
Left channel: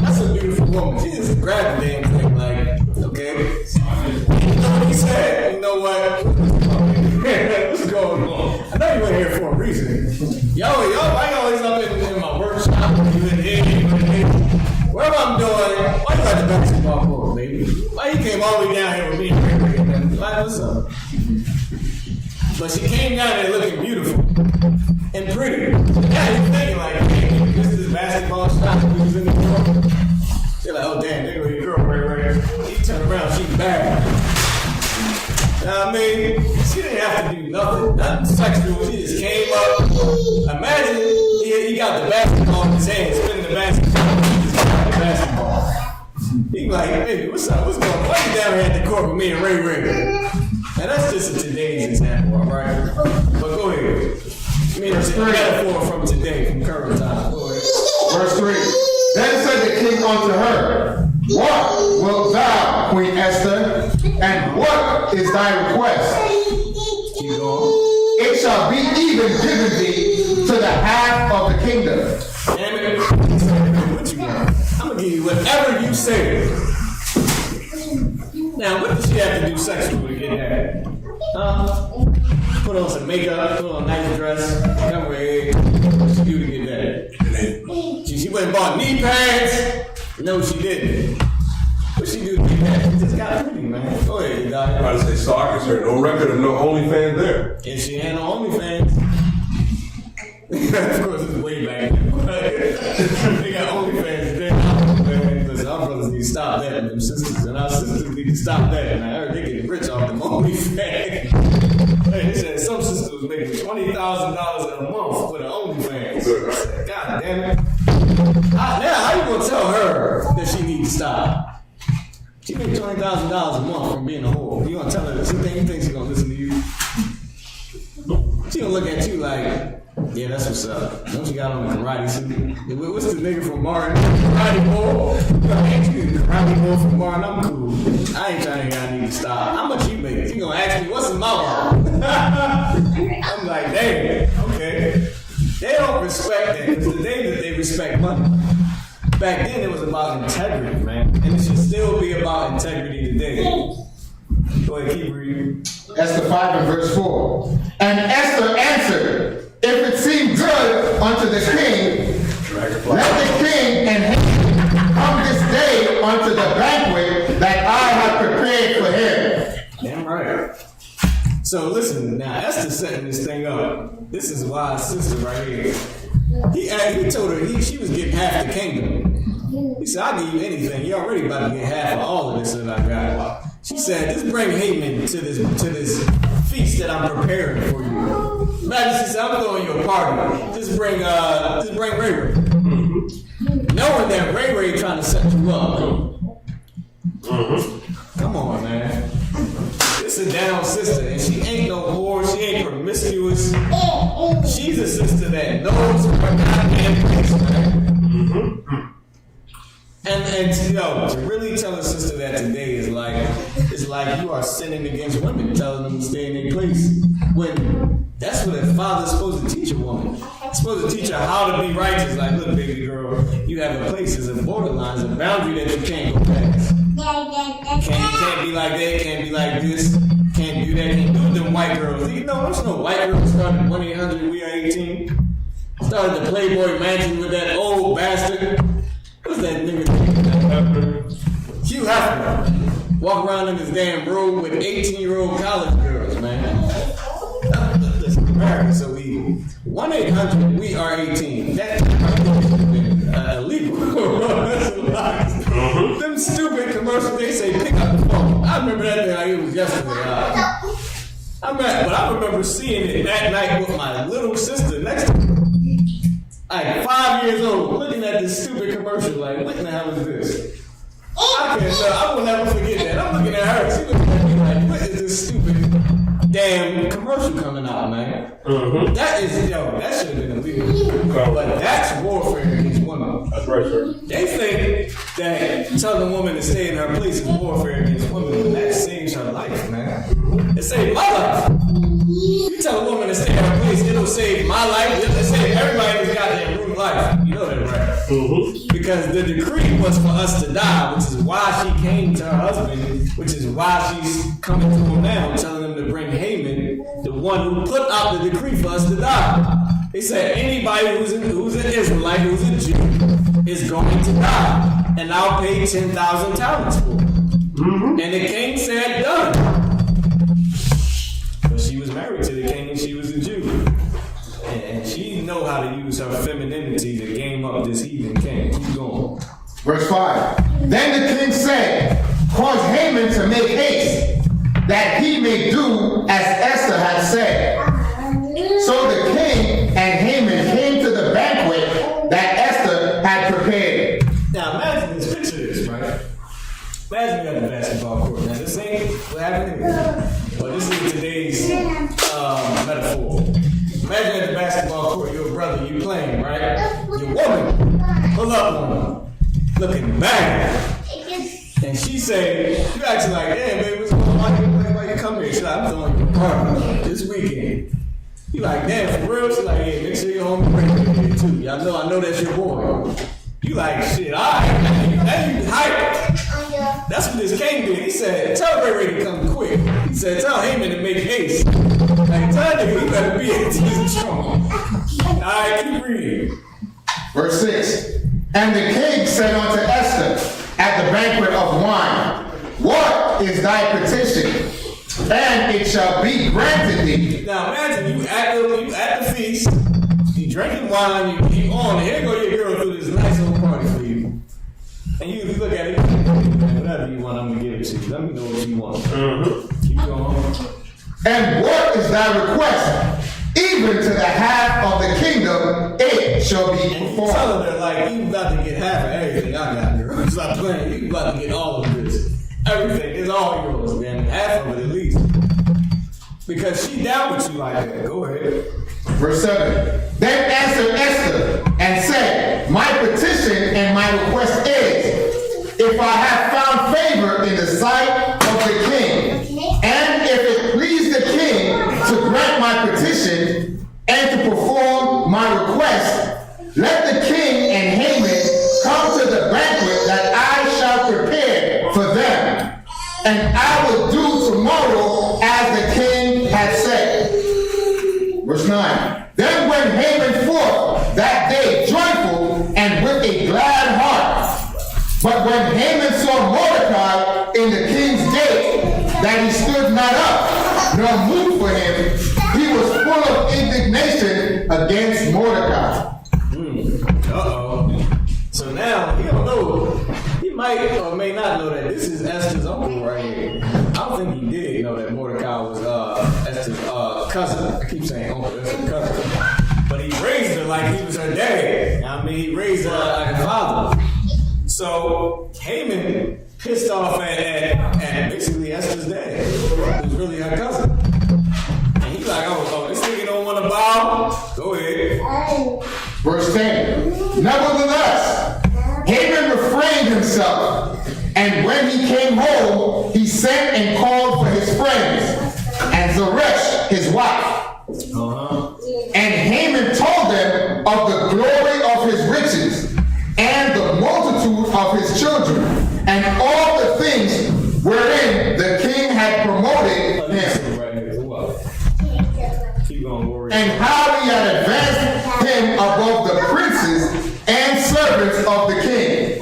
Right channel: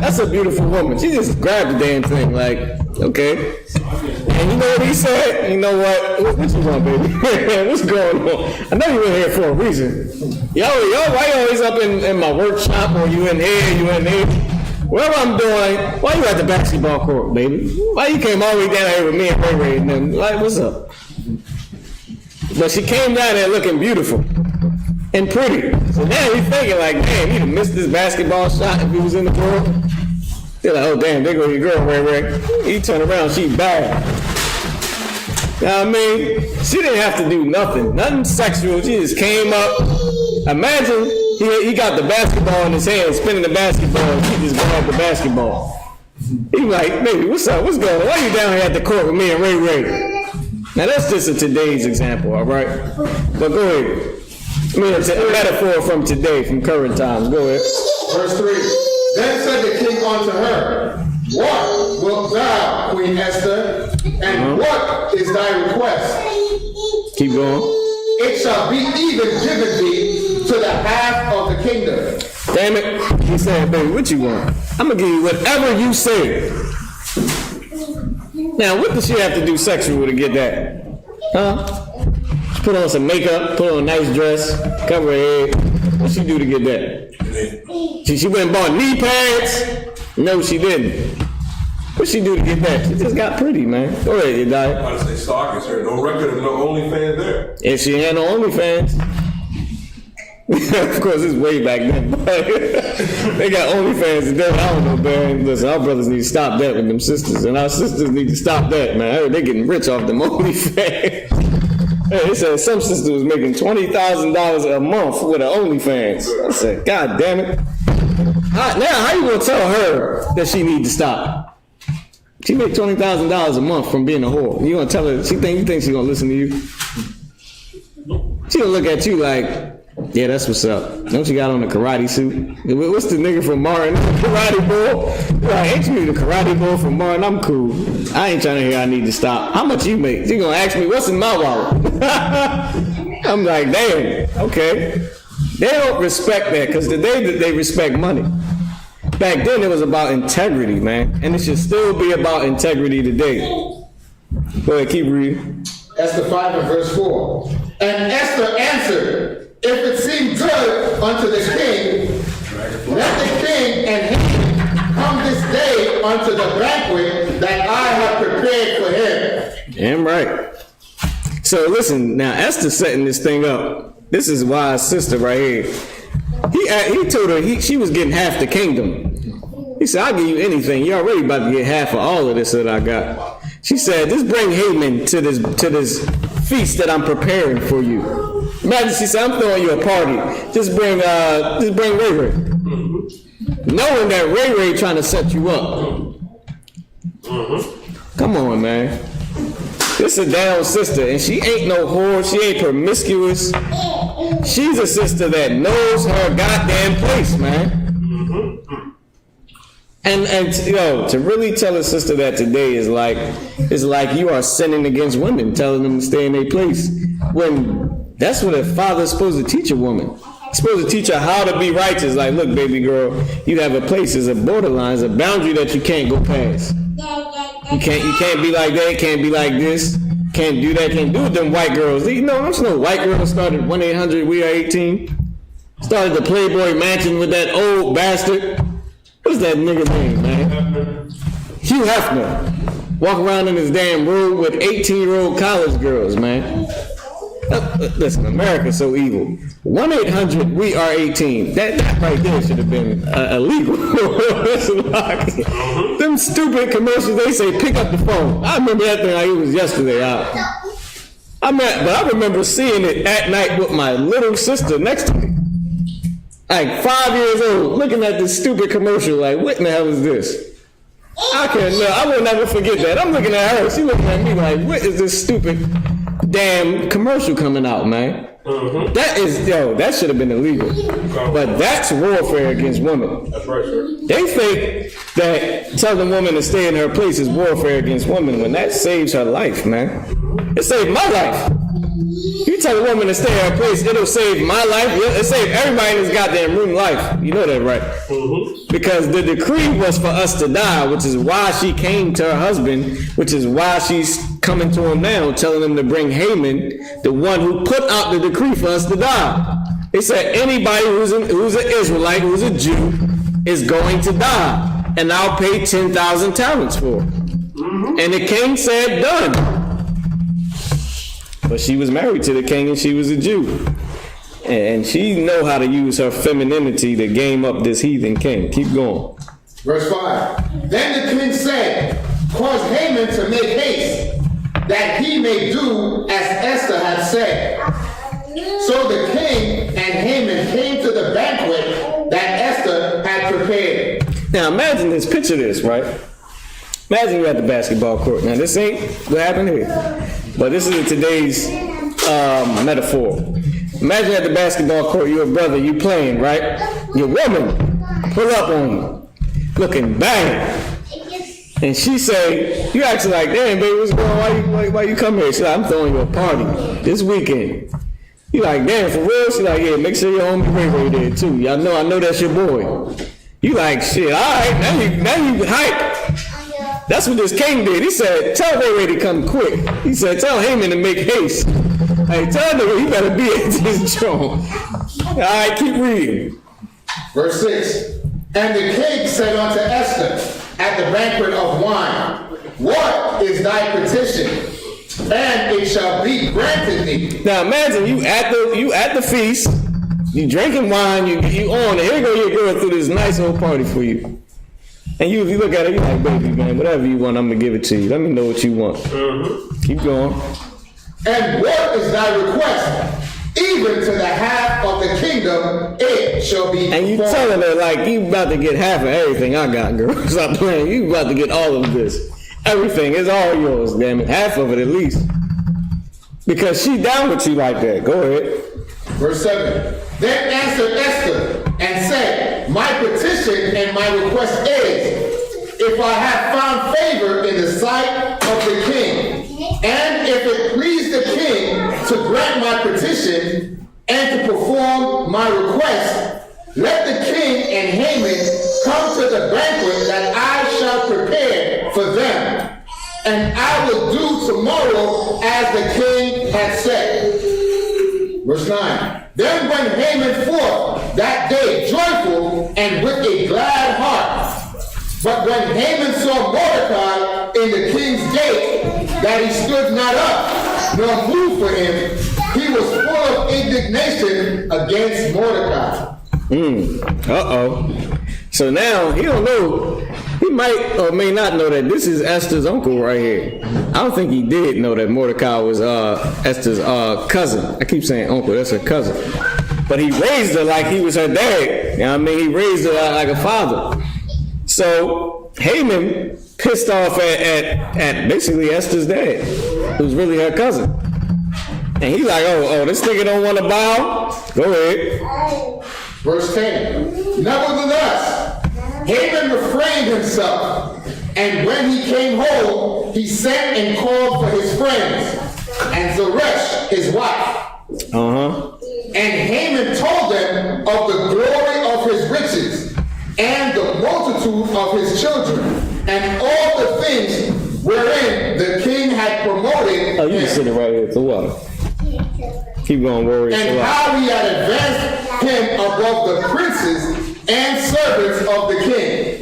That's a beautiful woman. She just grabbed the damn thing, like, okay. And you know what he said? You know what? What's going on, baby? What's going on? I know you're in here for a reason. Yo, why you always up in my workshop, or you in here, you in here? Whatever I'm doing, why you at the basketball court, baby? Why you came all the way down here with me and Ray Ray and them? Like, what's up? But she came down there looking beautiful and pretty. So now he's thinking like, damn, he missed this basketball shot if he was in the world. They're like, oh damn, there go your girl, Ray Ray. He turned around, she's bad. You know what I mean? She didn't have to do nothing sexual. She just came up. Imagine he got the basketball in his hand, spinning the basketball. He just grabbed the basketball. He like, baby, what's up? What's going on? Why you down here at the court with me and Ray Ray? Now that's just a today's example, all right? But go ahead. I mean, it's a metaphor from today, from current times. Go ahead. Verse 3. Then said the king unto her, what wilt thou, Queen Esther? And what is thy request? Keep going. It shall be even given thee to the half of the kingdom. Damn it. He said, baby, what you want? I'm going to give you whatever you say. Now, what does she have to do sexual to get that? Huh? put on some makeup, put on a nice dress, cover her head. What she do to get that? She went and bought knee pads? No, she didn't. What she do to get that? She just got pretty, man. Go ahead, you die. I say stalkers her. No record of no OnlyFans there. If she had no OnlyFans, of course it's way back then. They got OnlyFans today. I don't know, man. Listen, our brothers need to stop that with them sisters, and our sisters need to stop that, man. I heard they getting rich off them OnlyFans. They said some sister was making $20,000 a month with an OnlyFans. I said, God damn it. How you gonna tell her that she needs to stop? She make $20,000 a month from being a whore. You gonna tell her? You think she gonna listen to you? She gonna look at you like, yeah, that's what's up. Don't you got on a karate suit? What's the nigga from Martin? Karate Bull? Like, ain't you the karate bull from Martin? I'm cool. I ain't trying to hear I need to stop. How much you make? She gonna ask me, what's in my wallet? I'm like, damn, okay. They don't respect that because today that they respect money. Back then it was about integrity, man. And it should still be about integrity today. Go ahead, keep reading. Esther 5 and verse 4. And Esther answered, if it seem good unto the king, let the king and Haman come this day unto the banquet that I have prepared for him. Damn right. So listen, now Esther's setting this thing up. This is wise sister right here. He told her she was getting half the kingdom. He said, I'll give you anything. You're already about to get half of all of this that I got. She said, just bring Haman to this feast that I'm preparing for you. Imagine she said, I'm throwing you a party. Just bring Ray Ray. Knowing that Ray Ray trying to set you up. Come on, man. This a down sister, and she ain't no whore, she ain't promiscuous. She's a sister that knows her goddamn place, man. And you know, to really tell a sister that today is like you are sinning against women, telling them to stay in their place. When that's what a father's supposed to teach a woman. He's supposed to teach her how to be righteous. Like, look, baby girl, you have a place, there's a borderline, there's a boundary that you can't go past. You can't be like that, can't be like this, can't do that, can't do with them white girls. You know, there's no white girl started 1-800-WE-ARE-18. Started the Playboy Mansion with that old bastard. What's that nigga name, man? Hugh Hefner. Walk around in his damn room with 18-year-old college girls, man. Listen, America's so evil. 1-800-WE-ARE-18. That right there should have been illegal. Them stupid commercials, they say pick up the phone. I remember that thing like it was yesterday. But I remember seeing it at night with my little sister next to me. Like 5 years old, looking at this stupid commercial, like, what in the hell is this? I will never forget that. I'm looking at her, she looking at me like, what is this stupid damn commercial coming out, man? That should have been illegal. But that's warfare against women. That's right, sir. They think that telling a woman to stay in her place is warfare against women when that saves her life, man. It saved my life. You tell a woman to stay in her place, it'll save my life. It'll save everybody in this goddamn room life. You know that, right? Because the decree was for us to die, which is why she came to her husband, which is why she's coming to him now, telling him to bring Haman, the one who put out the decree for us to die. They said anybody who's an Israelite, who's a Jew, is going to die. And I'll pay 10,000 talents for it. And the king said, done. But she was married to the king and she was a Jew. And she know how to use her femininity to game up this heathen king. Keep going. Verse 5. Then the king said, cause Haman to make haste, that he may do as Esther had said. So the king and Haman came to the banquet that Esther had prepared. Now imagine this, picture this, right? Imagine you're at the basketball court. Now this ain't what happened here, but this is today's metaphor. Imagine at the basketball court, you're a brother, you playing, right? Your woman, pull up on you, looking bang. And she say, you acting like, damn, baby, what's going on? Why you come here? She like, I'm throwing you a party this weekend. You like, damn, for real? She like, yeah, make sure your homie Ray Ray there too. Y'all know, I know that's your boy. You like, shit, all right, now you hype. That's what this king did. He said, tell Ray to come quick. He said, tell Haman to make haste. Hey, tell him he better be at his throne. All right, keep reading. Verse 6. And the king said unto Esther at the banquet of wine, what is thy petition? And it shall be granted thee. Now imagine you at the feast, you drinking wine, you on it. Here go your girl through this nice old party for you. And you look at it, you're like, baby, man, whatever you want, I'm gonna give it to you. Let me know what you want. Keep going. And what is thy request? Even to the half of the kingdom, it shall be And you performed. telling her, like, you about to get half of everything I got, girl. Stop playing. You about to get all of this. Everything is all yours, damn it. Half of it at least. Because she down with you like that. Go ahead. Verse 7. Then answered Esther and said, my petition and my request is, if I have found favor in the sight of the king, and if it please the king to grant my petition and to perform my request, let the king and Haman come to the banquet that I shall prepare for them, and I will do tomorrow as the king had said. Verse 9. Then went Haman forth that day joyful and with a glad heart. But when Haman saw Mordecai in the king's gate, that he stood not up, nor moved for him, he was full of indignation against Mordecai. So now, he don't know, he might or may not know that this is Esther's uncle right here. I don't think he did know that Mordecai was Esther's cousin. I keep saying uncle, that's her cousin. But he raised her like he was her dad. You know what I mean? He raised her like a father. So Haman pissed off at basically Esther's dad, who's really her cousin. And he's like, oh, this nigga don't want to bow? Go ahead. Verse 10. Nevertheless, Haman refrained himself, and when he came home, he sent and called for his friends, and Zeresh, his wife. And Haman told them of the glory of his riches, and the multitude of his children, and all the things wherein the king had promoted Oh, you him. sitting right here. So what? Keep going, warrior. And how he had advanced him above the princes and servants of the king.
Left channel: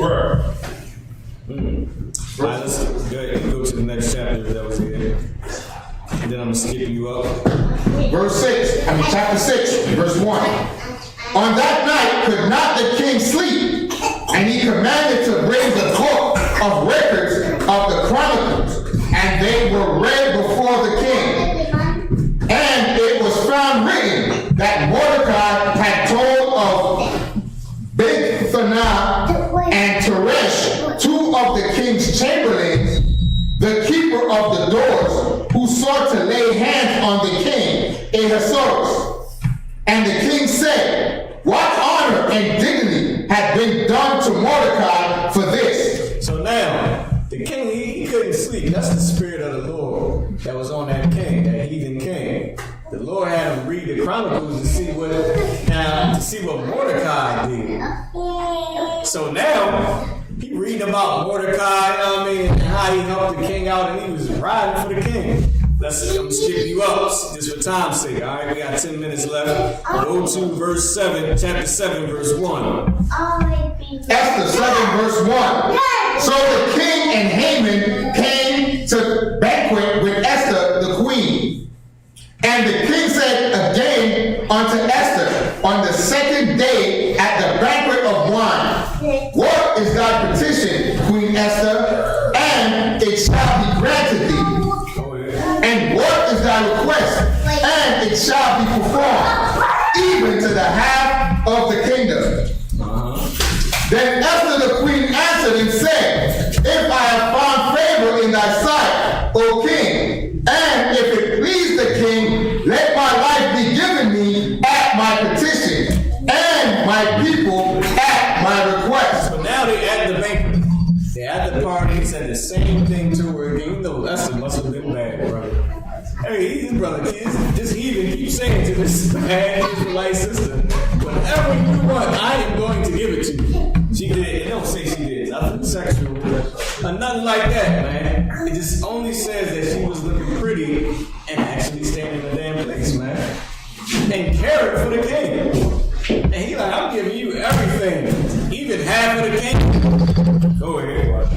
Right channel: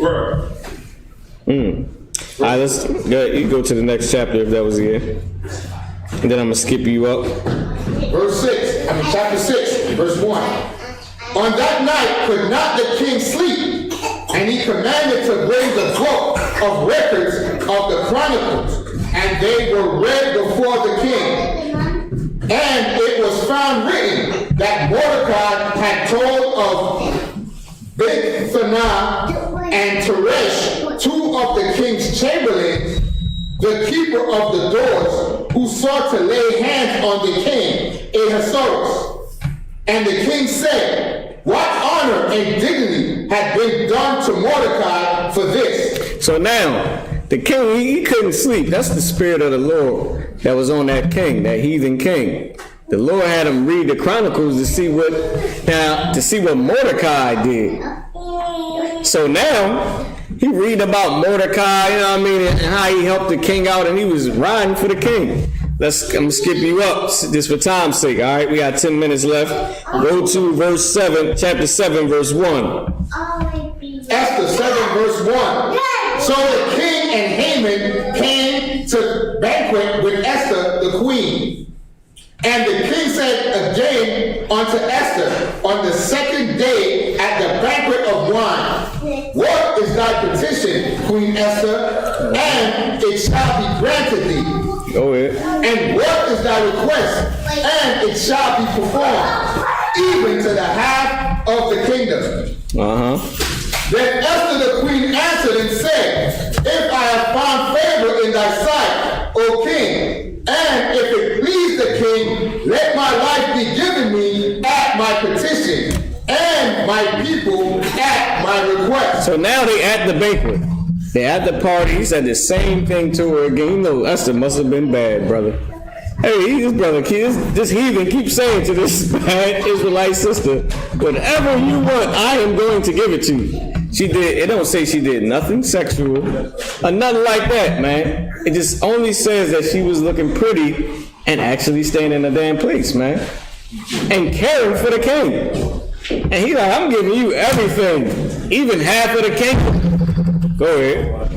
All right, let's go. You go to the next chapter if that was it. And then I'm gonna skip you up. Verse 6, chapter 6, verse 1. On that night could not the king sleep, and he commanded to bring the book of records of the chronicles, and they were read before the king. And it was found written that Mordecai had told of Bigthana and Teresh, two of the king's chamberlains, the keeper of the doors, who sought to lay hands on the king in Ahasuerus. And the king said, what honor and dignity had been done to Mordecai for this? So now, the king, he couldn't sleep. That's the spirit of the Lord that was on that king, that heathen king. The Lord had him read the Chronicles to see what Mordecai did. So now, he reading about Mordecai, you know what I mean, and how he helped the king out, and he was riding for the king. I'm gonna skip you up just for time's sake, all right? We got 10 minutes left. Go to verse 7, chapter 7, verse 1. Esther 7, verse 1. So the king and Haman came to banquet with Esther the queen. And the king said again unto Esther on the second day at the banquet of wine, what is thy petition, Queen Esther? And it shall be granted thee. Go ahead. And what is thy request? And it shall be performed, even to the half of the kingdom. Then Esther the queen answered and said, if I have found favor in thy sight, O king, and if it please the king, let my life be given me at my petition, and my people at my request. So now they at the banquet. They at the party. He said the same thing to her again. You know, Esther must have been bad, brother. Hey, this brother, this heathen keeps saying to this bad Israelite sister, whatever you want, I am going to give it to you. She did, it don't say she did nothing sexual or nothing like that, man. It just only says that she was looking pretty and actually staying in a damn place, man. And caring for the king. And he's like, I'm giving you everything, even half of the kingdom. Go ahead.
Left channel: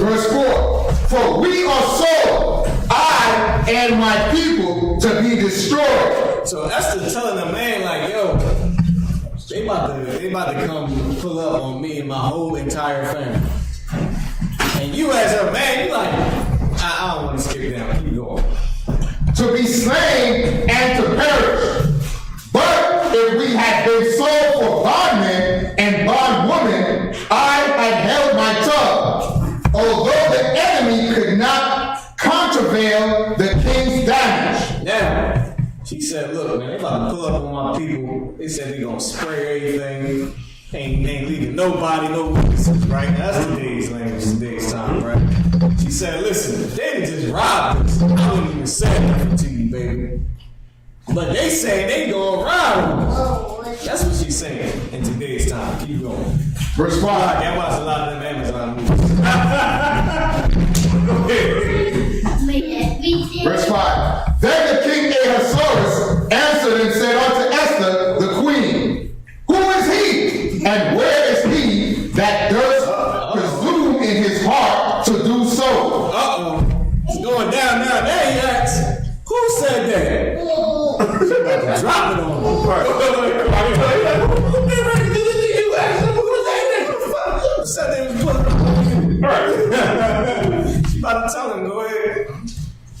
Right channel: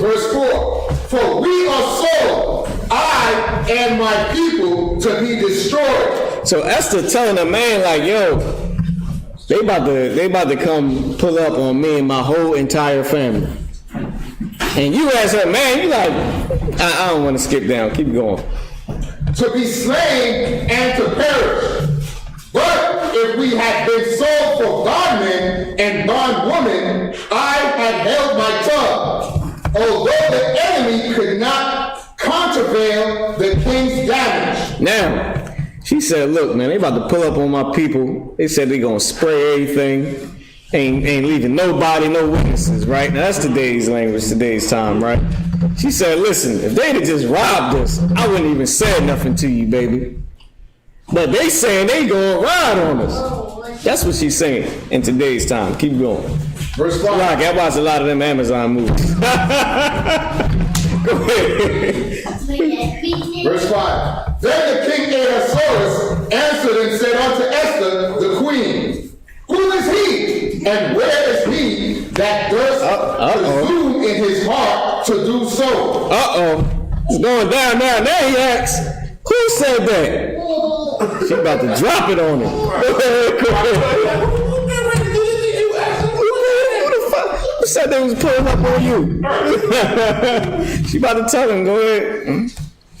Verse 4, for we are sold, I and my people, to be destroyed. So Esther telling a man like, yo, they about to come pull up on me and my whole entire family. And you as her man, you like, I don't want to skip down, keep going. To be slain and to perish. But if we had been sold for bondmen and bondwomen, I had held my tongue, although the enemy could not contravail the king's damage. Now, she said, look, man, they about to pull up on my people. They said they gonna spray everything. Ain't leaving nobody, no witnesses, right? Now, that's today's language, today's time, right? She said, listen, if they'd have just robbed us, I wouldn't even say nothing to you, baby. But they saying they gonna ride on us. That's what she's saying in today's time. Keep going. Verse 5. I watched a lot of them Amazon movies. Go ahead. Verse 5. Then the king Ahasuerus answered and said unto Esther, the queen, who is he, and where is he that durst presume in his heart to do so? It's going down now. There he asks, who said that? She about to drop it on him. Who said they was pulling up on you? She about to tell him, go ahead.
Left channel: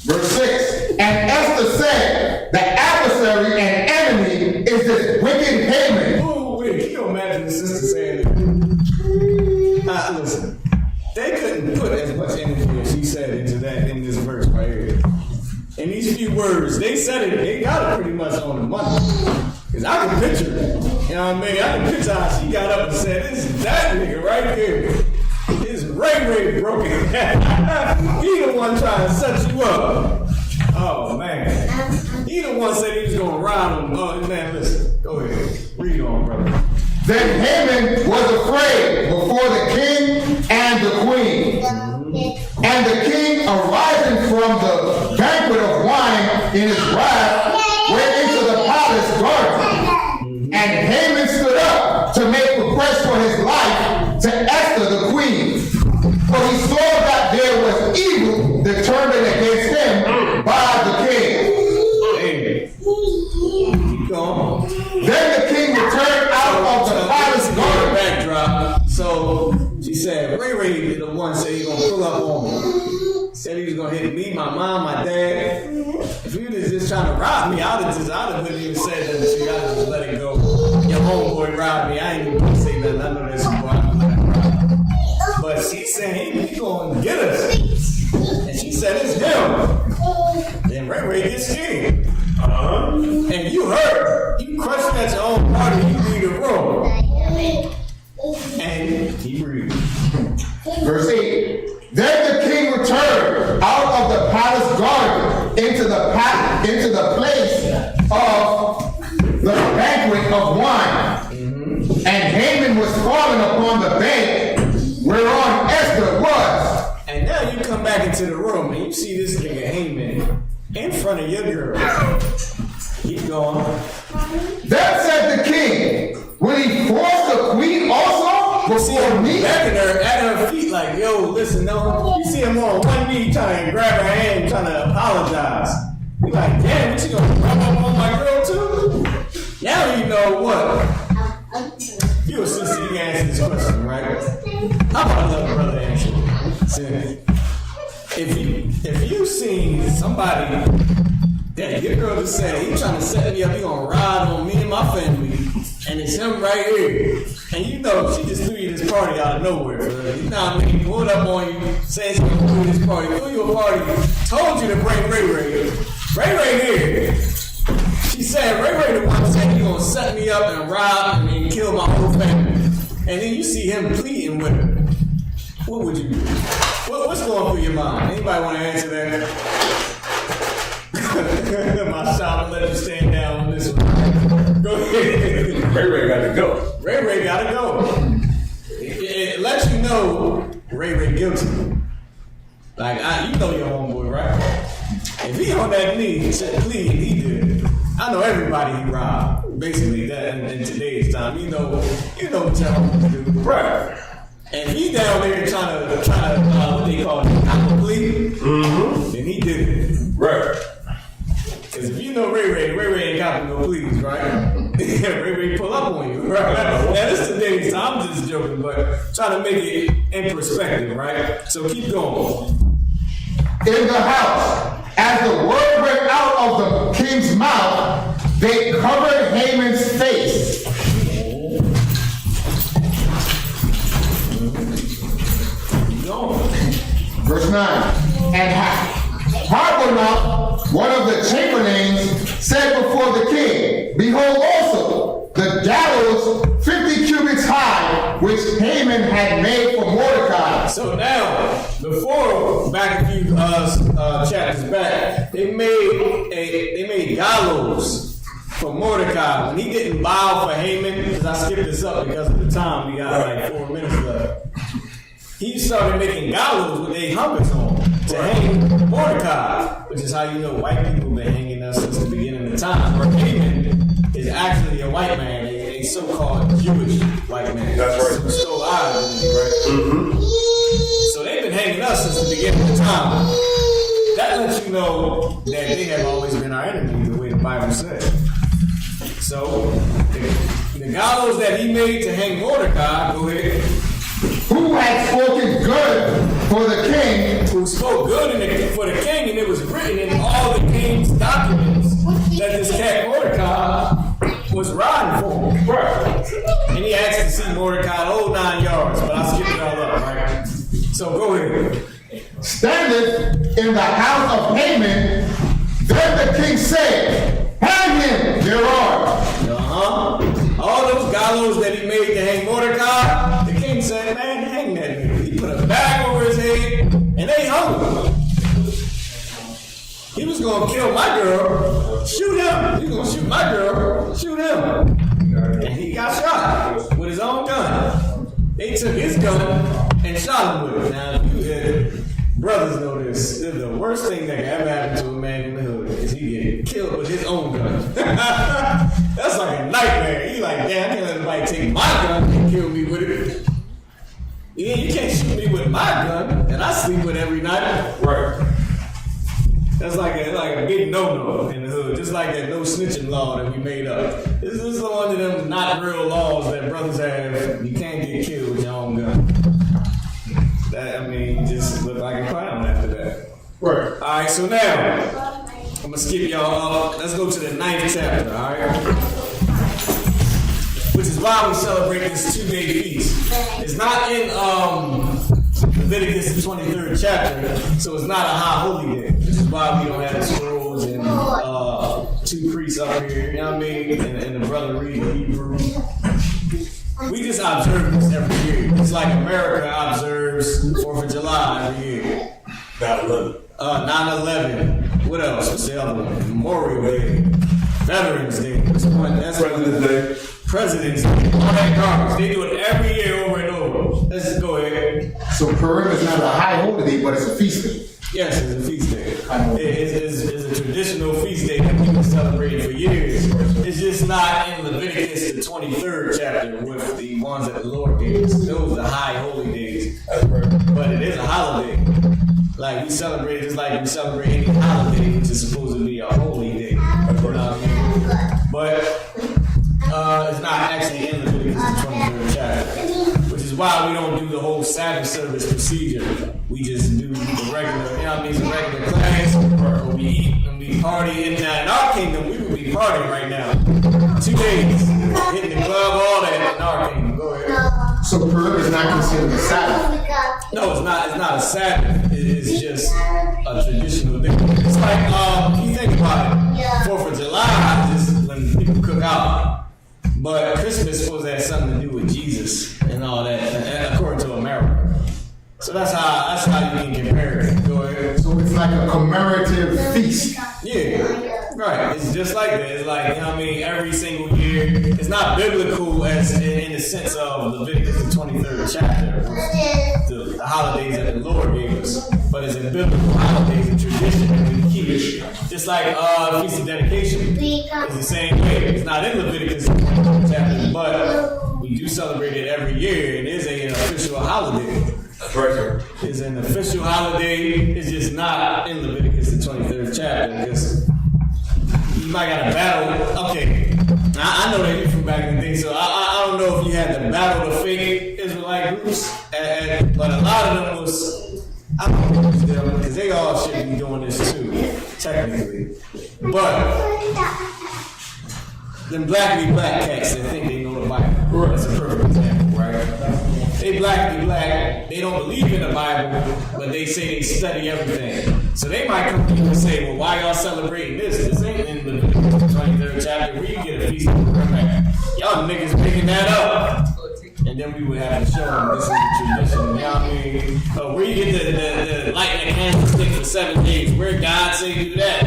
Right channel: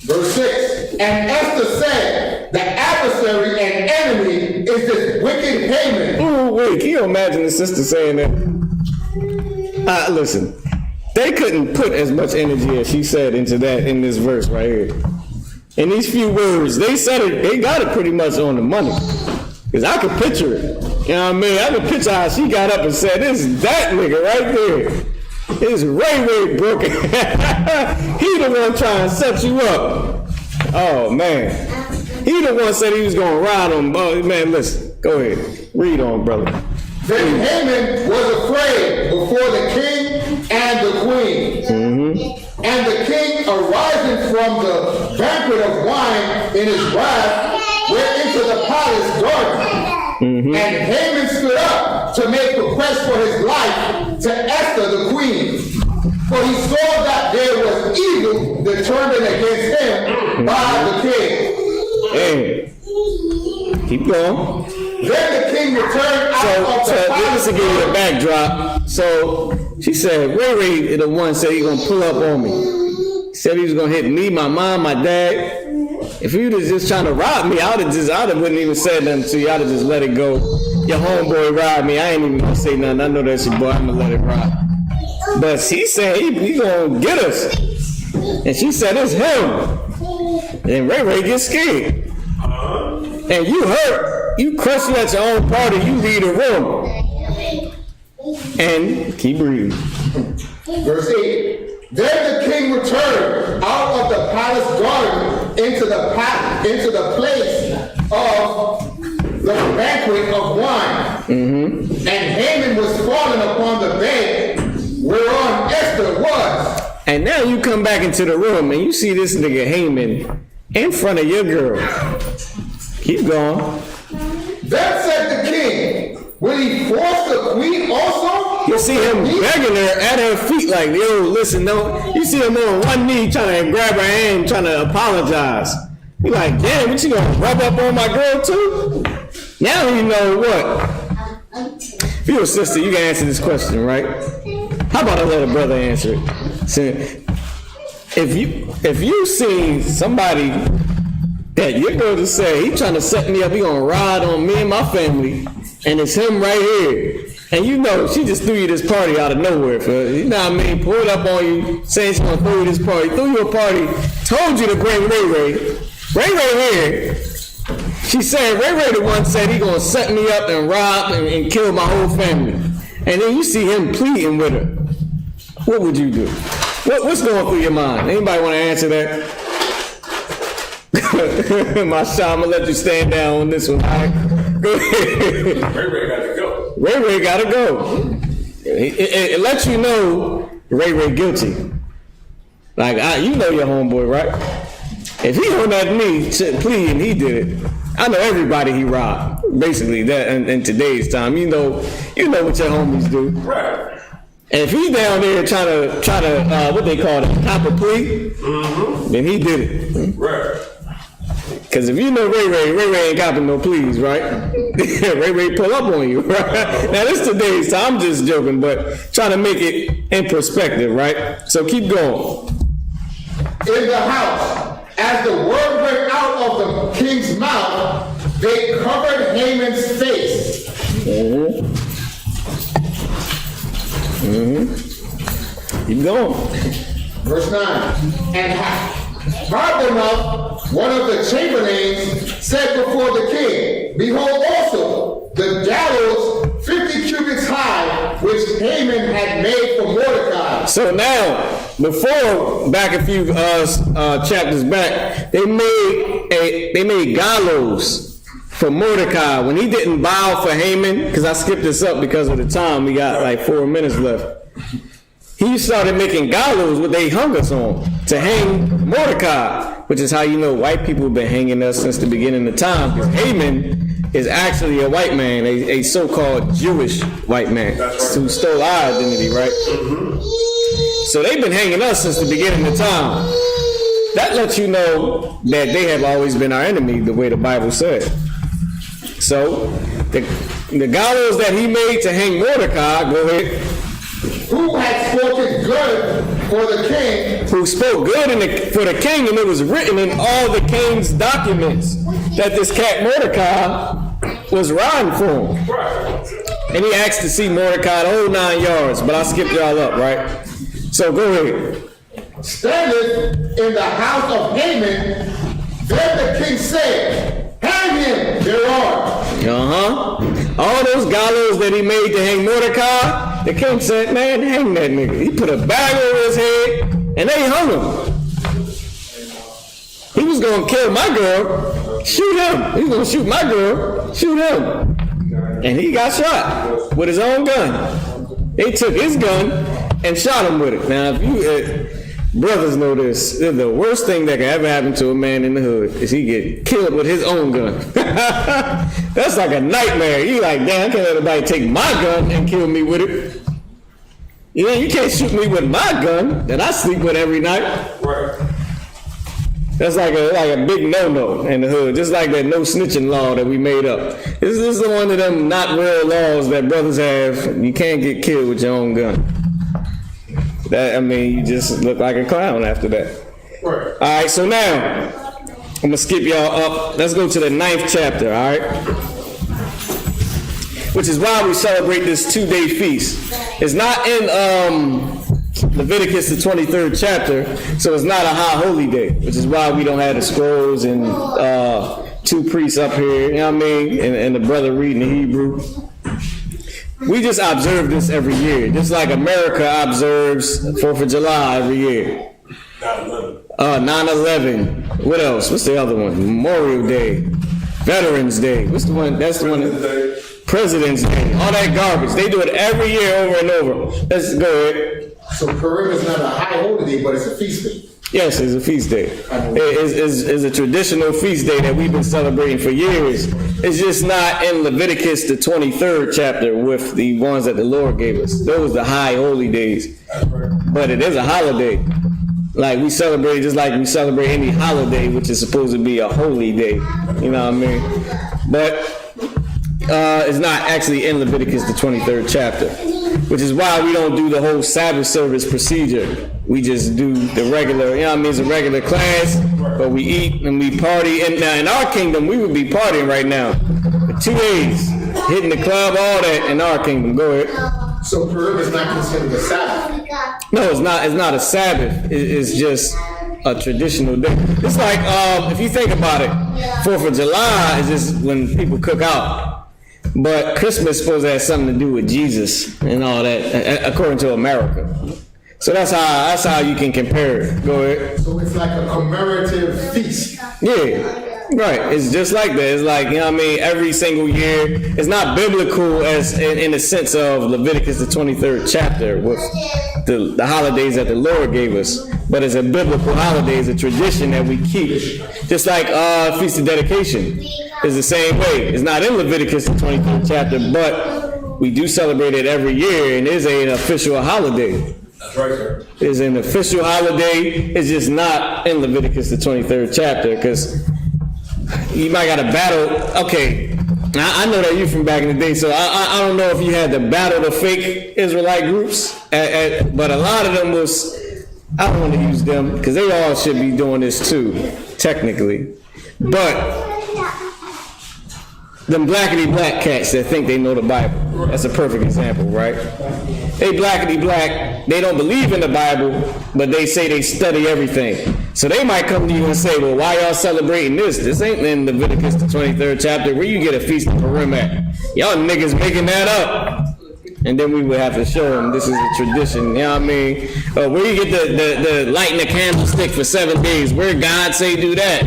Verse 6. And Esther said, the adversary and enemy is this wicked Haman. Ooh, wait, can you imagine the sister saying that? Listen, they couldn't put as much energy as she said into that in this verse right here. In these few words, they said it, they got it pretty much on the money. Because I can picture it. You know what I mean? I can picture how she got up and said, this is that nigga right there. This is Ray broken. He the one trying to set you up. Oh, man. He the one said he was going to ride on. Oh, man, listen. Go ahead. Read on, brother. Then Haman was afraid before the king and the queen. Mm-hmm. And the king, arising from the banquet of wine in his wrath, went into the palace garden. Mm-hmm. And Haman stood up to make request for his life to Esther the queen. For he saw that there was evil determined against him by the king. Hey. Keep going. Then the king returned out of the palace to give a backdrop. So she said, Ray the one said he gonna pull up on me. He said he was gonna hit me, my mom, my dad. If you was just trying to rob me, I wouldn't even say nothing to you. I'd have just let it go. Your homeboy robbed me. I ain't even gonna say nothing. I know that's your boy. I'm gonna let it rock. But she said he gonna get us. And she said it's him. And Ray gets scared. And you hurt. You question at your own party. You leave the room. And keep reading. Verse 8. Then the king returned out of the palace garden into the place of the banquet of wine. Mm-hmm. And Haman was fallen upon the bed whereon Esther was. And now you come back into the room and you see this nigga Haman in front of your girl. Keep going. Then said the king, will he force the queen also? You see him begging her at her feet like, yo, listen, no. You see him on one knee trying to grab her hand, trying to apologize. He like, damn, what you gonna rub up on my girl too? Now you know what? If you're a sister, you can answer this question, right? How about I let a brother answer it? So, if you seen somebody that you're going to say, he trying to set me up, he gonna ride on me and my family, and it's him right here. And you know, she just threw you this party out of nowhere. You know what I mean? Pulled up on you, saying she's gonna throw you this party, threw you a party, told you to bring Ray. Ray here. She said, Ray the one said he gonna set me up and rob and kill my whole family. And then you see him pleading with her. What would you do? What's going through your mind? Anybody want to answer that? My shot, I'm gonna let you stand down on this one. All right? Go ahead. Ray gotta go. Ray gotta go. It lets you know Ray guilty. Like, you know your homeboy, right? If he's on that knee pleading he did it, I know everybody he robbed. Basically, that in today's time, you know what your homies do. Right. And if he's down there trying to what they call it, cop a plea, then he did it. Right. Because if you know Ray ain't copping no pleas, right? Ray pull up on you, right? Now, this today's time, I'm just joking, but trying to make it in perspective, right? So keep going. In the house, as the word went out of the king's mouth, they covered Haman's face. Keep going. Verse 9. And Harbonah, one of the chamberlains, said before the king, Behold also the gallows 50 cubits high, which Haman had made for Mordecai. So now, before, back a few chapters back, they made gallows for Mordecai when he didn't bow for Haman. Because I skipped this up because of the time. We got like 4 minutes left. He started making gallows with they hung us on to hang Mordecai, which is how you know white people have been hanging us since the beginning of time. Haman is actually a white man, a so-called Jewish white man. That's right. Who stole our identity, right? Mm-hmm. So they've been hanging us since the beginning of time. That lets you know that they have always been our enemy, the way the Bible says. So the gallows that he made to hang Mordecai, go ahead. Who had spoken good for the king, Who spoke good for the king, and it was written in all the king's documents that this cat Mordecai was riding for him. Right. And he asked to see Mordecai the whole 9 yards, but I skipped y'all up, right? So go ahead. standeth in the house of Haman. Then the king said, hang him thereon. All those gallows that he made to hang Mordecai, the king said, man, hang that nigga. He put a bag over his head, and they hung him. He was gonna kill my girl, shoot him. He was gonna shoot my girl, shoot him. And he got shot with his own gun. They took his gun and shot him with it. Now, if you brothers know this, the worst thing that can ever happen to a man in the hood is he get killed with his own gun. That's like a nightmare. You like, damn, I can't let anybody take my gun and kill me with it. Yeah, you can't shoot me with my gun that I sleep with every night. Right. That's like a big no-no in the hood, just like that no snitching law that we made up. This is one of them not real laws that brothers have. You can't get killed with your own gun. You just look like a clown after that. Right. All right, so now I'm gonna skip y'all up. Let's go to the 9th chapter. All right, which is why we celebrate this 2-day feast. It's not in Leviticus the 23rd chapter, so it's not a high holy day, which is why we don't have the scrolls and 2 priests up here. You know what I mean? And the brother reading Hebrew. We just observe this every year, just like America observes 4th of July every year. 9/11. 9/11. What else? What's the other one? Memorial Day, Veterans Day. What's the one? That's the one. President's Day. President's Day. All that garbage. They do it every year over and over. Let's go ahead. So Purim is not a high holy day, but it's a feast day. Yes, it's a feast day. It's a traditional feast day that we've been celebrating for years. It's just not in Leviticus the 23rd chapter with the ones that the Lord gave us. Those are high holy days. But it is a holiday. Like we celebrate just like we celebrate any holiday, which is supposed to be a holy day. You know what I mean? But it's not actually in Leviticus the 23rd chapter. Which is why we don't do the whole Sabbath service procedure. We just do the regular, you know what I mean, it's a regular class, but we eat and we party. And in our kingdom, we would be partying right now. 2 days, hitting the club, all that in our kingdom. Go ahead. So Purim is not considered a Sabbath. No, it's not a Sabbath. It's just a traditional day. It's like, if you think about it, 4th of July is just when people cook out. But Christmas is supposed to have something to do with Jesus and all that, according to America. So that's how you can compare it. Go ahead. So it's like a commemorative feast. Yeah. Right, it's just like that. It's like, you know what I mean, every single year. It's not biblical as in the sense of Leviticus the 23rd chapter with the holidays that the Lord gave us. But it's a biblical holiday, it's a tradition that we keep. Just like Feast of Dedication is the same way. It's not in Leviticus the 23rd chapter, but we do celebrate it every year, and it is an official holiday. That's right, sir. It's an official holiday. It's just not in Leviticus the 23rd chapter, because you might got to battle. Okay, I know that you from back in the day, so I don't know if you had to battle the fake Israelite groups, but a lot of them was, I don't want to use them because they all should be doing this too, technically. But them blackity black cats that think they know the Bible, that's a perfect example, right? They blackity black, they don't believe in the Bible, but they say they study everything. So they might come to you and say, well, why y'all celebrating this? This ain't in Leviticus the 23rd chapter. Where you get a Feast of Purim at? Y'all niggas making that up. And then we would have to show them this is a tradition, you know what I mean? Where you get the lighting the candlestick for 7 days? Where did God say do that?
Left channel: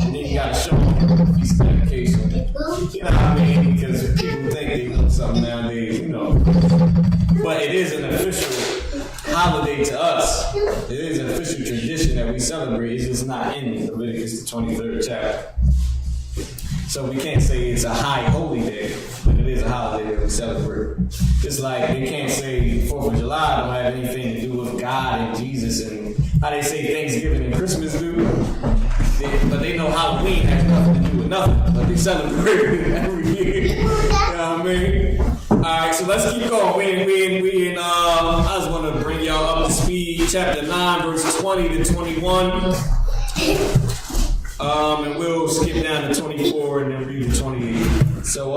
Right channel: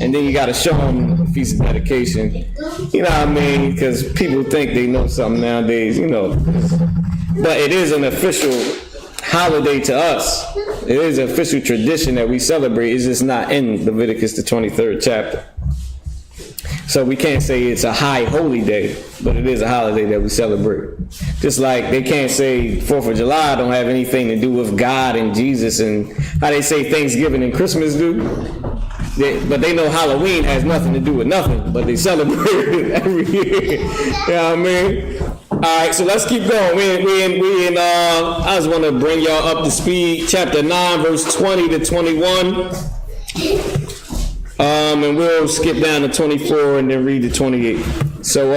And then you got to show them the Feast of Dedication. You know what I mean? Because people think they know something nowadays, you know. But it is an official holiday to us. It is an official tradition that we celebrate. It's just not in Leviticus the 23rd chapter. So we can't say it's a high holy day, but it is a holiday that we celebrate. Just like they can't say 4th of July don't have anything to do with God and Jesus and how they say Thanksgiving and Christmas do. But they know Halloween has nothing to do with nothing, but they celebrate it every year. You know what I mean? All right, so let's keep going. I just want to bring y'all up to speed. Chapter 9, verse 20 to 21. And we'll skip down to 24 and then read to 28. So,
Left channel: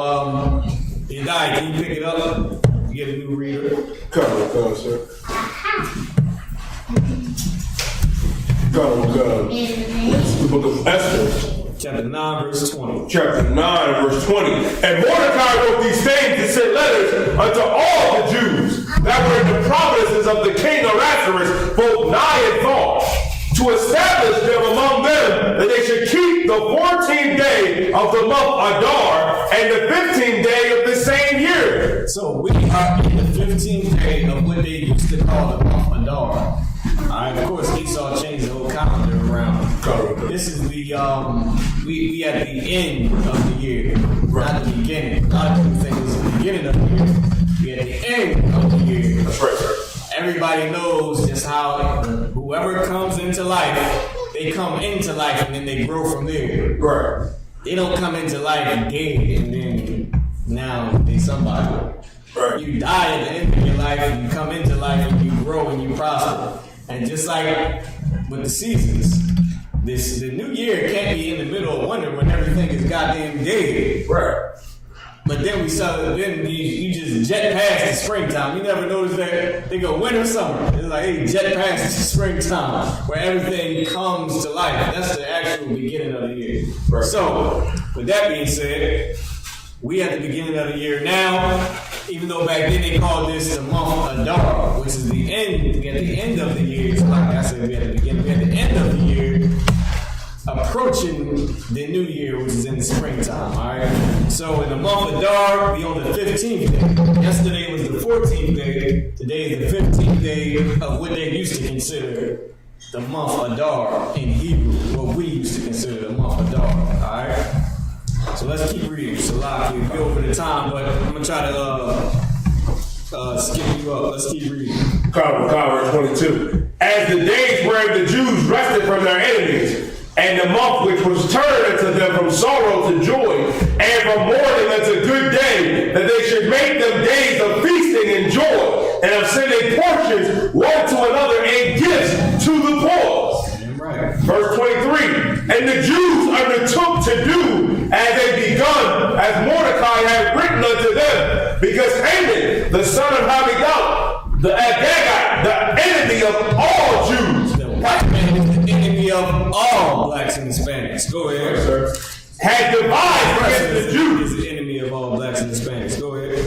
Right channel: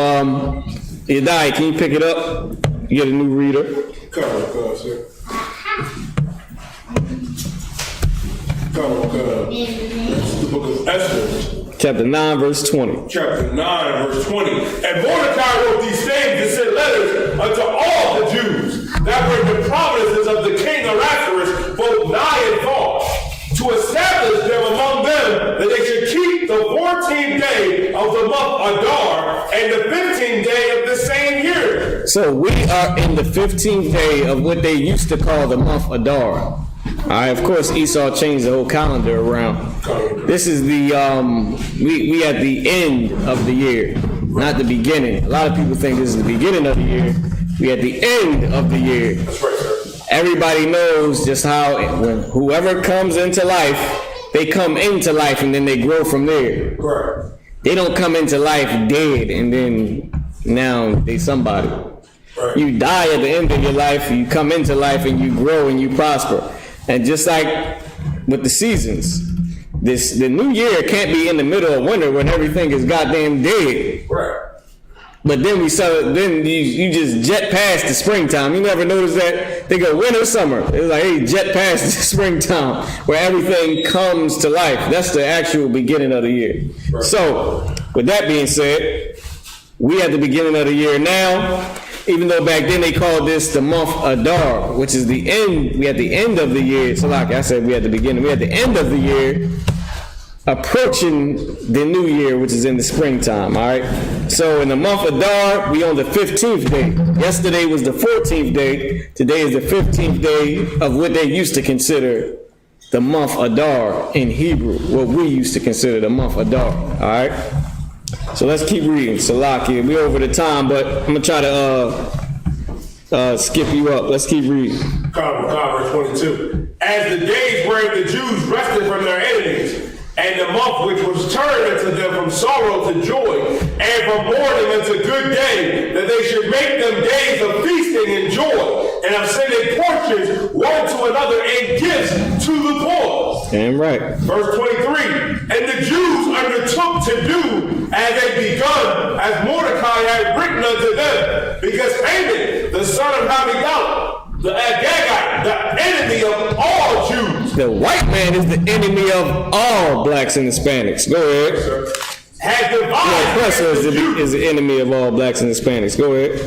Yadai, can you pick it up? You get a new reader. Come, sir. Come. This is the book of Esther. Chapter 9, verse 20. Chapter 9, verse 20. And Mordecai wrote these things and sent letters unto all the Jews that were in the provinces of the king Ahasuerus, both nigh and far, to establish them among them that they should keep the 14th day of the month Adar and the 15th day of the same year. So we are in the 15th day of what they used to call the month Adar. Alright, of course Esau changed the whole calendar around. This is the we at the end of the year, not the beginning. A lot of people think this is the beginning of the year. We at the end of the year. That's right, sir. Everybody knows just how whoever comes into life, they come into life and then they grow from there. Right. They don't come into life dead and then now they somebody. Right. You die at the end of your life, you come into life and you grow and you prosper. And just like with the seasons, the new year can't be in the middle of winter when everything is goddamn dead. Right. But then you just jet past the springtime. You never notice that? They go winter, summer. It's like, hey, jet past the springtime where everything comes to life. That's the actual beginning of the year. Right. So, with that being said, we at the beginning of the year now, even though back then they called this the month Adar, which is the end. We at the end of the year. So like I said, we at the beginning. We at the end of the year, approaching the new year, which is in the springtime, all right? So in the month of Adar, we on the 15th day. Yesterday was the 14th day. Today is the 15th day of what they used to consider the month Adar in Hebrew, what we used to consider the month Adar, all right? So let's keep reading. Salaki, we're over the time, but I'm gonna try to skip you up. Let's keep reading. Verse 22. As the days wherein the Jews rested from their enemies, and the month which was turned unto them from sorrow to joy, and from mourning unto good day, that they should make them days of feasting and joy, and of sending portions one to another and gifts to the poor. Damn right. Verse 23. And the Jews undertook to do as they begun, as Mordecai had written unto them, because Haman, the son of Hammedatha, the Agagite, the enemy of all Jews. The white man is the enemy of all blacks and Hispanics. Go ahead. Sir. Had devised against the Jews. Is the enemy of all blacks and Hispanics. Go ahead.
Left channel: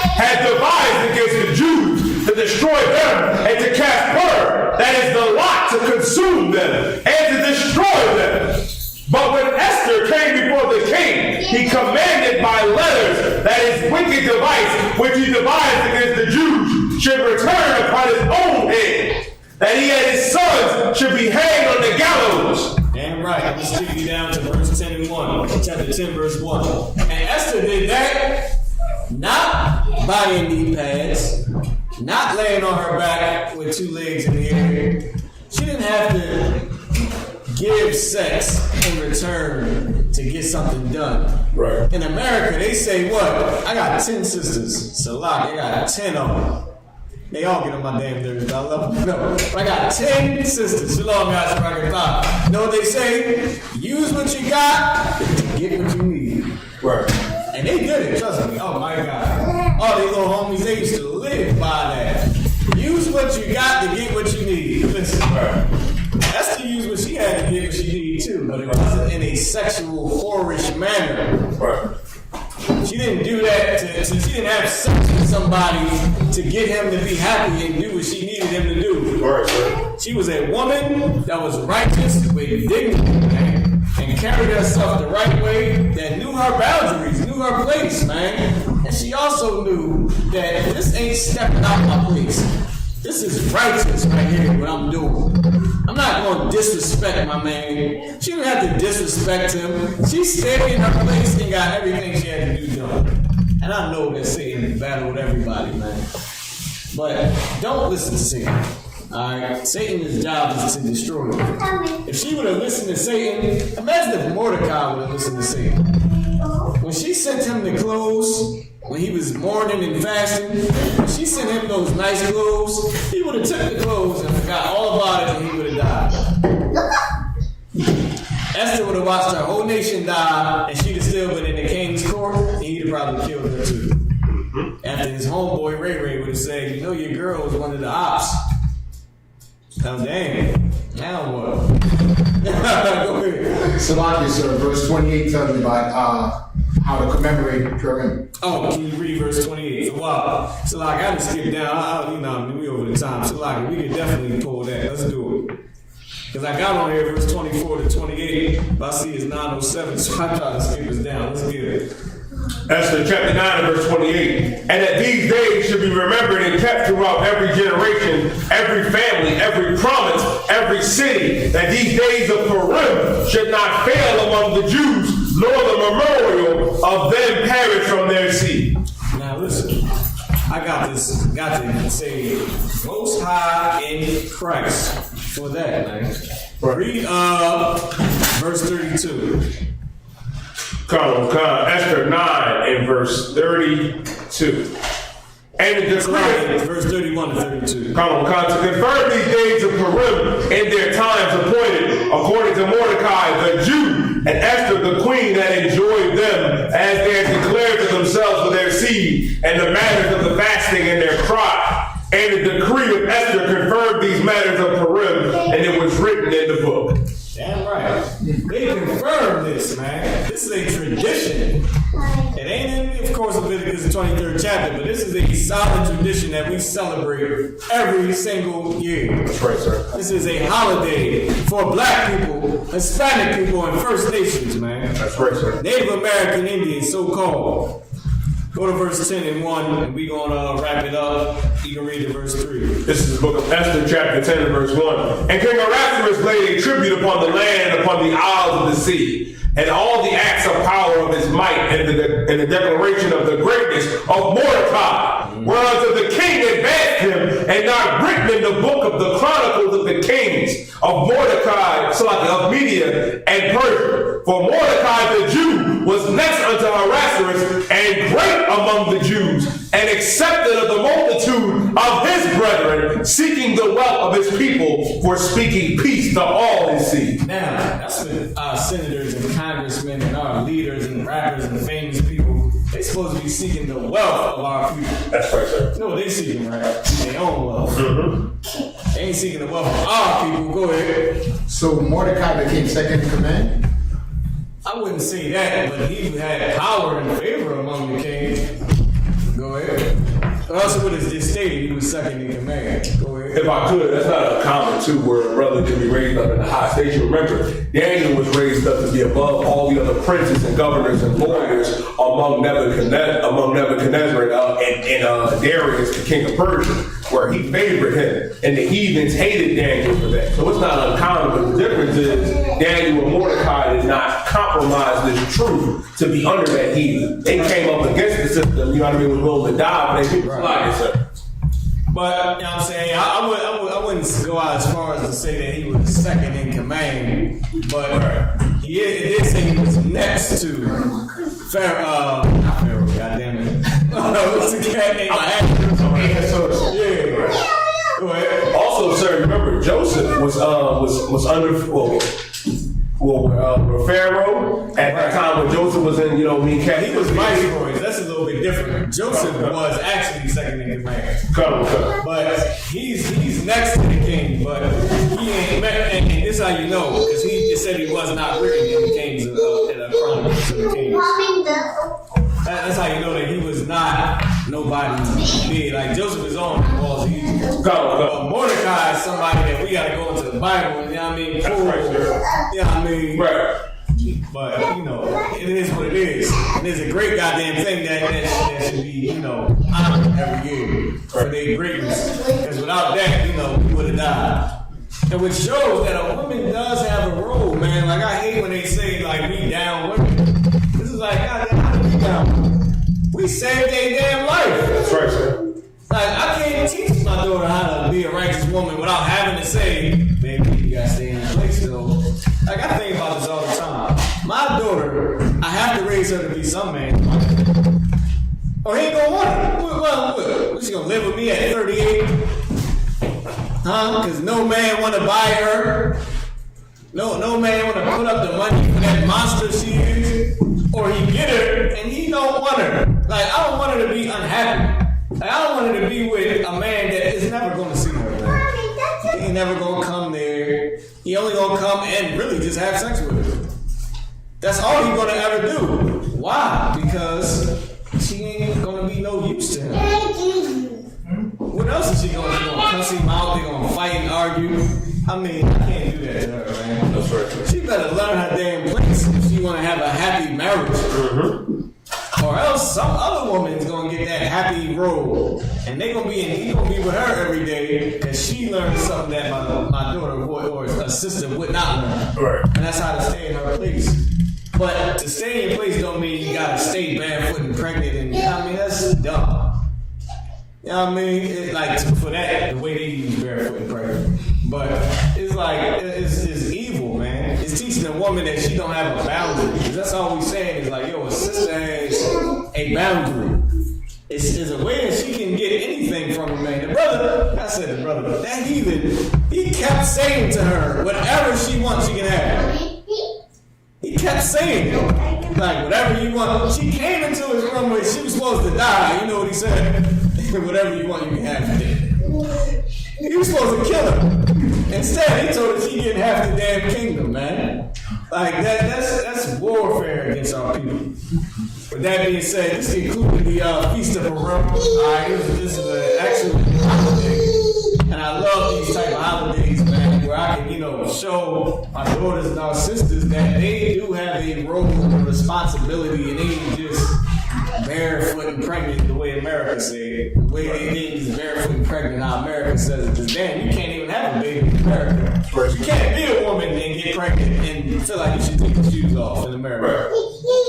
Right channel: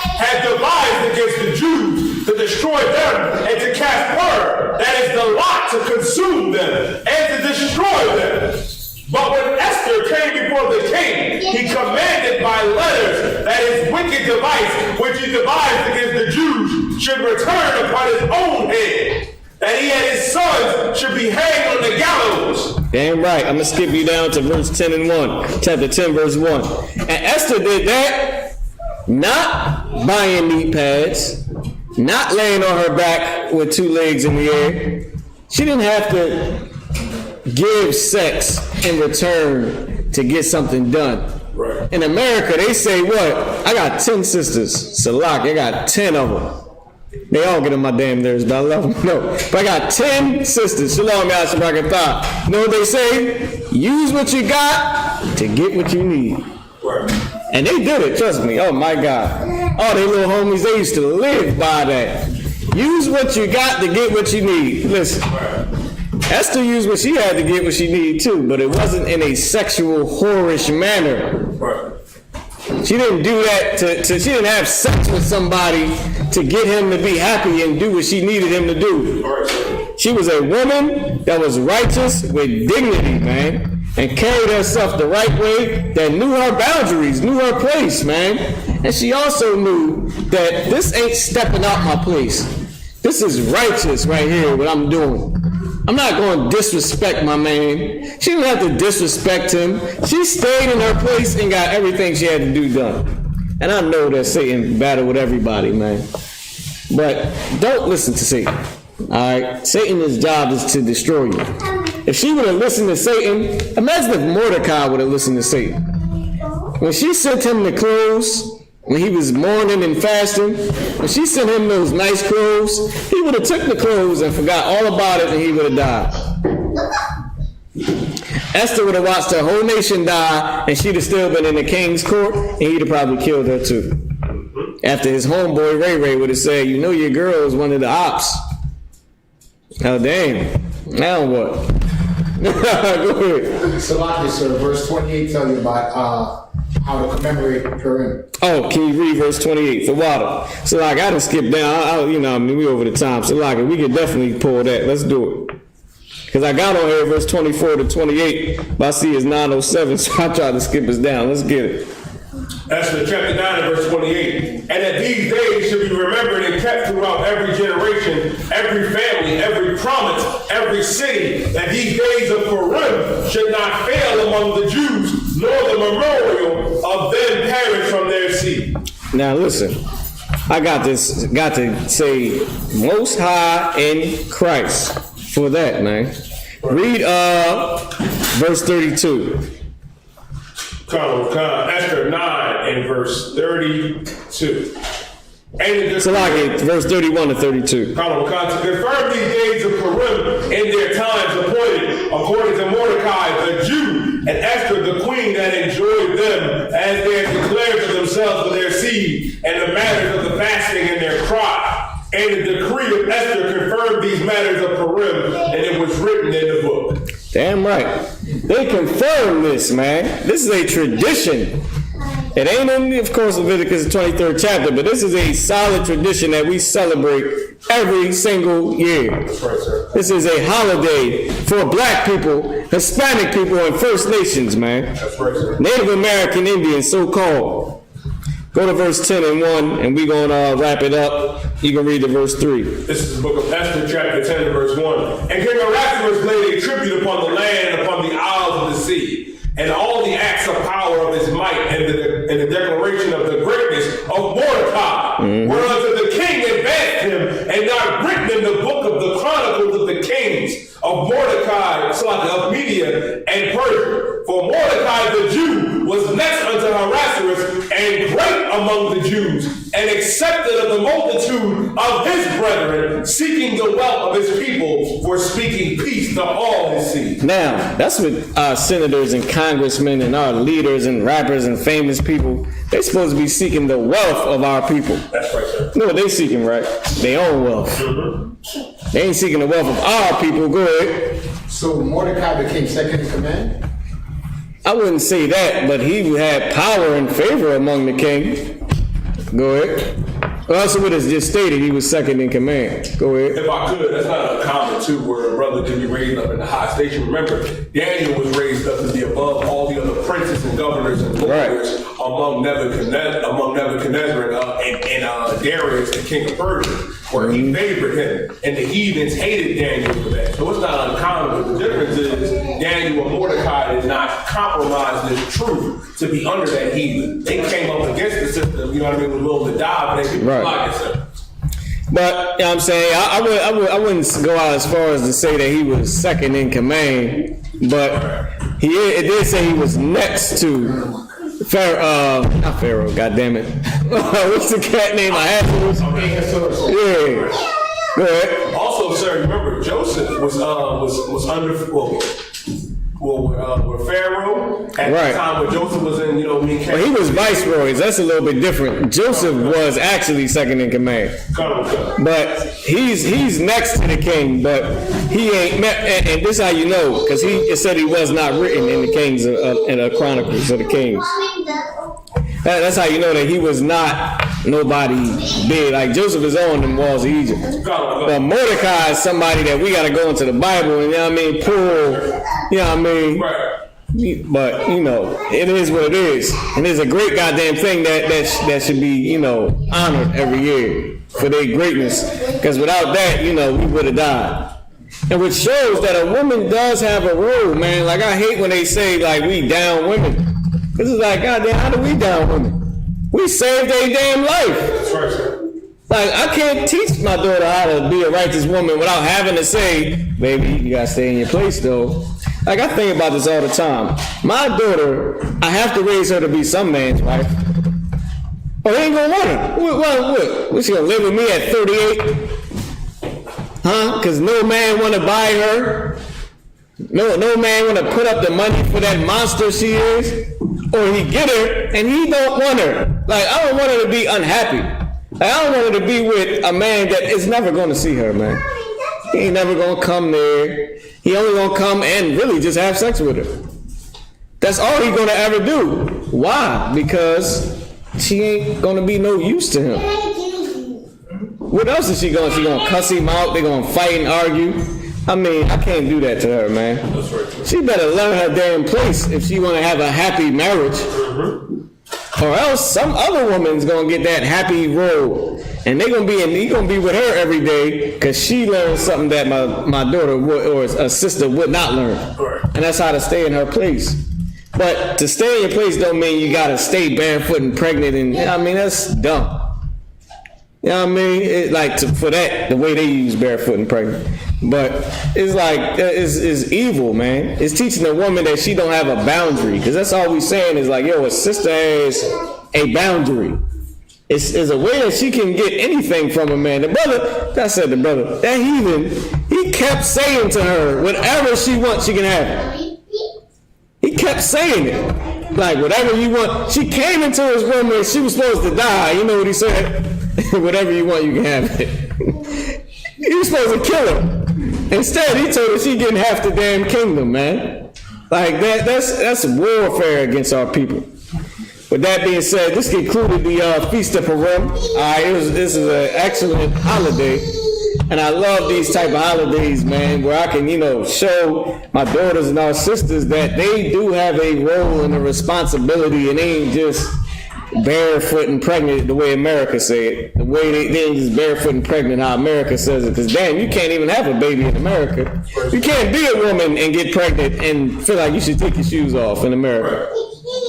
Had devised against the Jews to destroy them and to cast word, that is the lot, to consume them and to destroy them. But when Esther came before the king, he commanded by letters that his wicked device, which he devised against the Jews, should return upon his own head, that he and his sons should be hanged on the gallows. Damn right. I'm going to skip you down to verse 10 and 1. Chapter 10, verse 1. And Esther did that, not buying knee pads, not laying on her back with two legs in the air. She didn't have to give sex in return to get something done. Right. In America, they say what? I got 10 sisters. Salak, I got 10 of them. They all get on my damn nerves, but I love them. No, but I got 10 sisters. Shalom, Yashibrakatah. You know what they say? Use what you got to get what you need. Right. And they did it, trust me. Oh my God. All they little homies, they used to live by that. Use what you got to get what you need. Listen. Right. Esther used what she had to get what she needed too, but it wasn't in a sexual, whorish manner. Right. She didn't do that she didn't have sex with somebody to get him to be happy and do what she needed him to do. Right, sir. She was a woman that was righteous with dignity, man, and carried herself the right way, that knew her boundaries, knew her place, man. And she also knew that this ain't stepping out my place. This is righteous right here, what I'm doing. I'm not going to disrespect my man. She didn't have to disrespect him. She stayed in her place and got everything she had to do done. And I know that Satan battled with everybody, man. But don't listen to Satan. Alright? Satan's job is to destroy you. If she would have listened to Satan, imagine if Mordecai would have listened to Satan. When she sent him the clothes, when he was mourning and fasting, when she sent him those nice clothes, he would have took the clothes and forgot all about it and he would have died. Esther would have watched her whole nation die and she'd have still been in the king's court and he'd have probably killed her too. After his homeboy Ray Ray would have said, you know your girl is one of the ops. Hell damn. Now what? Go ahead. Salaki, sir, verse 28 tells you about how to commemorate Purim. Oh, can you read verse 28 for water? So like I done skip down, we over the time. So like we can definitely pull that. Let's do it. Because I got on here verse 24 to 28, but I see it's 9:07, so I tried to skip us down. Let's get it. Esther chapter 9 and verse 28. And that these days should be remembered and kept throughout every generation, every family, every province, every city, that these days of Purim should not fail among the Jews, nor the memorial of them perish from their seed. Now listen, I got to say Most High in Christ for that, man. Read verse 32. Esther 9 and verse 32. And the So like verse 31 to 32. to confirm these days of Purim in their times appointed, according to Mordecai the Jew, and Esther the queen that enjoyed them, as they had declared to themselves for their seed, and the matters of the fasting and their cry. And the decree of Esther confirmed these matters of Purim, and it was written in the book. Damn right. They confirm this, man. This is a tradition. It ain't in, of course, Leviticus 23rd chapter, but this is a solid tradition that we celebrate every single year. That's right, sir. This is a holiday for black people, Hispanic people, and First Nations, man. That's right, sir. Native American Indians, so-called. Go to verse 10 and 1, and we're going to wrap it up. You can read the verse 3. This is the book of Esther, chapter 10 and verse 1. And King Ahasuerus laid a tribute upon the land and upon the isles of the sea, and all the acts of power of his might, and the declaration of the greatness of Mordecai, whereunto the king advanced him, and not written in the book of the chronicles of the kings of Mordecai, of Media and Persia. For Mordecai the Jew was next unto Ahasuerus, and great among the Jews, and accepted of the multitude of his brethren, seeking the wealth of his people, for speaking peace to all his seed. Now, that's what our senators and congressmen and our leaders and rappers and famous people, they're supposed to be seeking the wealth of our people. That's right, sir. You know what they seeking, right? Their own wealth. Mm-hmm. They ain't seeking the wealth of our people. Go ahead. So Mordecai became second in command? I wouldn't say that, but he had power and favor among the king. Go ahead. Also, what is just stated, he was second in command. Go ahead. If I could, that's not uncommon too, where a brother can be raised up in the high station. Remember, Daniel was raised up to be above all the other princes and governors and lawyers among Nebuchadnezzar and Darius, the king of Persia, where he favored him, and the heathens hated Daniel for that. So it's not uncommon, but the difference is Daniel and Mordecai did not compromise this truth to be under that heathen. They came up against the system, you know what I mean, was willing to die, but they didn't fly it, sir. But you know what I'm saying, I wouldn't go out as far as to say that he was second in command, but it did say he was next to Pharaoh, not Pharaoh, goddammit. What's the cat name? Yeah. Go ahead. Also, sir, remember Joseph was under Pharaoh at the time when Joseph was in, But he was viceroy. That's a little bit different. Joseph was actually second in command. But he's next to the king, but he ain't met. And this how you know, because he said he was not written in the Kings in the Chronicles of the Kings. That's how you know that he was not nobody big. Like Joseph is on the walls of Egypt. But Mordecai is somebody that we got to go into the Bible, you know what I mean? Pull, you know what I mean? Right. But, it is what it is. And it's a great goddamn thing that should be, honored every year for their greatness. Because without that, we would have died. And which shows that a woman does have a role, man. Like, I hate when they say, like, we down women. This is like, goddamn, how do we down women? We saved their damn life. That's right, sir. Like, I can't teach my daughter how to be a righteous woman without having to say, baby, you gotta stay in your place, though. Like, I think about this all the time. My daughter, I have to raise her to be some man's wife. Or they ain't gonna want her. What, she gonna live with me at 38? Huh? Because no man wanna buy her. No man wanna put up the money for that monster she is. Or he get her and he don't want her. Like, I don't want her to be unhappy. Like, I don't want her to be with a man that is never going to see her, man. He ain't never going to come there. He only going to come and really just have sex with her. That's all he going to ever do. Why? Because she ain't going to be no use to him. What else is she going to do? She going to cuss him out. They going to fight and argue. I mean, I can't do that to her, man. That's right. She better learn her damn place if she want to have a happy marriage. Mm-hmm. Or else some other woman's gonna get that happy role, and he gonna be with her every day because she learned something that my daughter would, or a sister would not learn. Right. And that's how to stay in her place. But to stay in your place don't mean you gotta stay barefoot and pregnant, and that's dumb. You know what I mean? It's like for that, the way they use barefoot and pregnant. But it's like, it's evil, man. It's teaching a woman that she don't have a boundary. Because that's all we saying is like, a sister has a boundary. It's a way that she can get anything from a man. The brother, that heathen, he kept saying to her, whatever she wants, she can have it. He kept saying it. Like, whatever you want. She came into his room and she was supposed to die. You know what he said? Whatever you want, you can have it. He was supposed to kill her. Instead, he told her she getting half the damn kingdom, man. Like, that's warfare against our people. With that being said, this concluded the Feast of Purim. This is an excellent holiday. And I love these type of holidays, man, where I can, show my daughters and our sisters that they do have a role and a responsibility, and they ain't just barefoot and pregnant the way America say it. The way they ain't just barefoot and pregnant how America says it. Because damn, you can't even have a baby in America. You can't be a woman and get pregnant and feel like you should take your shoes off in America.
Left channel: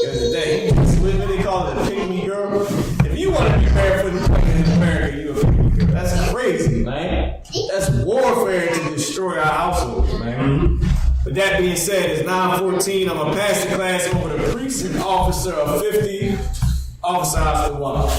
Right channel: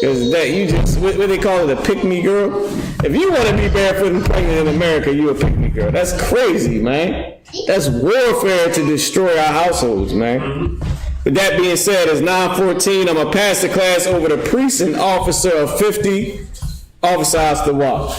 Because that you just, what they call it, a pick-me girl. If you want to be barefoot and pregnant in America, you a pick-me girl. That's crazy, man. That's warfare to destroy our households, man. With that being said, it's 9:14. I'm going to pass the class over to priest and officer of 50, Officer Isupk.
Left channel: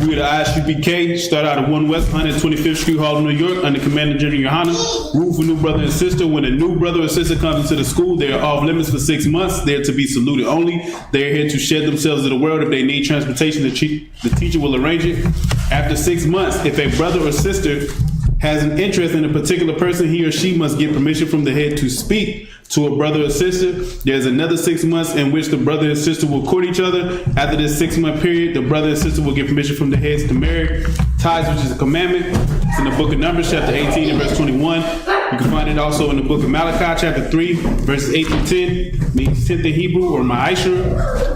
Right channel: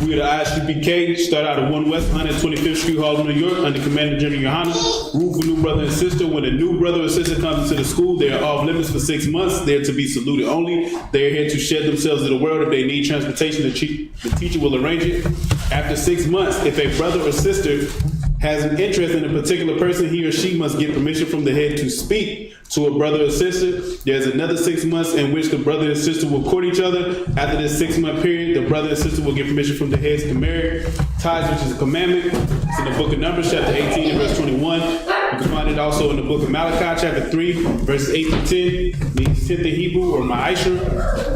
We are the Isupk, start out of 1 West 125th Street, Harlem, New York, under Commander General Yohana. Rule for new brother and sister. When a new brother or sister comes into the school, they are off limits for 6 months. They are to be saluted only. They are here to shed themselves to the world. If they need transportation, the teacher will arrange it. After 6 months, if a brother or sister has an interest in a particular person, he or she must get permission from the head to speak to a brother or sister. There's another 6 months in which the brother and sister will court each other. After this 6 month period, the brother and sister will get permission from the heads to marry. Tithes, which is a commandment. It's in the book of Numbers, chapter 18 and verse 21. You can find it also in the book of Malachi, chapter 3, verses 8 through 10. Means 10th in Hebrew, or ma'ashra.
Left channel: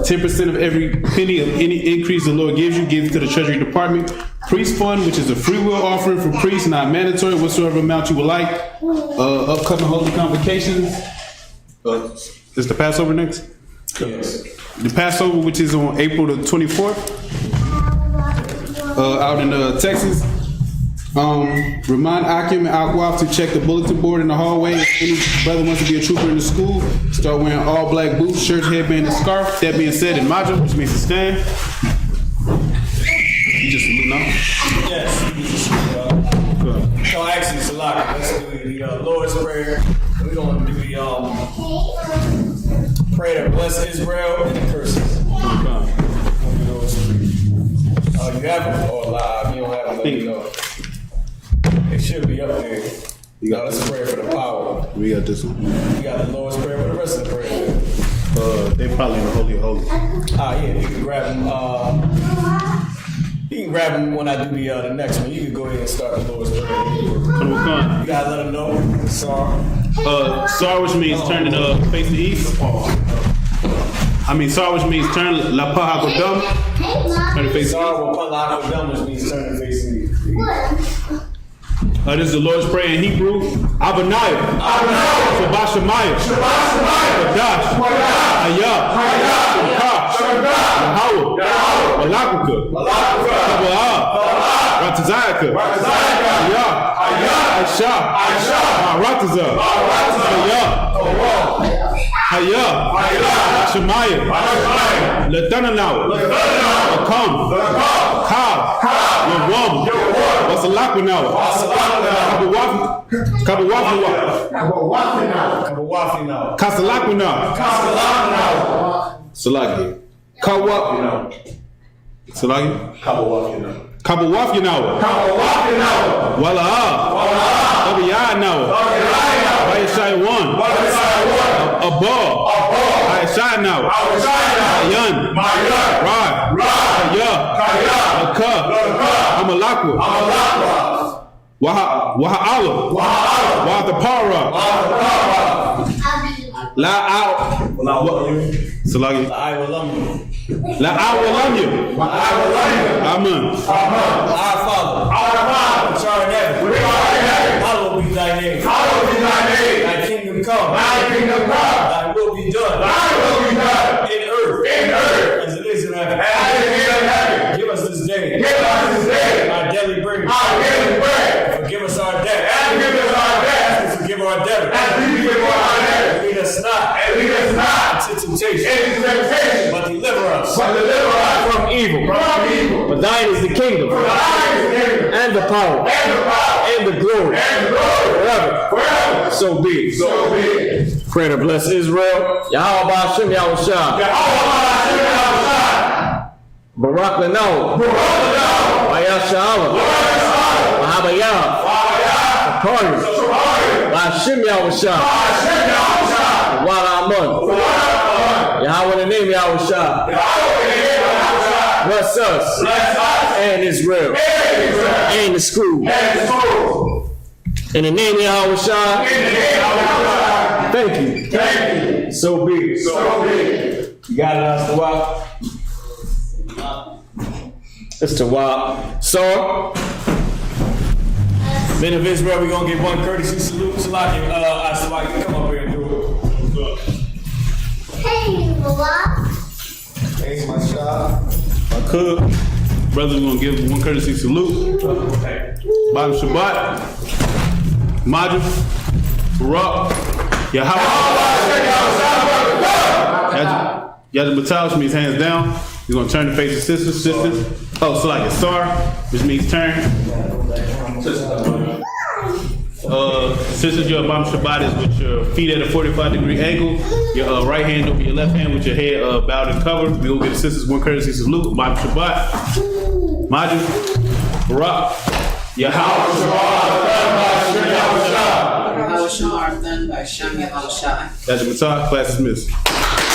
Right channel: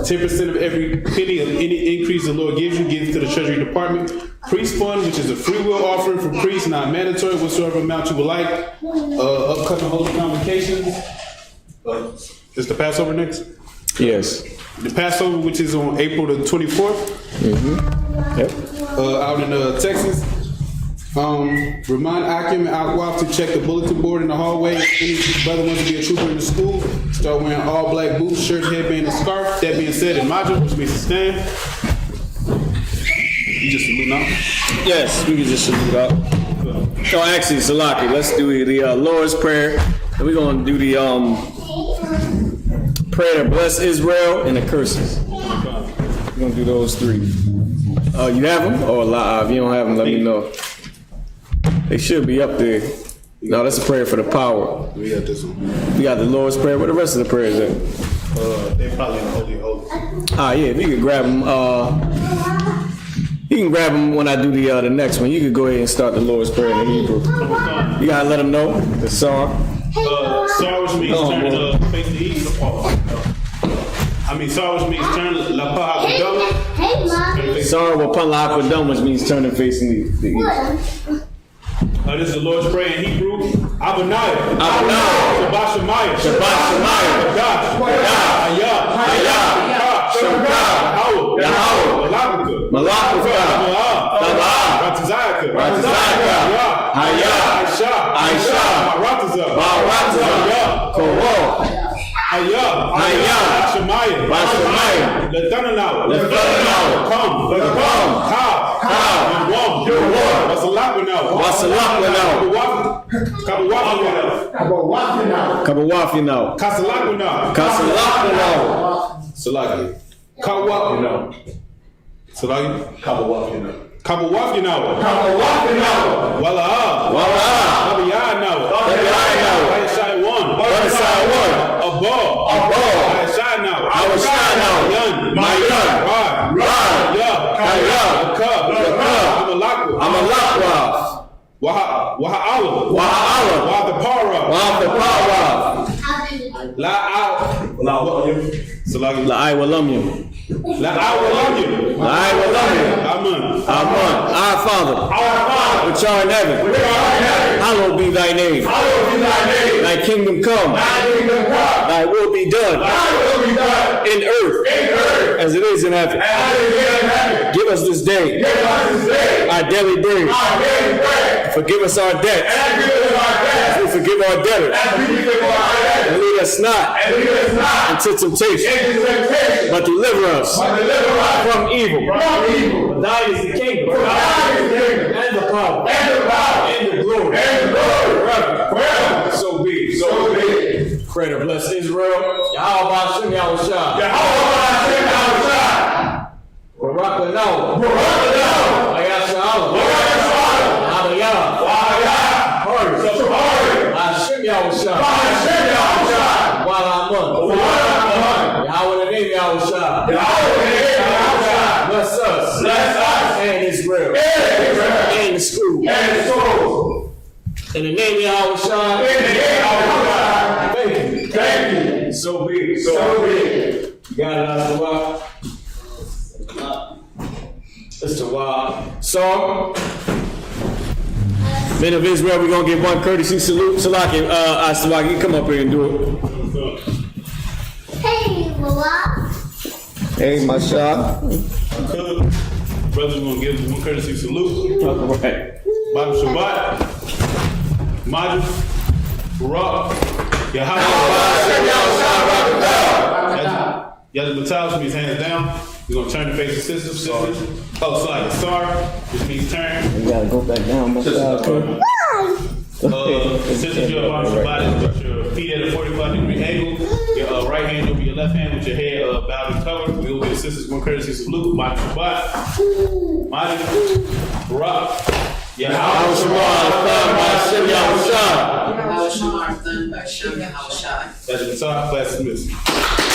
10% of every penny of any increase the Lord gives you gives to the Treasury Department. Priest fund, which is a free will offering for priests, not mandatory, whatsoever amount you would like. Upcoming holy convocations. Is the Passover next? Yes. The Passover, which is on April the 24th, out in Texas. Remind Akim and Akwaf to check the bulletin board in the hallway. If any brother wants to be a trooper in the school, start wearing all black boots, shirt, headband, and scarf. That being said, in Maja, which means to stand. You just salute now? Yes, you can just salute out. So actually, Salaki, let's do the Lord's Prayer. And we're going to do the prayer to bless Israel and the curses. We're going to do those 3. You have them? Or live? If you don't have them, let me know. They should be up there. No, that's a prayer for the power. We got this one. We got the Lord's Prayer. What the rest of the prayers at? They probably in the Holy of Holies. Yeah, if you can grab them. You can grab them when I do the next one. You can go ahead and start the Lord's Prayer in Hebrew. You gotta let them know the Sar. Sar, which means turn facing east. Sar, which means turn la paha kodam. Sar wa pala kodam, which means turning facing the east. This is the Lord's Prayer in Hebrew. Abaniah. Shabbat Shemayah. Kadash. Hayah. Yahweh. Malakaka. Kabbalah. Ratazayaka. Hayah. Aisha. Marataza. Hayah. Shemayah. Latananaw. Come. Kav. Yawam. Wasalakanaw. Kabawafina. Kasalakuna. Salaki. Kawafina. Salaki. Kabawafina. Wala'a. Kabiyanaw. Wayashai one. Abba. Ayashanaw. Ayan. Rod. Kaya. Akab. Amalakwa. Waha'ala. Waha'apara. Salagi. La'awalamyu. Amen. Our Father. Which art in heaven. Hallowed be thy name. Thy kingdom come. Thy will be done. In earth. As it is in heaven. Give us this day. Our daily bread. Forgive us our debt. As we forgive our debtors. And lead us not into temptation. But deliver us from evil. For thine is the kingdom. And the power. And the glory. Forever. So be it. Pray to bless Israel. Yahweh Hashem Yahushua. Barak Lano. Ayasha Allah. Mahabayah. Hashem Yahushua. Walamun. Yahweh in the name Yahushua. Bless us. And Israel. And the school. In the name of Yahushua. Thank you. So be it. You got it, Asawak. It's Tawab. So, men of Israel, we're going to give one courtesy salute. Salaki, Asawak, you come up here and do it. Hey, Mama. Hey, my shop. My cook. Brothers going to give one courtesy salute. Bobby Shabbat. Majid. Barak. Yahweh. Yajid Batal means hands down. You're gonna turn to face the sisters. Oh, so like a star, which means turn. Sisters, your bottom Shabbat is with your feet at a 45-degree angle. Your right hand over your left hand with your head bowed and covered. We will get the sisters one courtesy salute. Bottom Shabbat. Majid. Barak. Yahweh Shabbat. That's the Matzah. Class is missed.